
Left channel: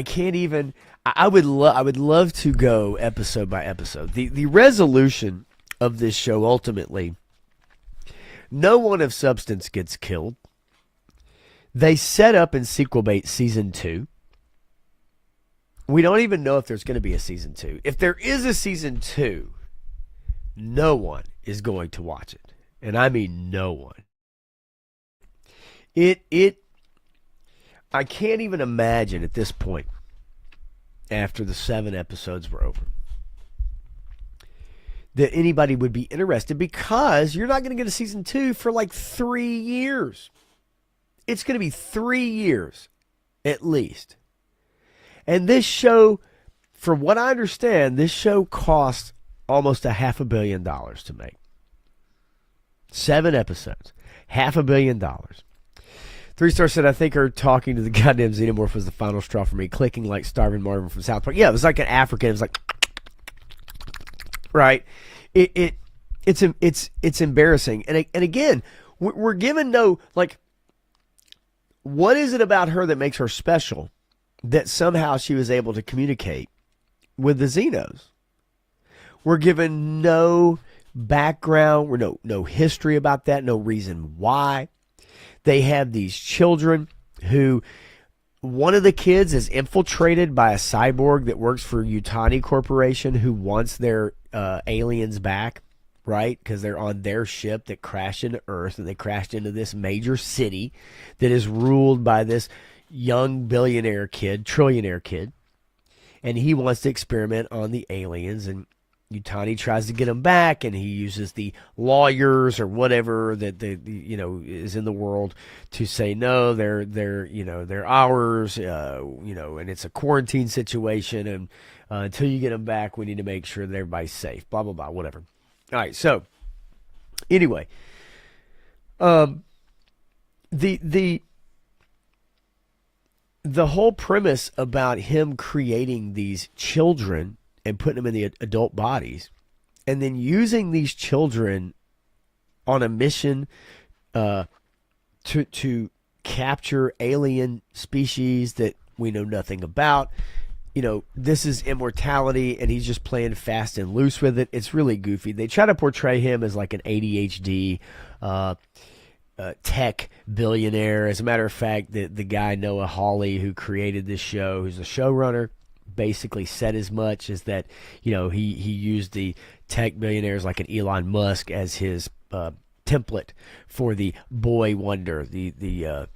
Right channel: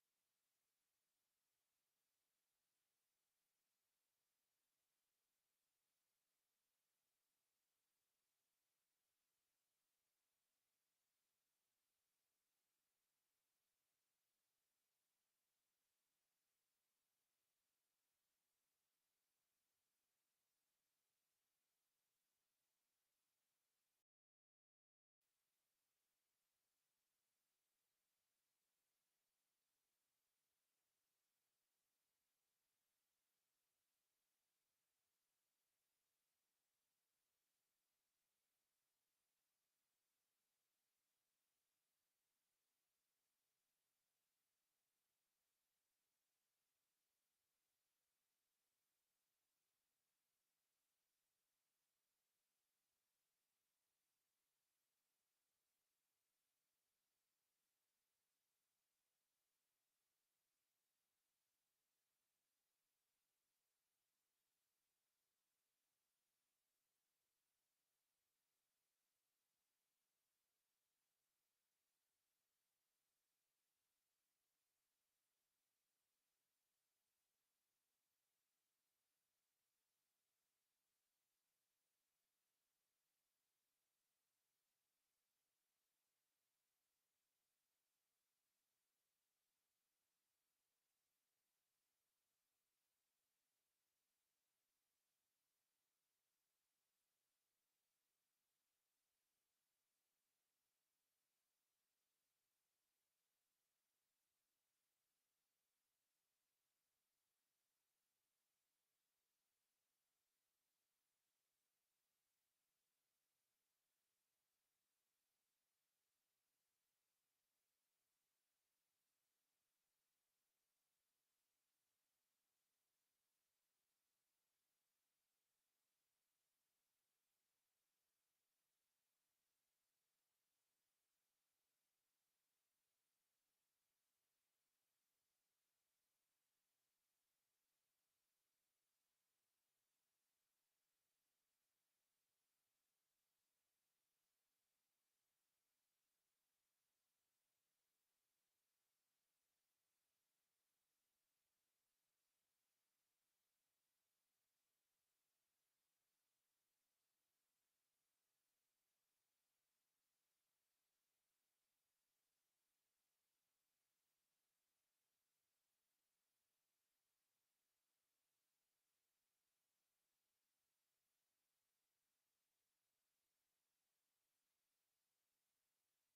can't even. I would love to go episode by episode. The resolution of this show, ultimately, no one of substance gets killed. They set up in sequel bait season 2. We don't even know if there's going to be a season 2. If there is a season 2, no one is going to watch it. And I mean no one. I can't even imagine at this point, after the 7 episodes were over, that anybody would be interested, because you're not going to get a season 2 for like 3 years. It's going to be 3 years at least. And this show, from what I understand, this show cost almost $500 million to make. 7 episodes, $500 million. 3-star said, I think her talking to the goddamn xenomorph was the final straw for me, clicking like Starving Marvin from South Park. Yeah, it was like an African. It was like, right? It's embarrassing. And again, we're given no, like, what is it about her that makes her special that somehow she was able to communicate with the Xenos? We're given no background, no history about that, no reason why. They have these children who, one of the kids is infiltrated by a cyborg that works for Yutani Corporation, who wants their aliens back, right? Because they're on their ship that crashed into Earth, and they crashed into this major city that is ruled by this young billionaire kid, trillionaire kid, and he wants to experiment on the aliens. And Yutani tries to get him back, and he uses the lawyers or whatever that is in the world to say no, they're ours, and it's a quarantine situation, and until you get them back, we need to make sure that everybody's safe. Blah blah blah, whatever. All right, so anyway, the whole premise about him creating these children and putting them in the adult bodies, and then using these children on a mission to capture alien species that we know nothing about. This is immortality, and he's just playing fast and loose with it. It's really goofy. They try to portray him as like an ADHD tech billionaire. As a matter of fact, the guy Noah Hawley, who created this show, who's a showrunner, basically said as much, as that he used the tech billionaires like an Elon Musk as his template for the boy wonder, the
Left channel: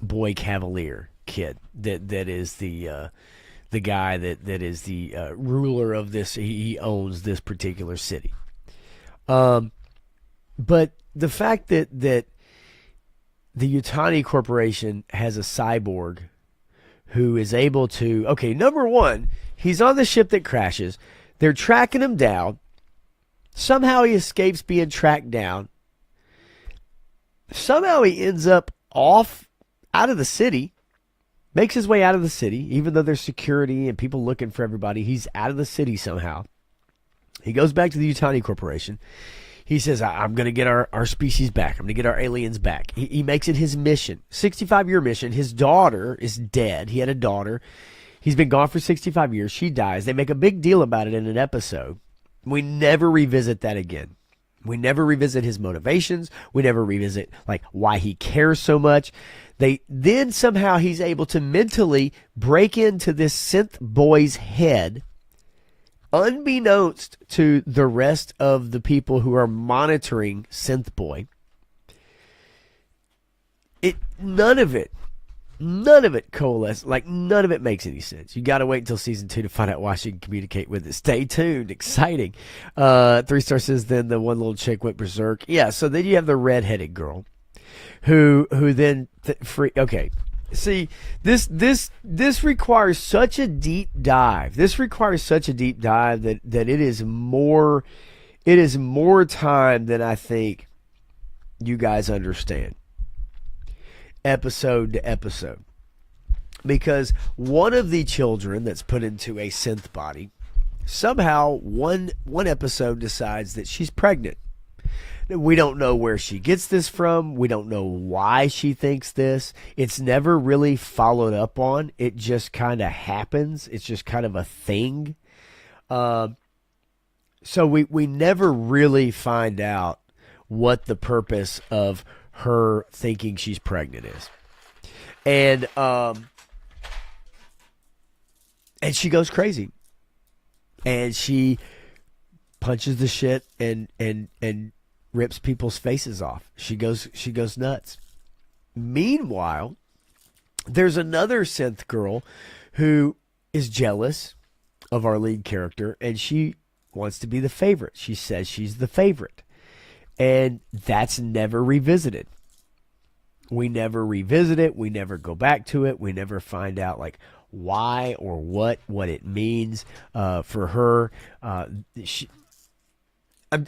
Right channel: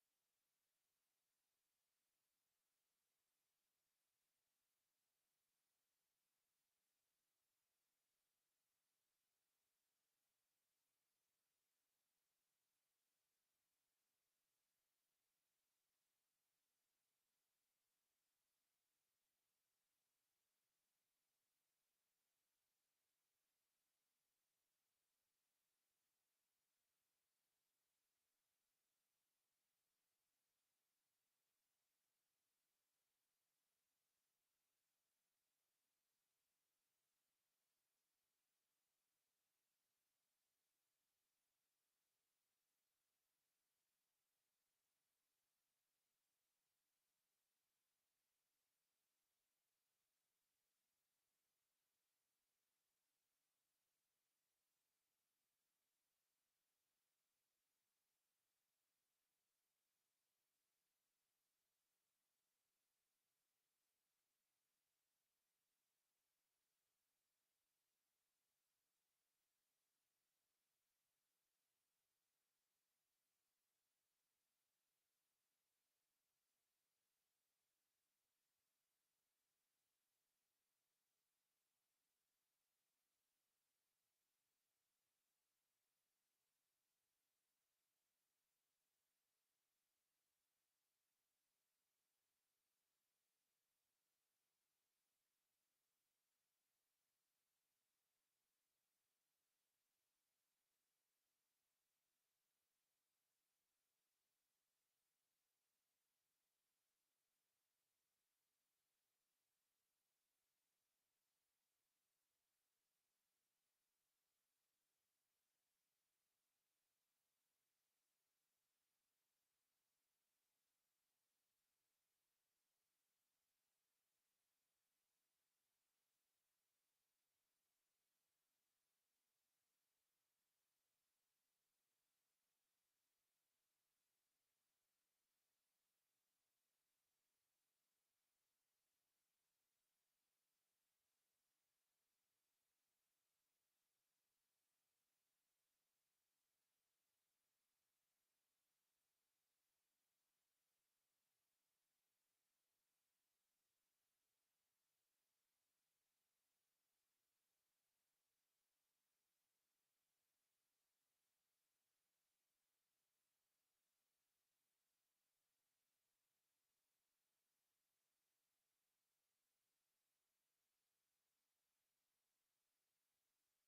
boy cavalier kid that is the guy that is the ruler of this. He owns this particular city. But the fact that the Yutani Corporation has a cyborg who is able to, number one, he's on the ship that crashes. They're tracking him down. Somehow he escapes being tracked down. Somehow he ends up out of the city, makes his way out of the city, even though there's security and people looking for everybody. He's out of the city somehow. He goes back to the Yutani Corporation. He says, I'm going to get our species back. I'm going to get our aliens back. He makes it his mission, 65-year mission. His daughter is dead. He had a daughter. He's been gone for 65 years. She dies. They make a big deal about it in an episode. We never revisit that again. We never revisit his motivations. We never revisit why he cares so much. Then somehow he's able to mentally break into this synth boy's head, unbeknownst to the rest of the people who are monitoring Synth Boy. None of it coalesces. None of it makes any sense. You got to wait until season 2 to find out why she can communicate with it. Stay tuned. Exciting. 3-star says, then the one little chick went berserk. Yeah, so then you have the redheaded girl who then okay. See, this requires such a deep dive. This requires such a deep dive that it is more time than I think you guys understand, episode to episode. Because one of the children that's put into a synth body, somehow one episode decides that she's pregnant. We don't know where she gets this from. We don't know why she thinks this. It's never really followed up on. It just kind of happens. It's just kind of a thing. So we never really find out what the purpose of her thinking she's pregnant is. And she goes crazy. And she punches the shit and rips people's faces off. She goes nuts. Meanwhile, there's another synth girl who is jealous of our lead character, and she wants to be the favorite. She says she's the favorite. And that's never revisited. We never revisit it. We never go back to it. We never find out why or what it means for her.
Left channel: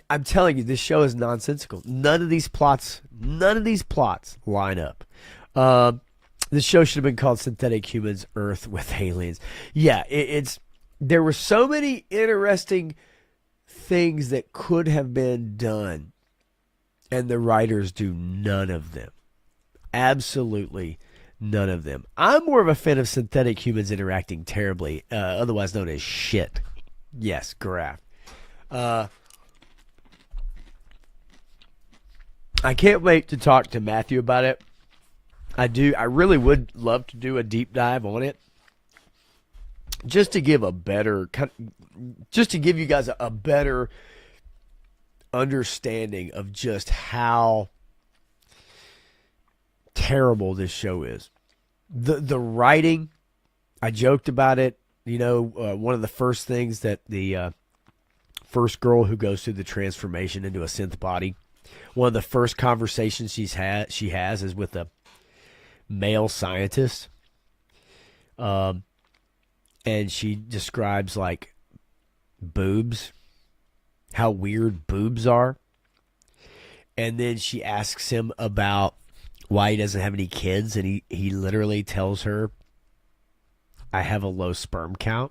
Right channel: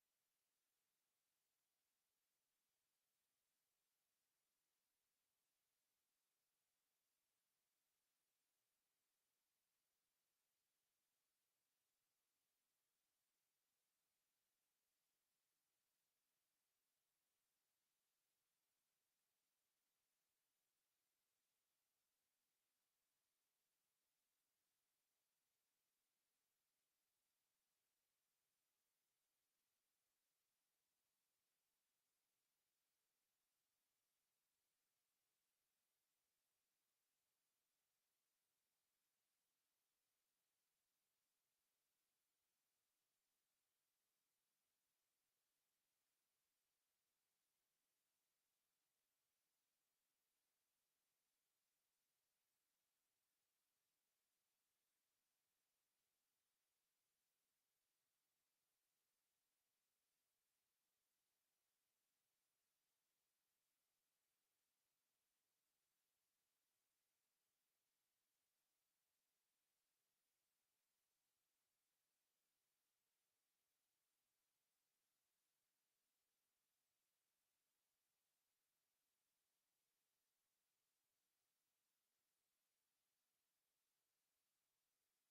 I'm telling you, this show is nonsensical. None of these plots line up. This show should have been called Synthetic Humans Earth with Aliens. Yeah, there were so many interesting things that could have been done, and the writers do none of them. Absolutely none of them. I'm more of a fan of synthetic humans interacting terribly, otherwise known as shit. Yes, Graph. I can't wait to talk to Matthew about it. I really would love to do a deep dive on it, just to give you guys a better understanding of just how terrible this show is. The writing, I joked about it. One of the first things that the first girl who goes through the transformation into a synth body. One of the first conversations she has is with a male scientist. And she describes like boobs, how weird boobs are. And then she asks him about why he doesn't have any kids, and he literally tells her, I have a low sperm count.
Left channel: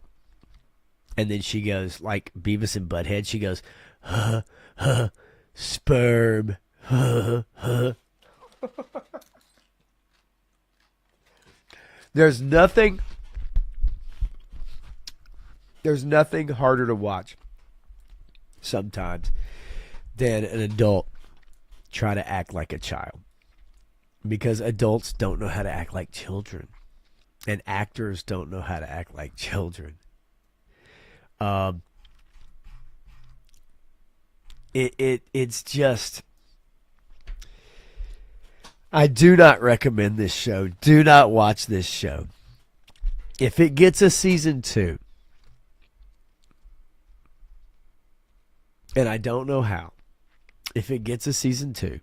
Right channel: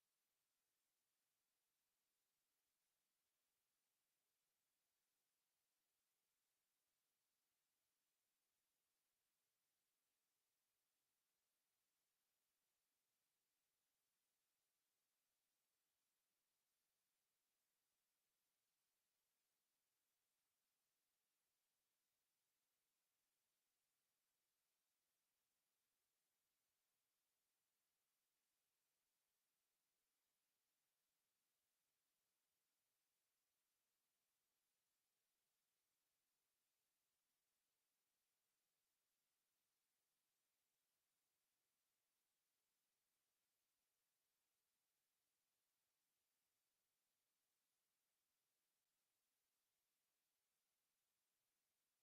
And then she goes, like Beavis and Butthead, she goes, sperm. There's nothing harder to watch sometimes than an adult try to act like a child. Because adults don't know how to act like children. And actors don't know how to act like children. It's just, I do not recommend this show. Do not watch this show. If it gets a season 2, and I don't know how, if it gets a season 2,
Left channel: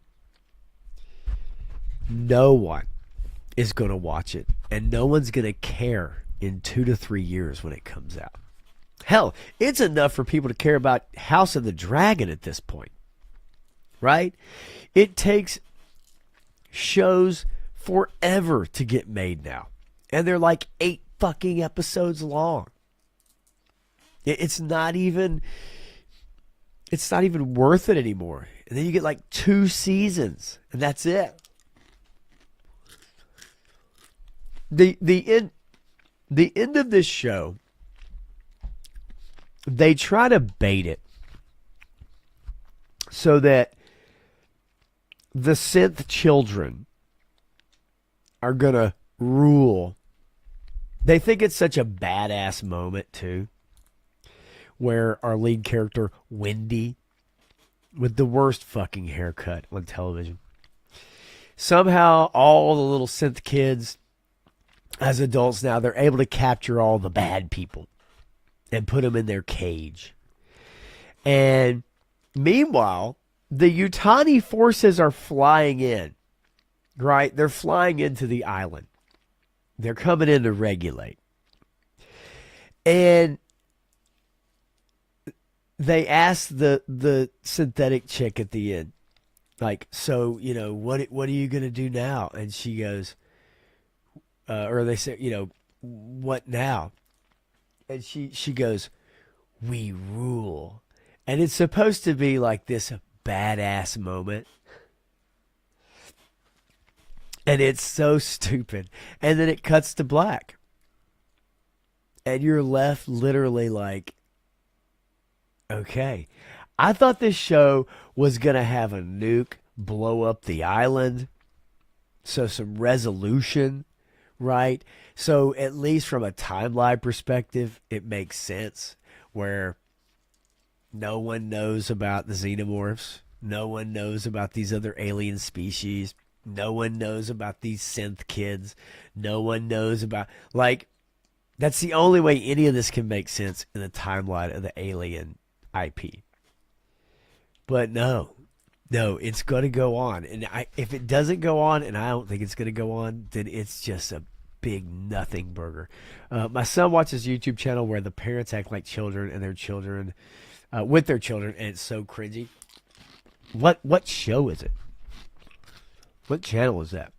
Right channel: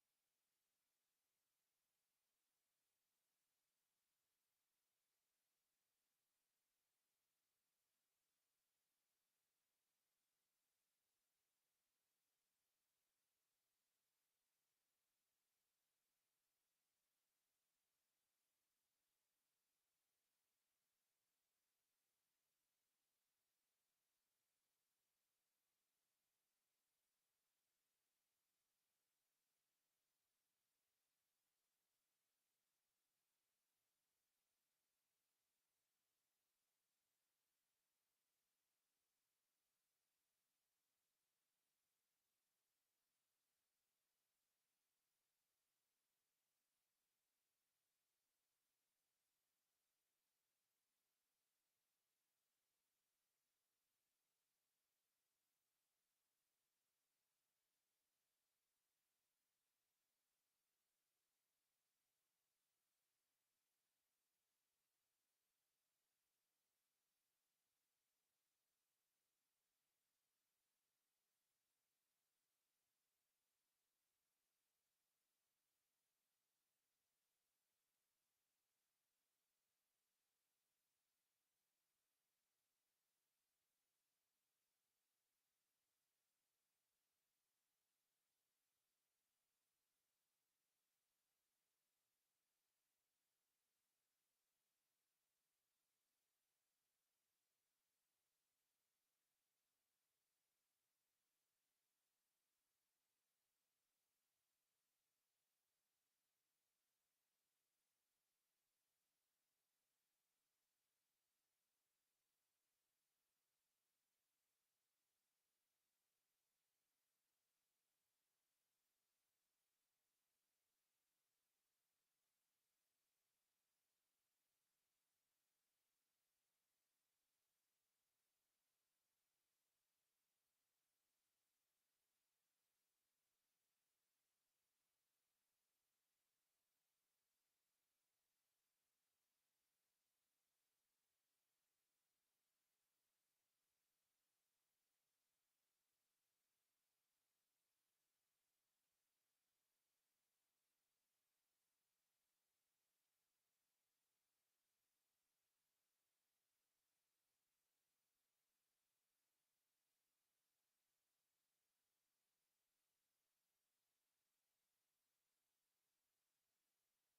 no one is going to watch it, and no one's going to care in 2 to 3 years when it comes out. Hell, it's enough for people to care about House of the Dragon at this point, right? It takes shows forever to get made now, and they're like 8 fucking episodes long. It's not even worth it anymore. And then you get like 2 seasons, and that's it. The end of this show, they try to bait it so that the synth children are going to rule. They think it's such a badass moment, too, where our lead character, Wendy, with the worst fucking haircut on television, somehow all the little synth kids, as adults now, they're able to capture all the bad people and put them in their cage. And meanwhile, the Yutani forces are flying in, right? They're flying into the island. They're coming in to regulate. And they ask the synthetic chick at the end, like, so, you know, what are you going to do now? And she goes, or they say, you know, what now? And she goes, we rule. And it's supposed to be like this badass moment. And it's so stupid. And then it cuts to black. And you're left literally like, okay. I thought this show was going to have a nuke blow up the island. So some resolution, right? So at least from a timeline perspective, it makes sense where no one knows about the xenomorphs. No one knows about these other alien species. No one knows about these synth kids. No one knows about, like, that's the only way any of this can make sense in the timeline of the Alien IP. But no, it's going to go on. And if it doesn't go on, and I don't think it's going to go on, then it's just a big nothing burger. My son watches a YouTube channel where the parents act like children and their children, with their children, and it's so cringy. What show is it? What channel is that?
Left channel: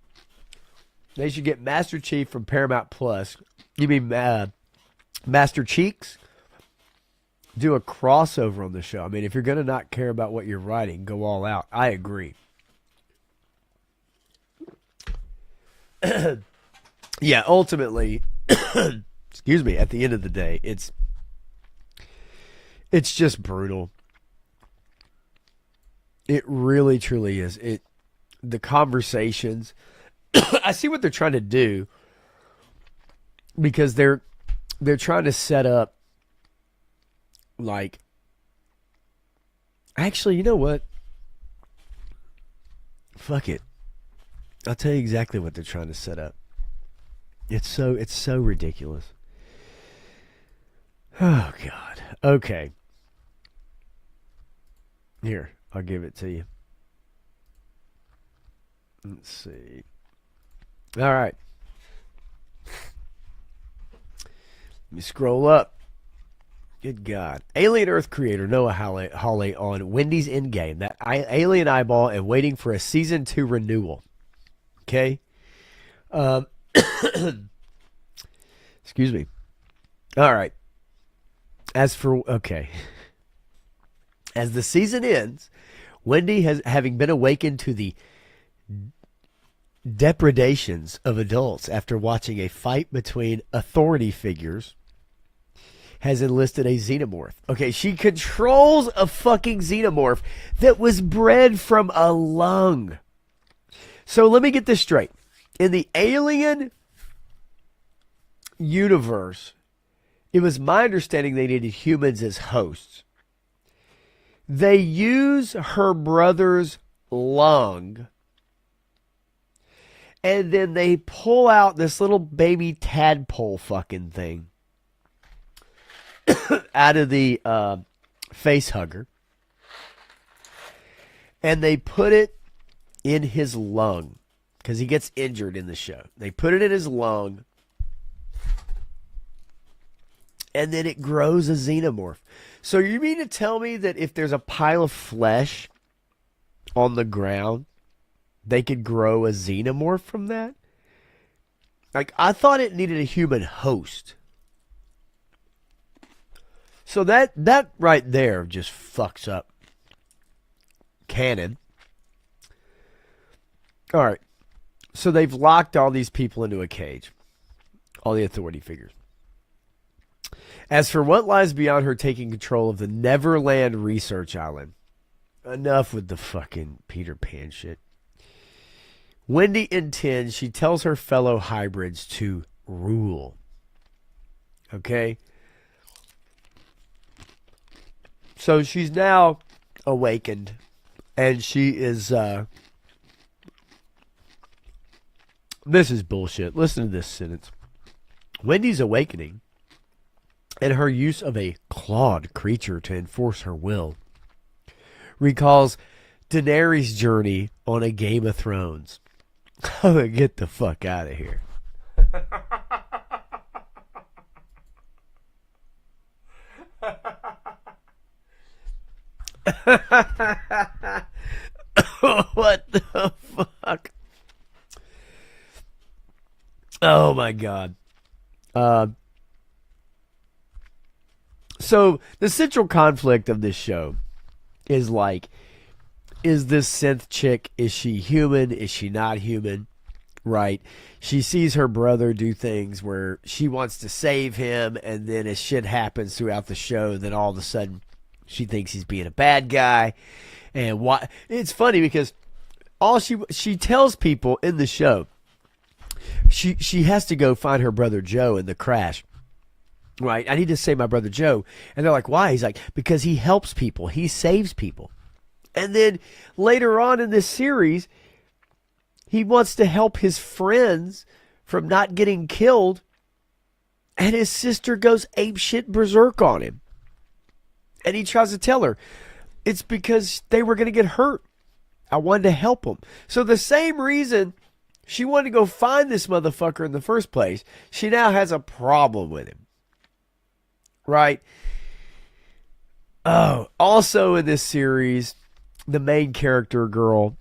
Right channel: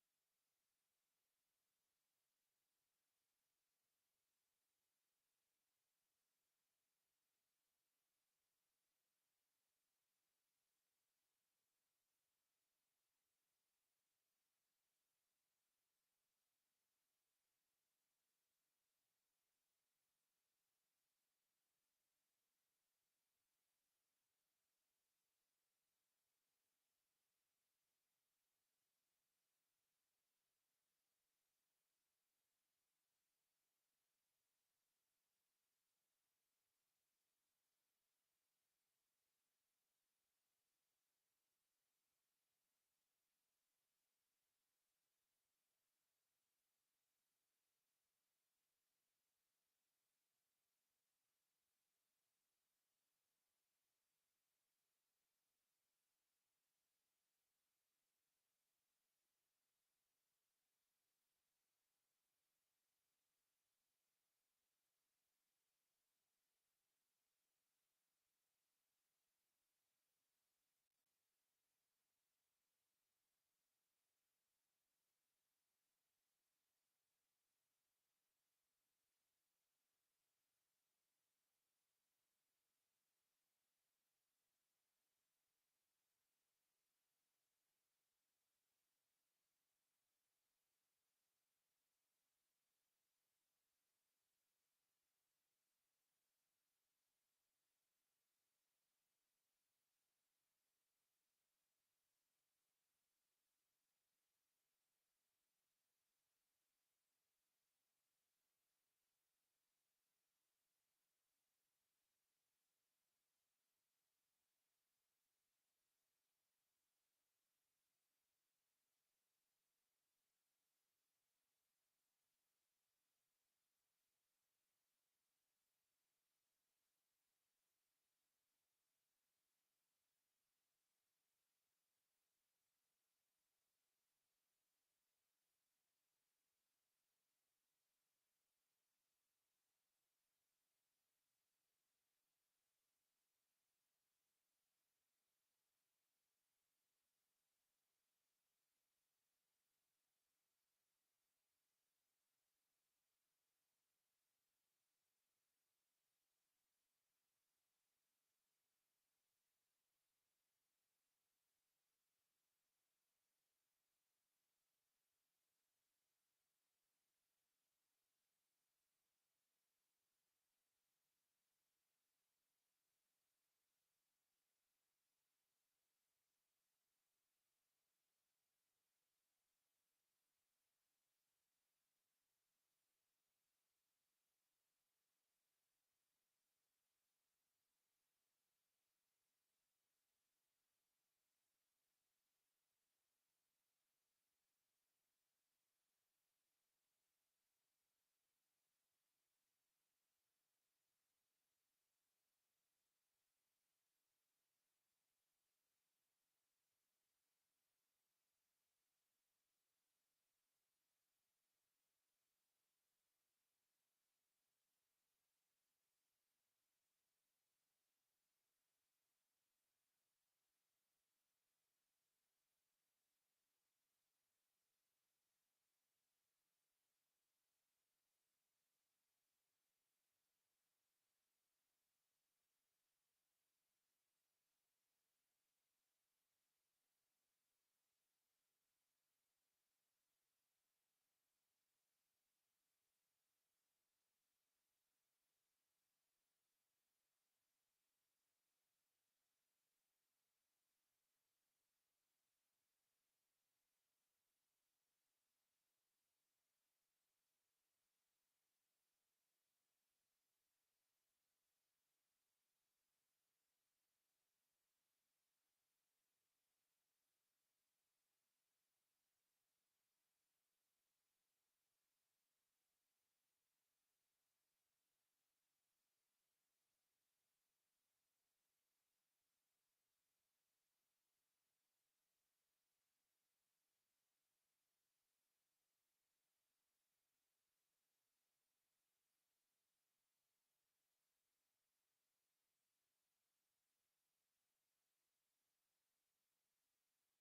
They should get Master Chief from Paramount Plus. You mean Master Cheeks? Do a crossover on the show. I mean, if you're going to not care about what you're writing, go all out. I agree. Yeah, ultimately, excuse me, at the end of the day, it's just brutal. It really, truly is. The conversations, I see what they're trying to do, because they're trying to set up, like, actually, you know what? Fuck it. I'll tell you exactly what they're trying to set up. It's so ridiculous. Oh God. Okay. Here, I'll give it to you. Let's see. All right. Let me scroll up. Good God. Alien Earth creator Noah Hawley on Wendy's Endgame. That alien eyeball and waiting for a season 2 renewal. Okay? Excuse me. All right. As the season ends, Wendy having been awakened to the depredations of adults after watching a fight between authority figures, has enlisted a xenomorph. Okay, she controls a fucking xenomorph that was bred from a lung. So let me get this straight. In the Alien universe, it was my understanding they needed humans as hosts. They use her brother's lung, and then they pull out this little baby tadpole fucking thing out of the face hugger, and they put it in his lung because he gets injured in the show. They put it in his lung, and then it grows a xenomorph. So you mean to tell me that if there's a pile of flesh on the ground, they could grow a xenomorph from that? Like, I thought it needed a human host. So that right there just fucks up canon. All right. So they've locked all these people into a cage. All the authority figures. As for what lies beyond her taking control of the Neverland Research Island. Enough with the fucking Peter Pan shit. Wendy intends, she tells her fellow hybrids to rule. Okay? So she's now awakened, and she is, this is bullshit. Listen to this sentence. Wendy's awakening, and her use of a clawed creature to enforce her will, recalls Daenerys' journey on a Game of Thrones. Oh, get the fuck out of here. What the fuck? Oh my God. So the central conflict of this show is like, is this synth chick, is she human? Is she not human? Right? She sees her brother do things where she wants to save him, and then as shit happens throughout the show, then all of a sudden she thinks he's being a bad guy. And why? It's funny because all she tells people in the show, she has to go find her brother Joe in the crash. Right? I need to save my brother Joe. And they're like, why? He's like, because he helps people. He saves people. And then later on in this series, he wants to help his friends from not getting killed. And his sister goes apeshit berserk on him. And he tries to tell her, it's because they were going to get hurt. I wanted to help them. So the same reason she wanted to go find this motherfucker in the first place, she now has a problem with him. Right? Oh, also in this series, the main character girl,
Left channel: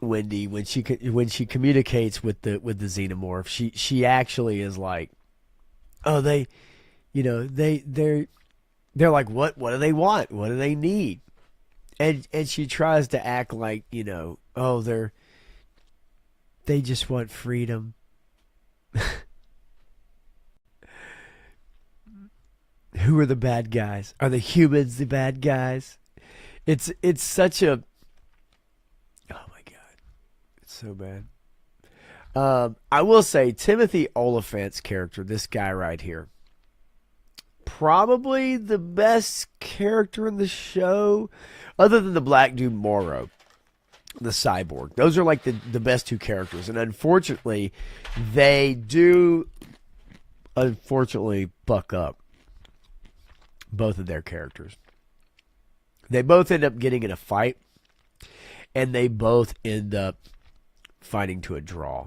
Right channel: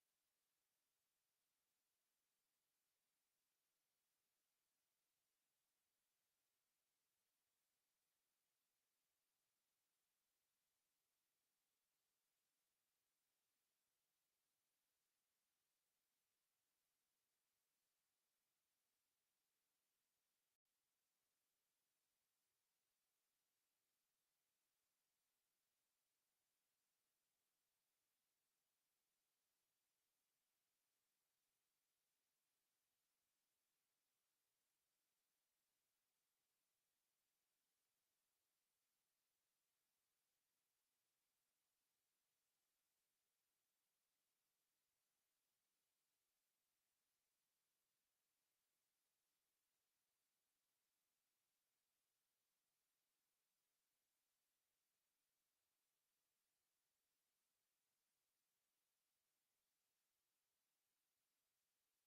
Wendy, when she communicates with the xenomorph, she actually is like, oh, they're like, what do they want? What do they need? And she tries to act like, oh, they just want freedom. Who are the bad guys? Are the humans the bad guys? It's such a, oh my God, it's so bad. I will say Timothy Oliphant's character, this guy right here, probably the best character in the show, other than the black dude Morrow, the cyborg. Those are like the best two characters, and unfortunately, they do buck up both of their characters. They both end up getting in a fight, and they both end up fighting to a draw,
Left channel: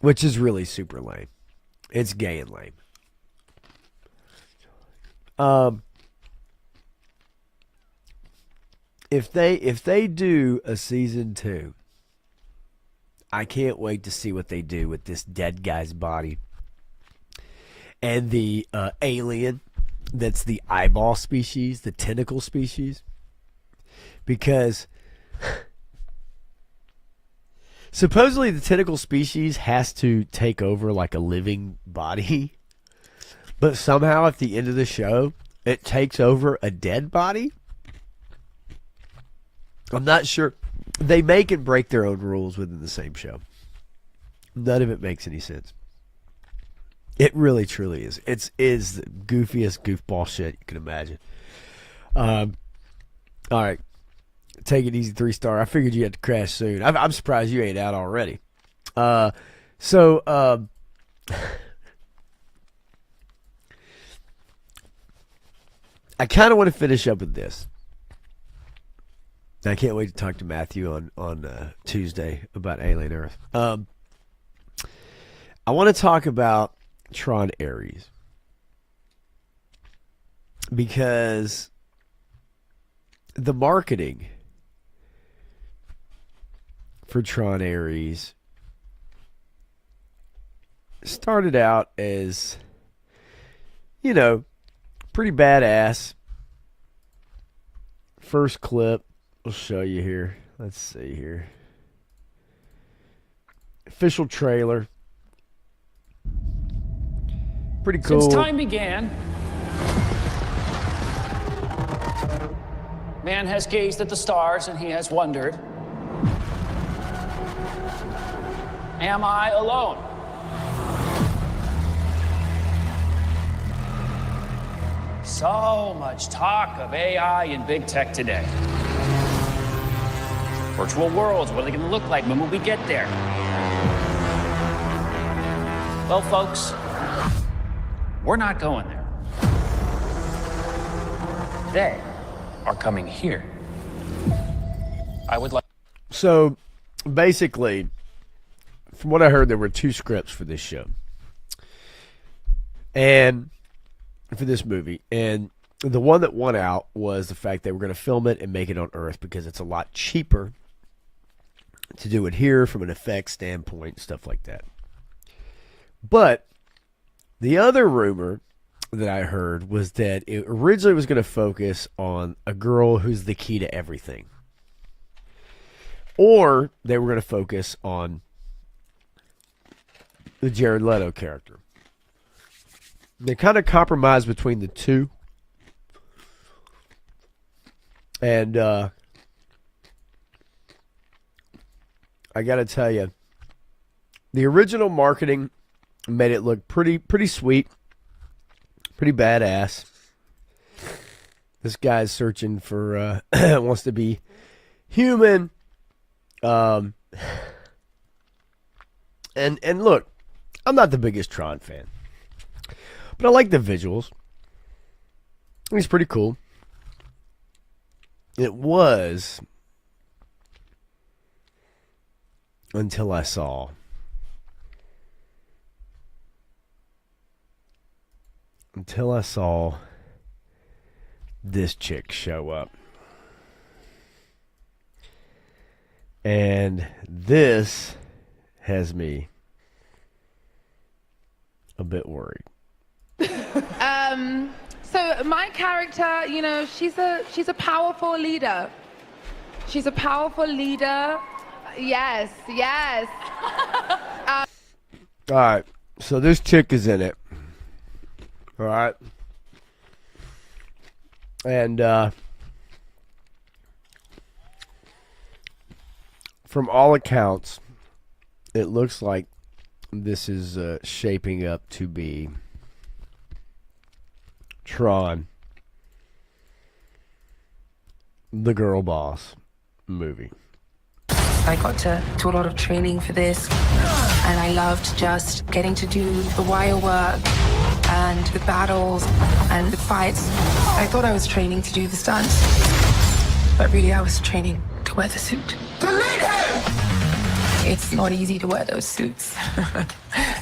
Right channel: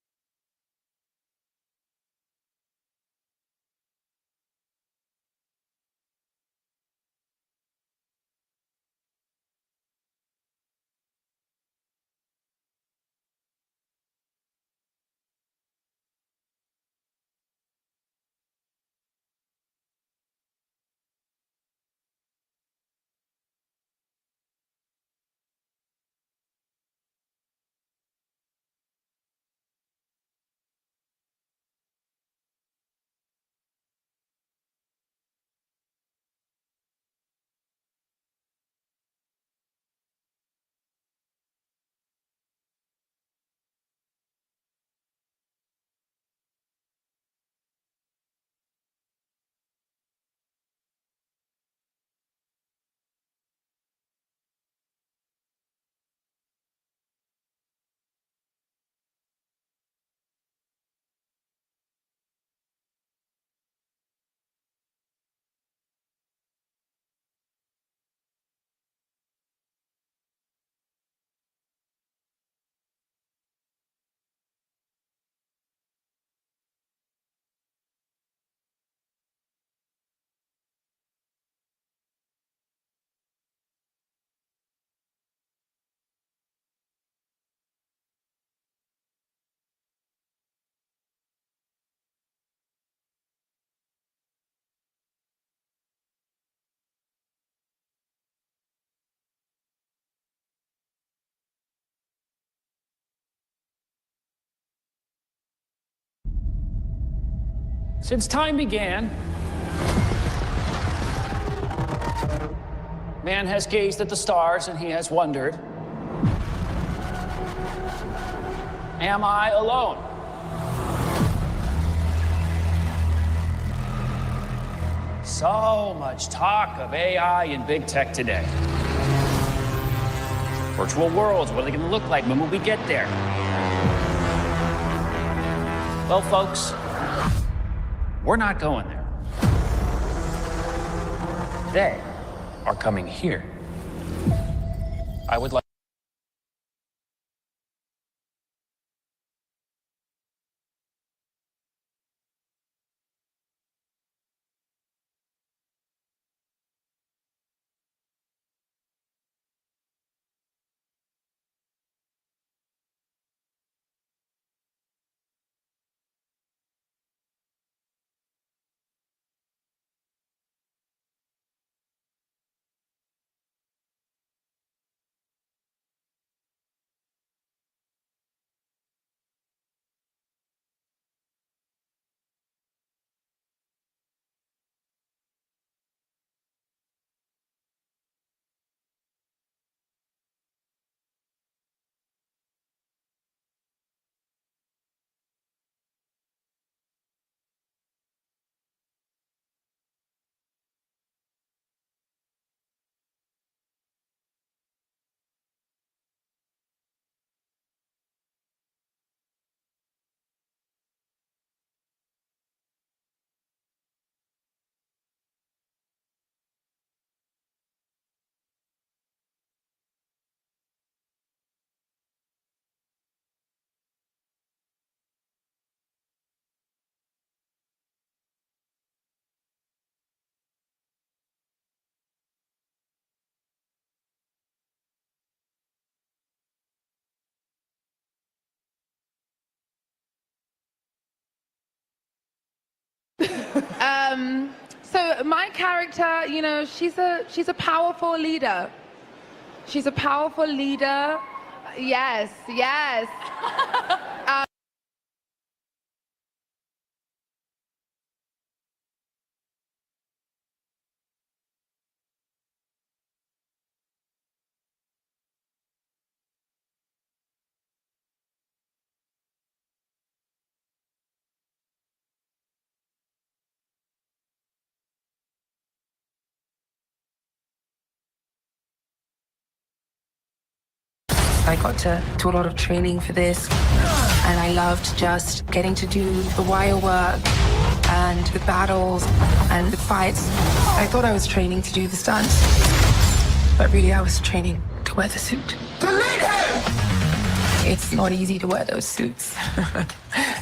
which is really super lame. It's gay and lame. If they do a season 2, I can't wait to see what they do with this dead guy's body and the alien that's the eyeball species, the tentacle species, because supposedly the tentacle species has to take over like a living body, but somehow at the end of the show it takes over a dead body. I'm not sure. They make and break their own rules within the same show. None of it makes any sense. It really, truly is. It is the goofiest goofball shit you can imagine. All right. Take it easy, 3-star. I figured you had to crash soon. I'm surprised you ain't out already. I kind of want to finish up with this. I can't wait to talk to Matthew on Tuesday about Alien Earth. I want to talk about Tron Ares because the marketing for Tron Ares started out as, you know, pretty badass. First clip. We'll show you here. Let's see here. Official trailer. Pretty cool. Since time began, man has gazed at the stars and he has wondered, am I alone? So much talk of AI and big tech today. Virtual worlds, what are they going to look like? When will we get there? Well, folks, we're not going there. They are coming here. I would like... So, basically, from what I heard, there were 2 scripts for this show. And for this movie. And the one that won out was the fact they were going to film it and make it on Earth because it's a lot cheaper to do it here from an effects standpoint, stuff like that. But the other rumor that I heard was that it originally was going to focus on a girl who's the key to everything. Or they were going to focus on the Jared Leto character. They kind of compromised between the two. And I got to tell you, the original marketing made it look pretty sweet, pretty badass. This guy's searching for, wants to be human. And look, I'm not the biggest Tron fan, but I like the visuals. He's pretty cool. It was until I saw this chick show up. And this has me a bit worried. So my character, you know, she's a powerful leader. She's a powerful leader. Yes, yes. All right. So this chick is in it. All right. And from all accounts, it looks like this is shaping up to be Tron, the girl boss movie. I got to do a lot of training for this, and I loved just getting to do the wire work, and the battles and the fights. I thought I was training to do the stunts, but really I was training to wear the suit. It's not easy to wear those suits.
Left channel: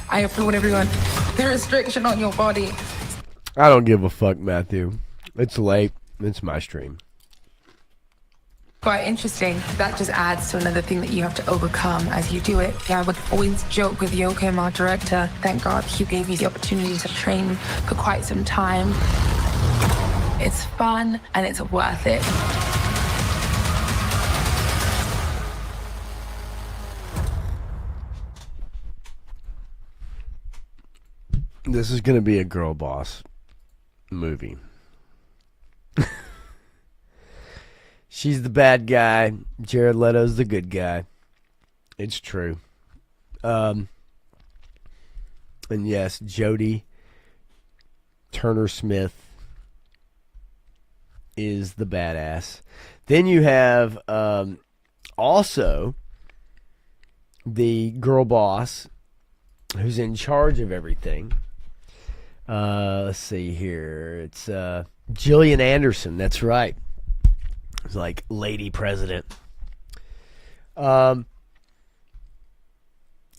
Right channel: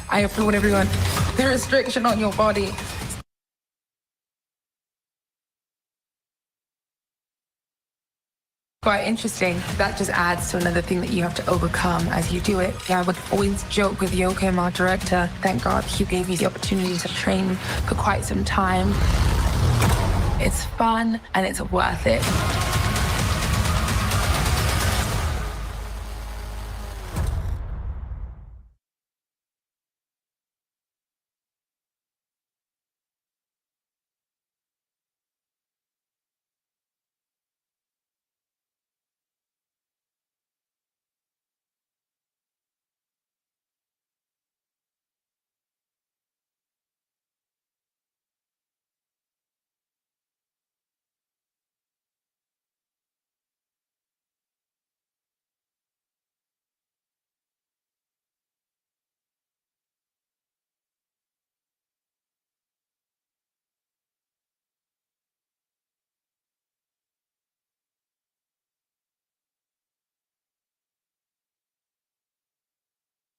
I applaud everyone. The restriction on your body. I don't give a fuck, Matthew. It's late. It's my stream. Quite interesting. That just adds to another thing that you have to overcome as you do it. Yeah, I would always joke with Yoko, our director. Thank God he gave me the opportunity to train for quite some time. It's fun and it's worth it. This is going to be a girl boss movie. She's the bad guy. Jared Leto's the good guy. It's true. And yes, Jodie Turner-Smith is the badass. Then you have also the girl boss who's in charge of everything. Let's see here. It's Gillian Anderson. That's right. It's like Lady President. I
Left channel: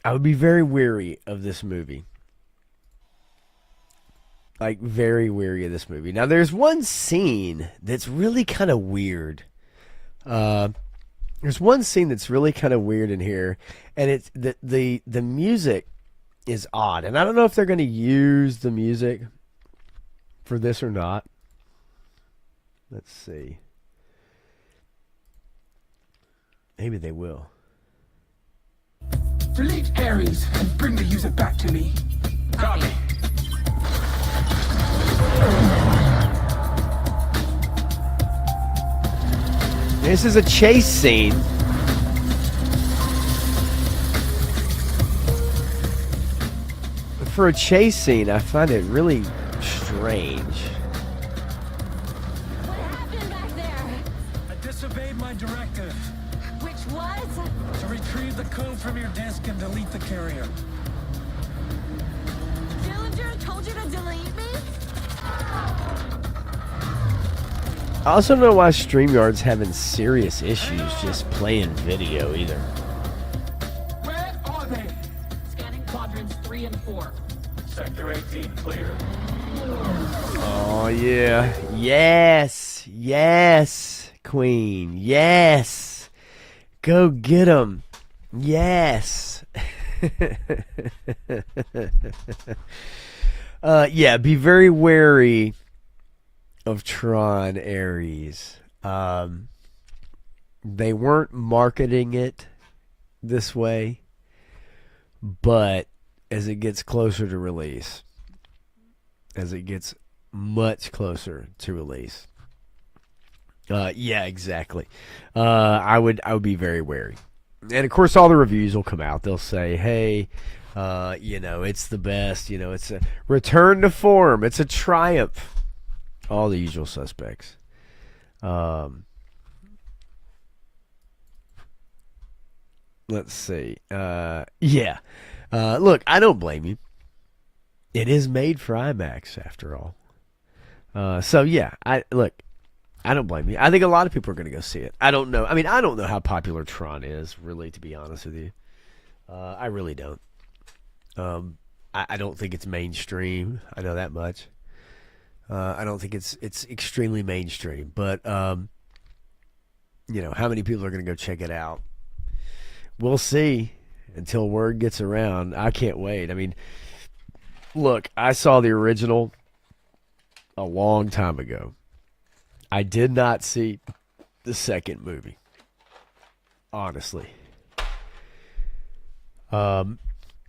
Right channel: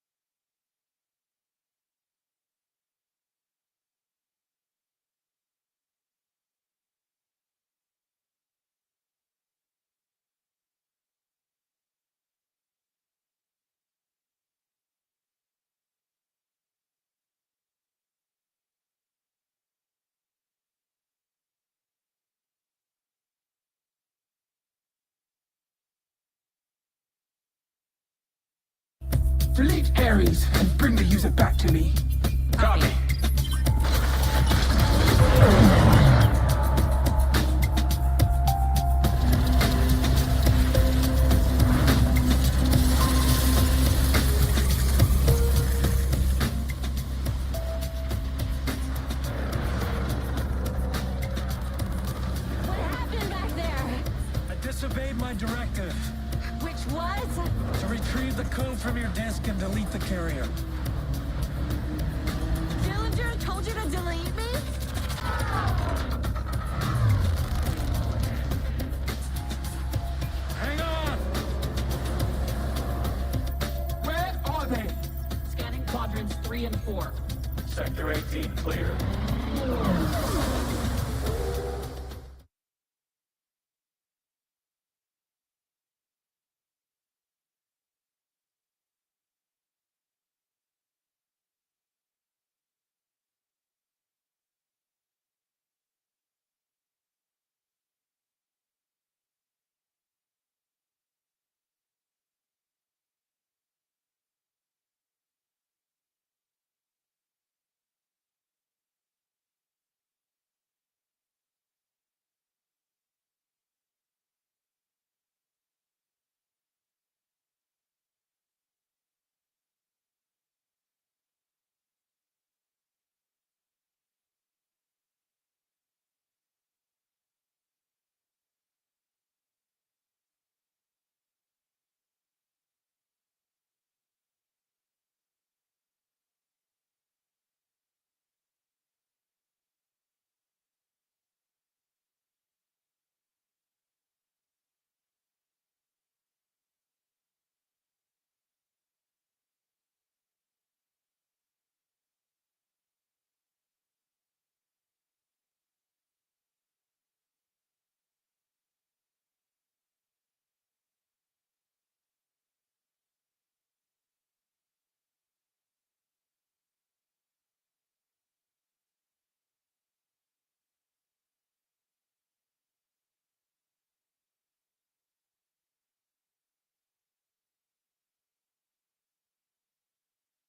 would be very weary of this movie. Like, very weary of this movie. Now, there's one scene that's really kind of weird. There's one scene that's really kind of weird in here, and it's the music is odd. And I don't know if they're going to use the music for this or not. Let's see. Maybe they will. Delete Ares and bring the user back to me. Copy. This is a chase scene. For a chase scene, I find it really strange. What happened back there? I disobeyed my directive Which was? to retrieve the code from your disk and delete the carrier. Dillinger told you to delete me? I also don't know why StreamYard's having serious issues just playing video either. Where are they? Scanning quadrants 3 and 4. Sector 18 clear. Oh, yeah. Yes. Yes, Queen. Yes. Go get him. Yes. Yeah, be very wary of Tron Ares. They weren't marketing it this way, but as it gets closer to release, as it gets much closer to release, yeah, exactly. I would be very wary. And of course, all the reviews will come out. They'll say, "Hey, it's the best. It's a return to form. It's a triumph." All the usual suspects. Let's see. Yeah. Look, I don't blame you. It is made for IMAX, after all. So yeah, I don't blame you. I think a lot of people are going to go see it. I don't know. I mean, I don't know how popular Tron is, really, to be honest with you. I really don't. I don't think it's mainstream. I know that much. I don't think it's extremely mainstream, but how many people are going to go check it out? We'll see until word gets around. I can't wait. I mean, look, I saw the original a long time ago. I did not see the second movie, honestly.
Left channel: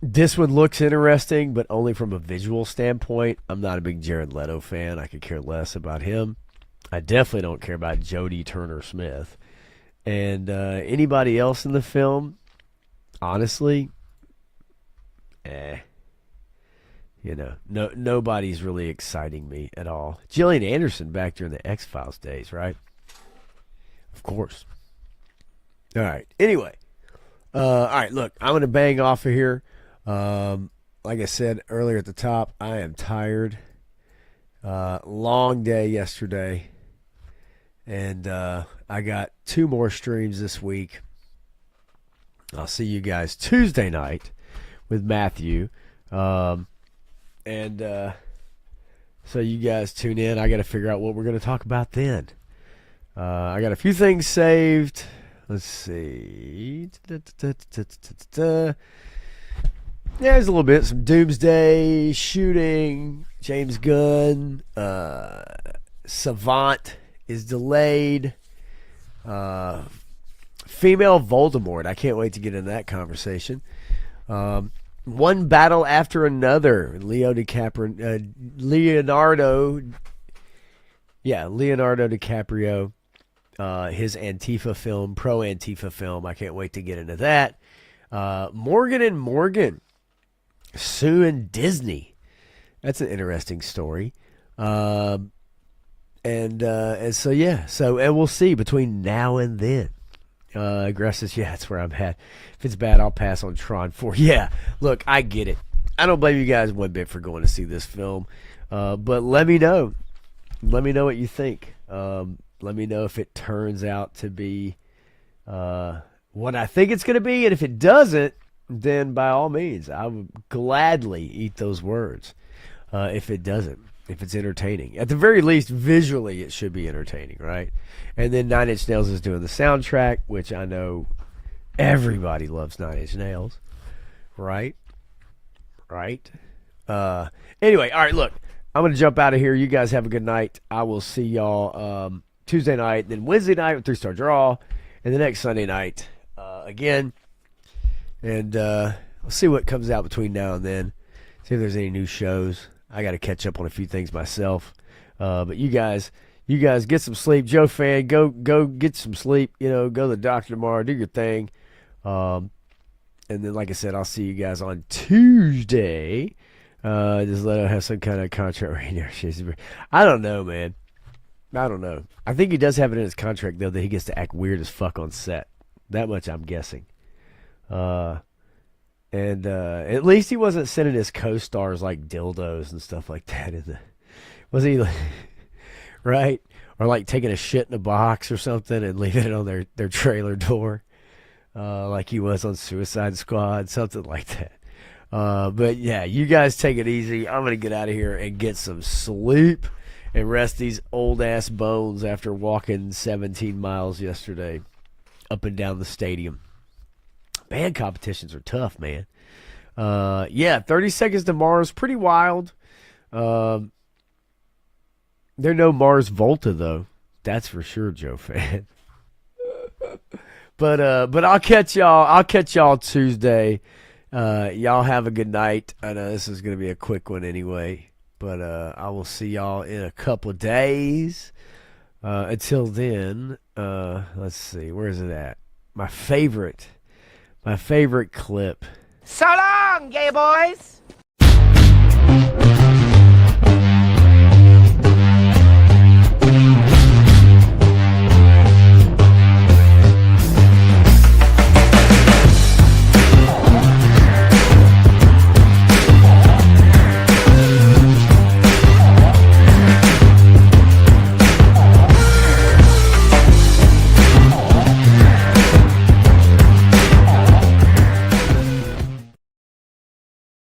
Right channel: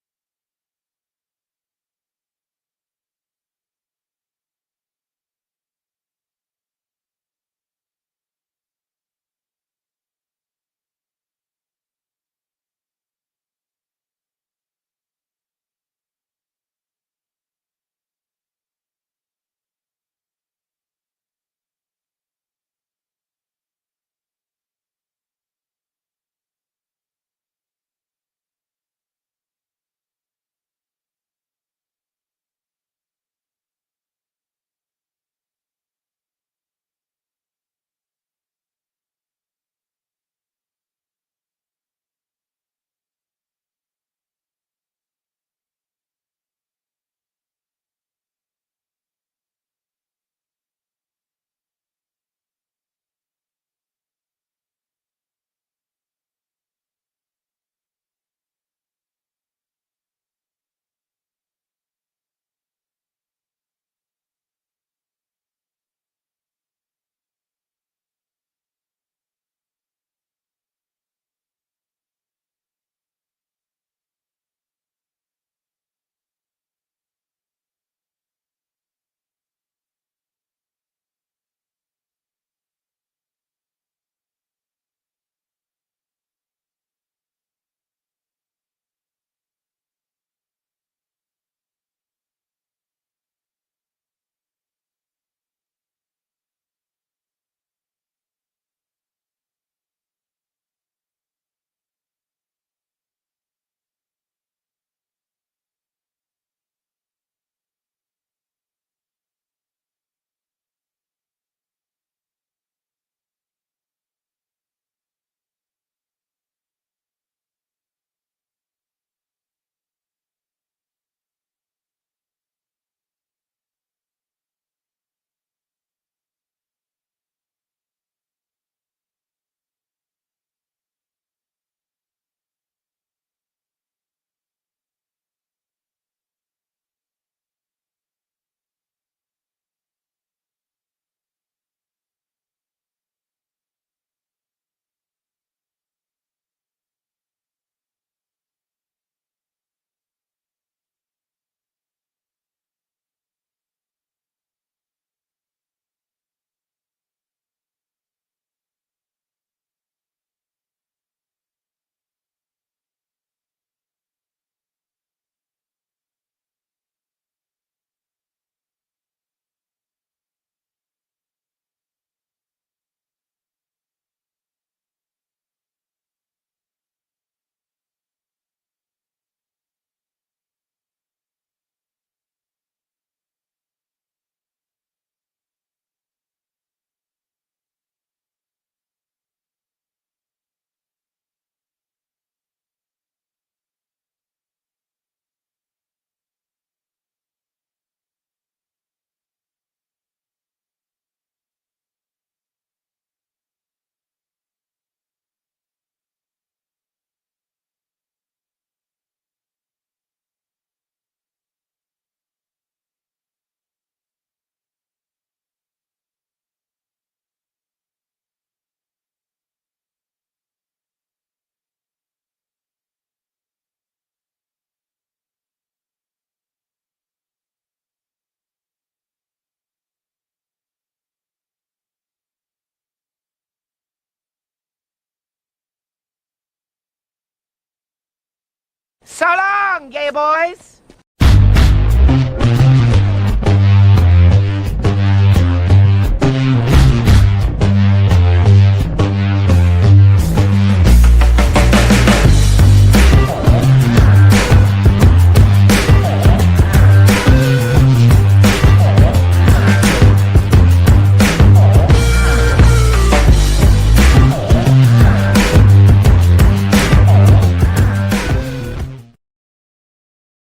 This one looks interesting, but only from a visual standpoint. I'm not a big Jared Leto fan. I could care less about him. I definitely don't care about Jodie Turner-Smith. And anybody else in the film, honestly, nobody's really exciting me at all. Gillian Anderson back during the X-Files days, right? Of course. All right. Anyway. All right, look, I'm going to bang off of here. like I said earlier at the top, I am tired. Long day yesterday. And I got 2 more streams this week. I'll see you guys Tuesday night with Matthew. So you guys tune in. I got to figure out what we're going to talk about then. I got a few things saved. Let's see. There's a little bit. Some Doomsday, shooting, James Gunn, Savant is delayed. Female Voldemort. I can't wait to get into that conversation. One battle after another. Leonardo DiCaprio. His Antifa film, pro Antifa film. I can't wait to get into that. Morgan and Morgan suing Disney. That's an interesting story. And so yeah. And we'll see between now and then. Grass says, yeah, that's where I'm at. If it's bad, I'll pass on Tron 4. Yeah, look, I get it. I don't blame you guys one bit for going to see this film. But let me know. Let me know what you think. Let me know if it turns out to be what I think it's going to be. And if it doesn't, then by all means, I would gladly eat those words. If it doesn't, if it's entertaining. At the very least, visually, it should be entertaining, right? And then Nine Inch Nails is doing the soundtrack, which I know everybody loves Nine Inch Nails, right? Right? Anyway, all right, look, I'm going to jump out of here. You guys have a good night. I will see y'all Tuesday night, then Wednesday night with 3-Star Draw, and the next Sunday night again. And we'll see what comes out between now and then. See if there's any new shows. I got to catch up on a few things myself. But you guys get some sleep. Joe Fan, go get some sleep. Go to the doctor tomorrow. Do your thing. And then, like I said, I'll see you guys on Tuesday. Just let him have some kind of contract right now. I don't know, man. I don't know. I think he does have it in his contract, though, that he gets to act weird as fuck on set. That much I'm guessing. And at least he wasn't sending his co-stars like dildos and stuff like that. Was he like, right? Or like taking a shit in a box or something and leaving it on their trailer door, like he was on Suicide Squad, something like that. But yeah, you guys take it easy. I'm gonna get out of here and get some sleep and rest these old ass bones after walking 17 miles yesterday up and down the stadium. Band competitions are tough, man. Yeah, 30 Seconds to Mars, pretty wild. They're no Mars Volta though. That's for sure, Joe Fan. But I'll catch y'all Tuesday. Y'all have a good night. I know this is gonna be a quick one anyway, but I will see y'all in a couple of days. Until then, let's see, where is it at? My favorite clip. So long, gay boys!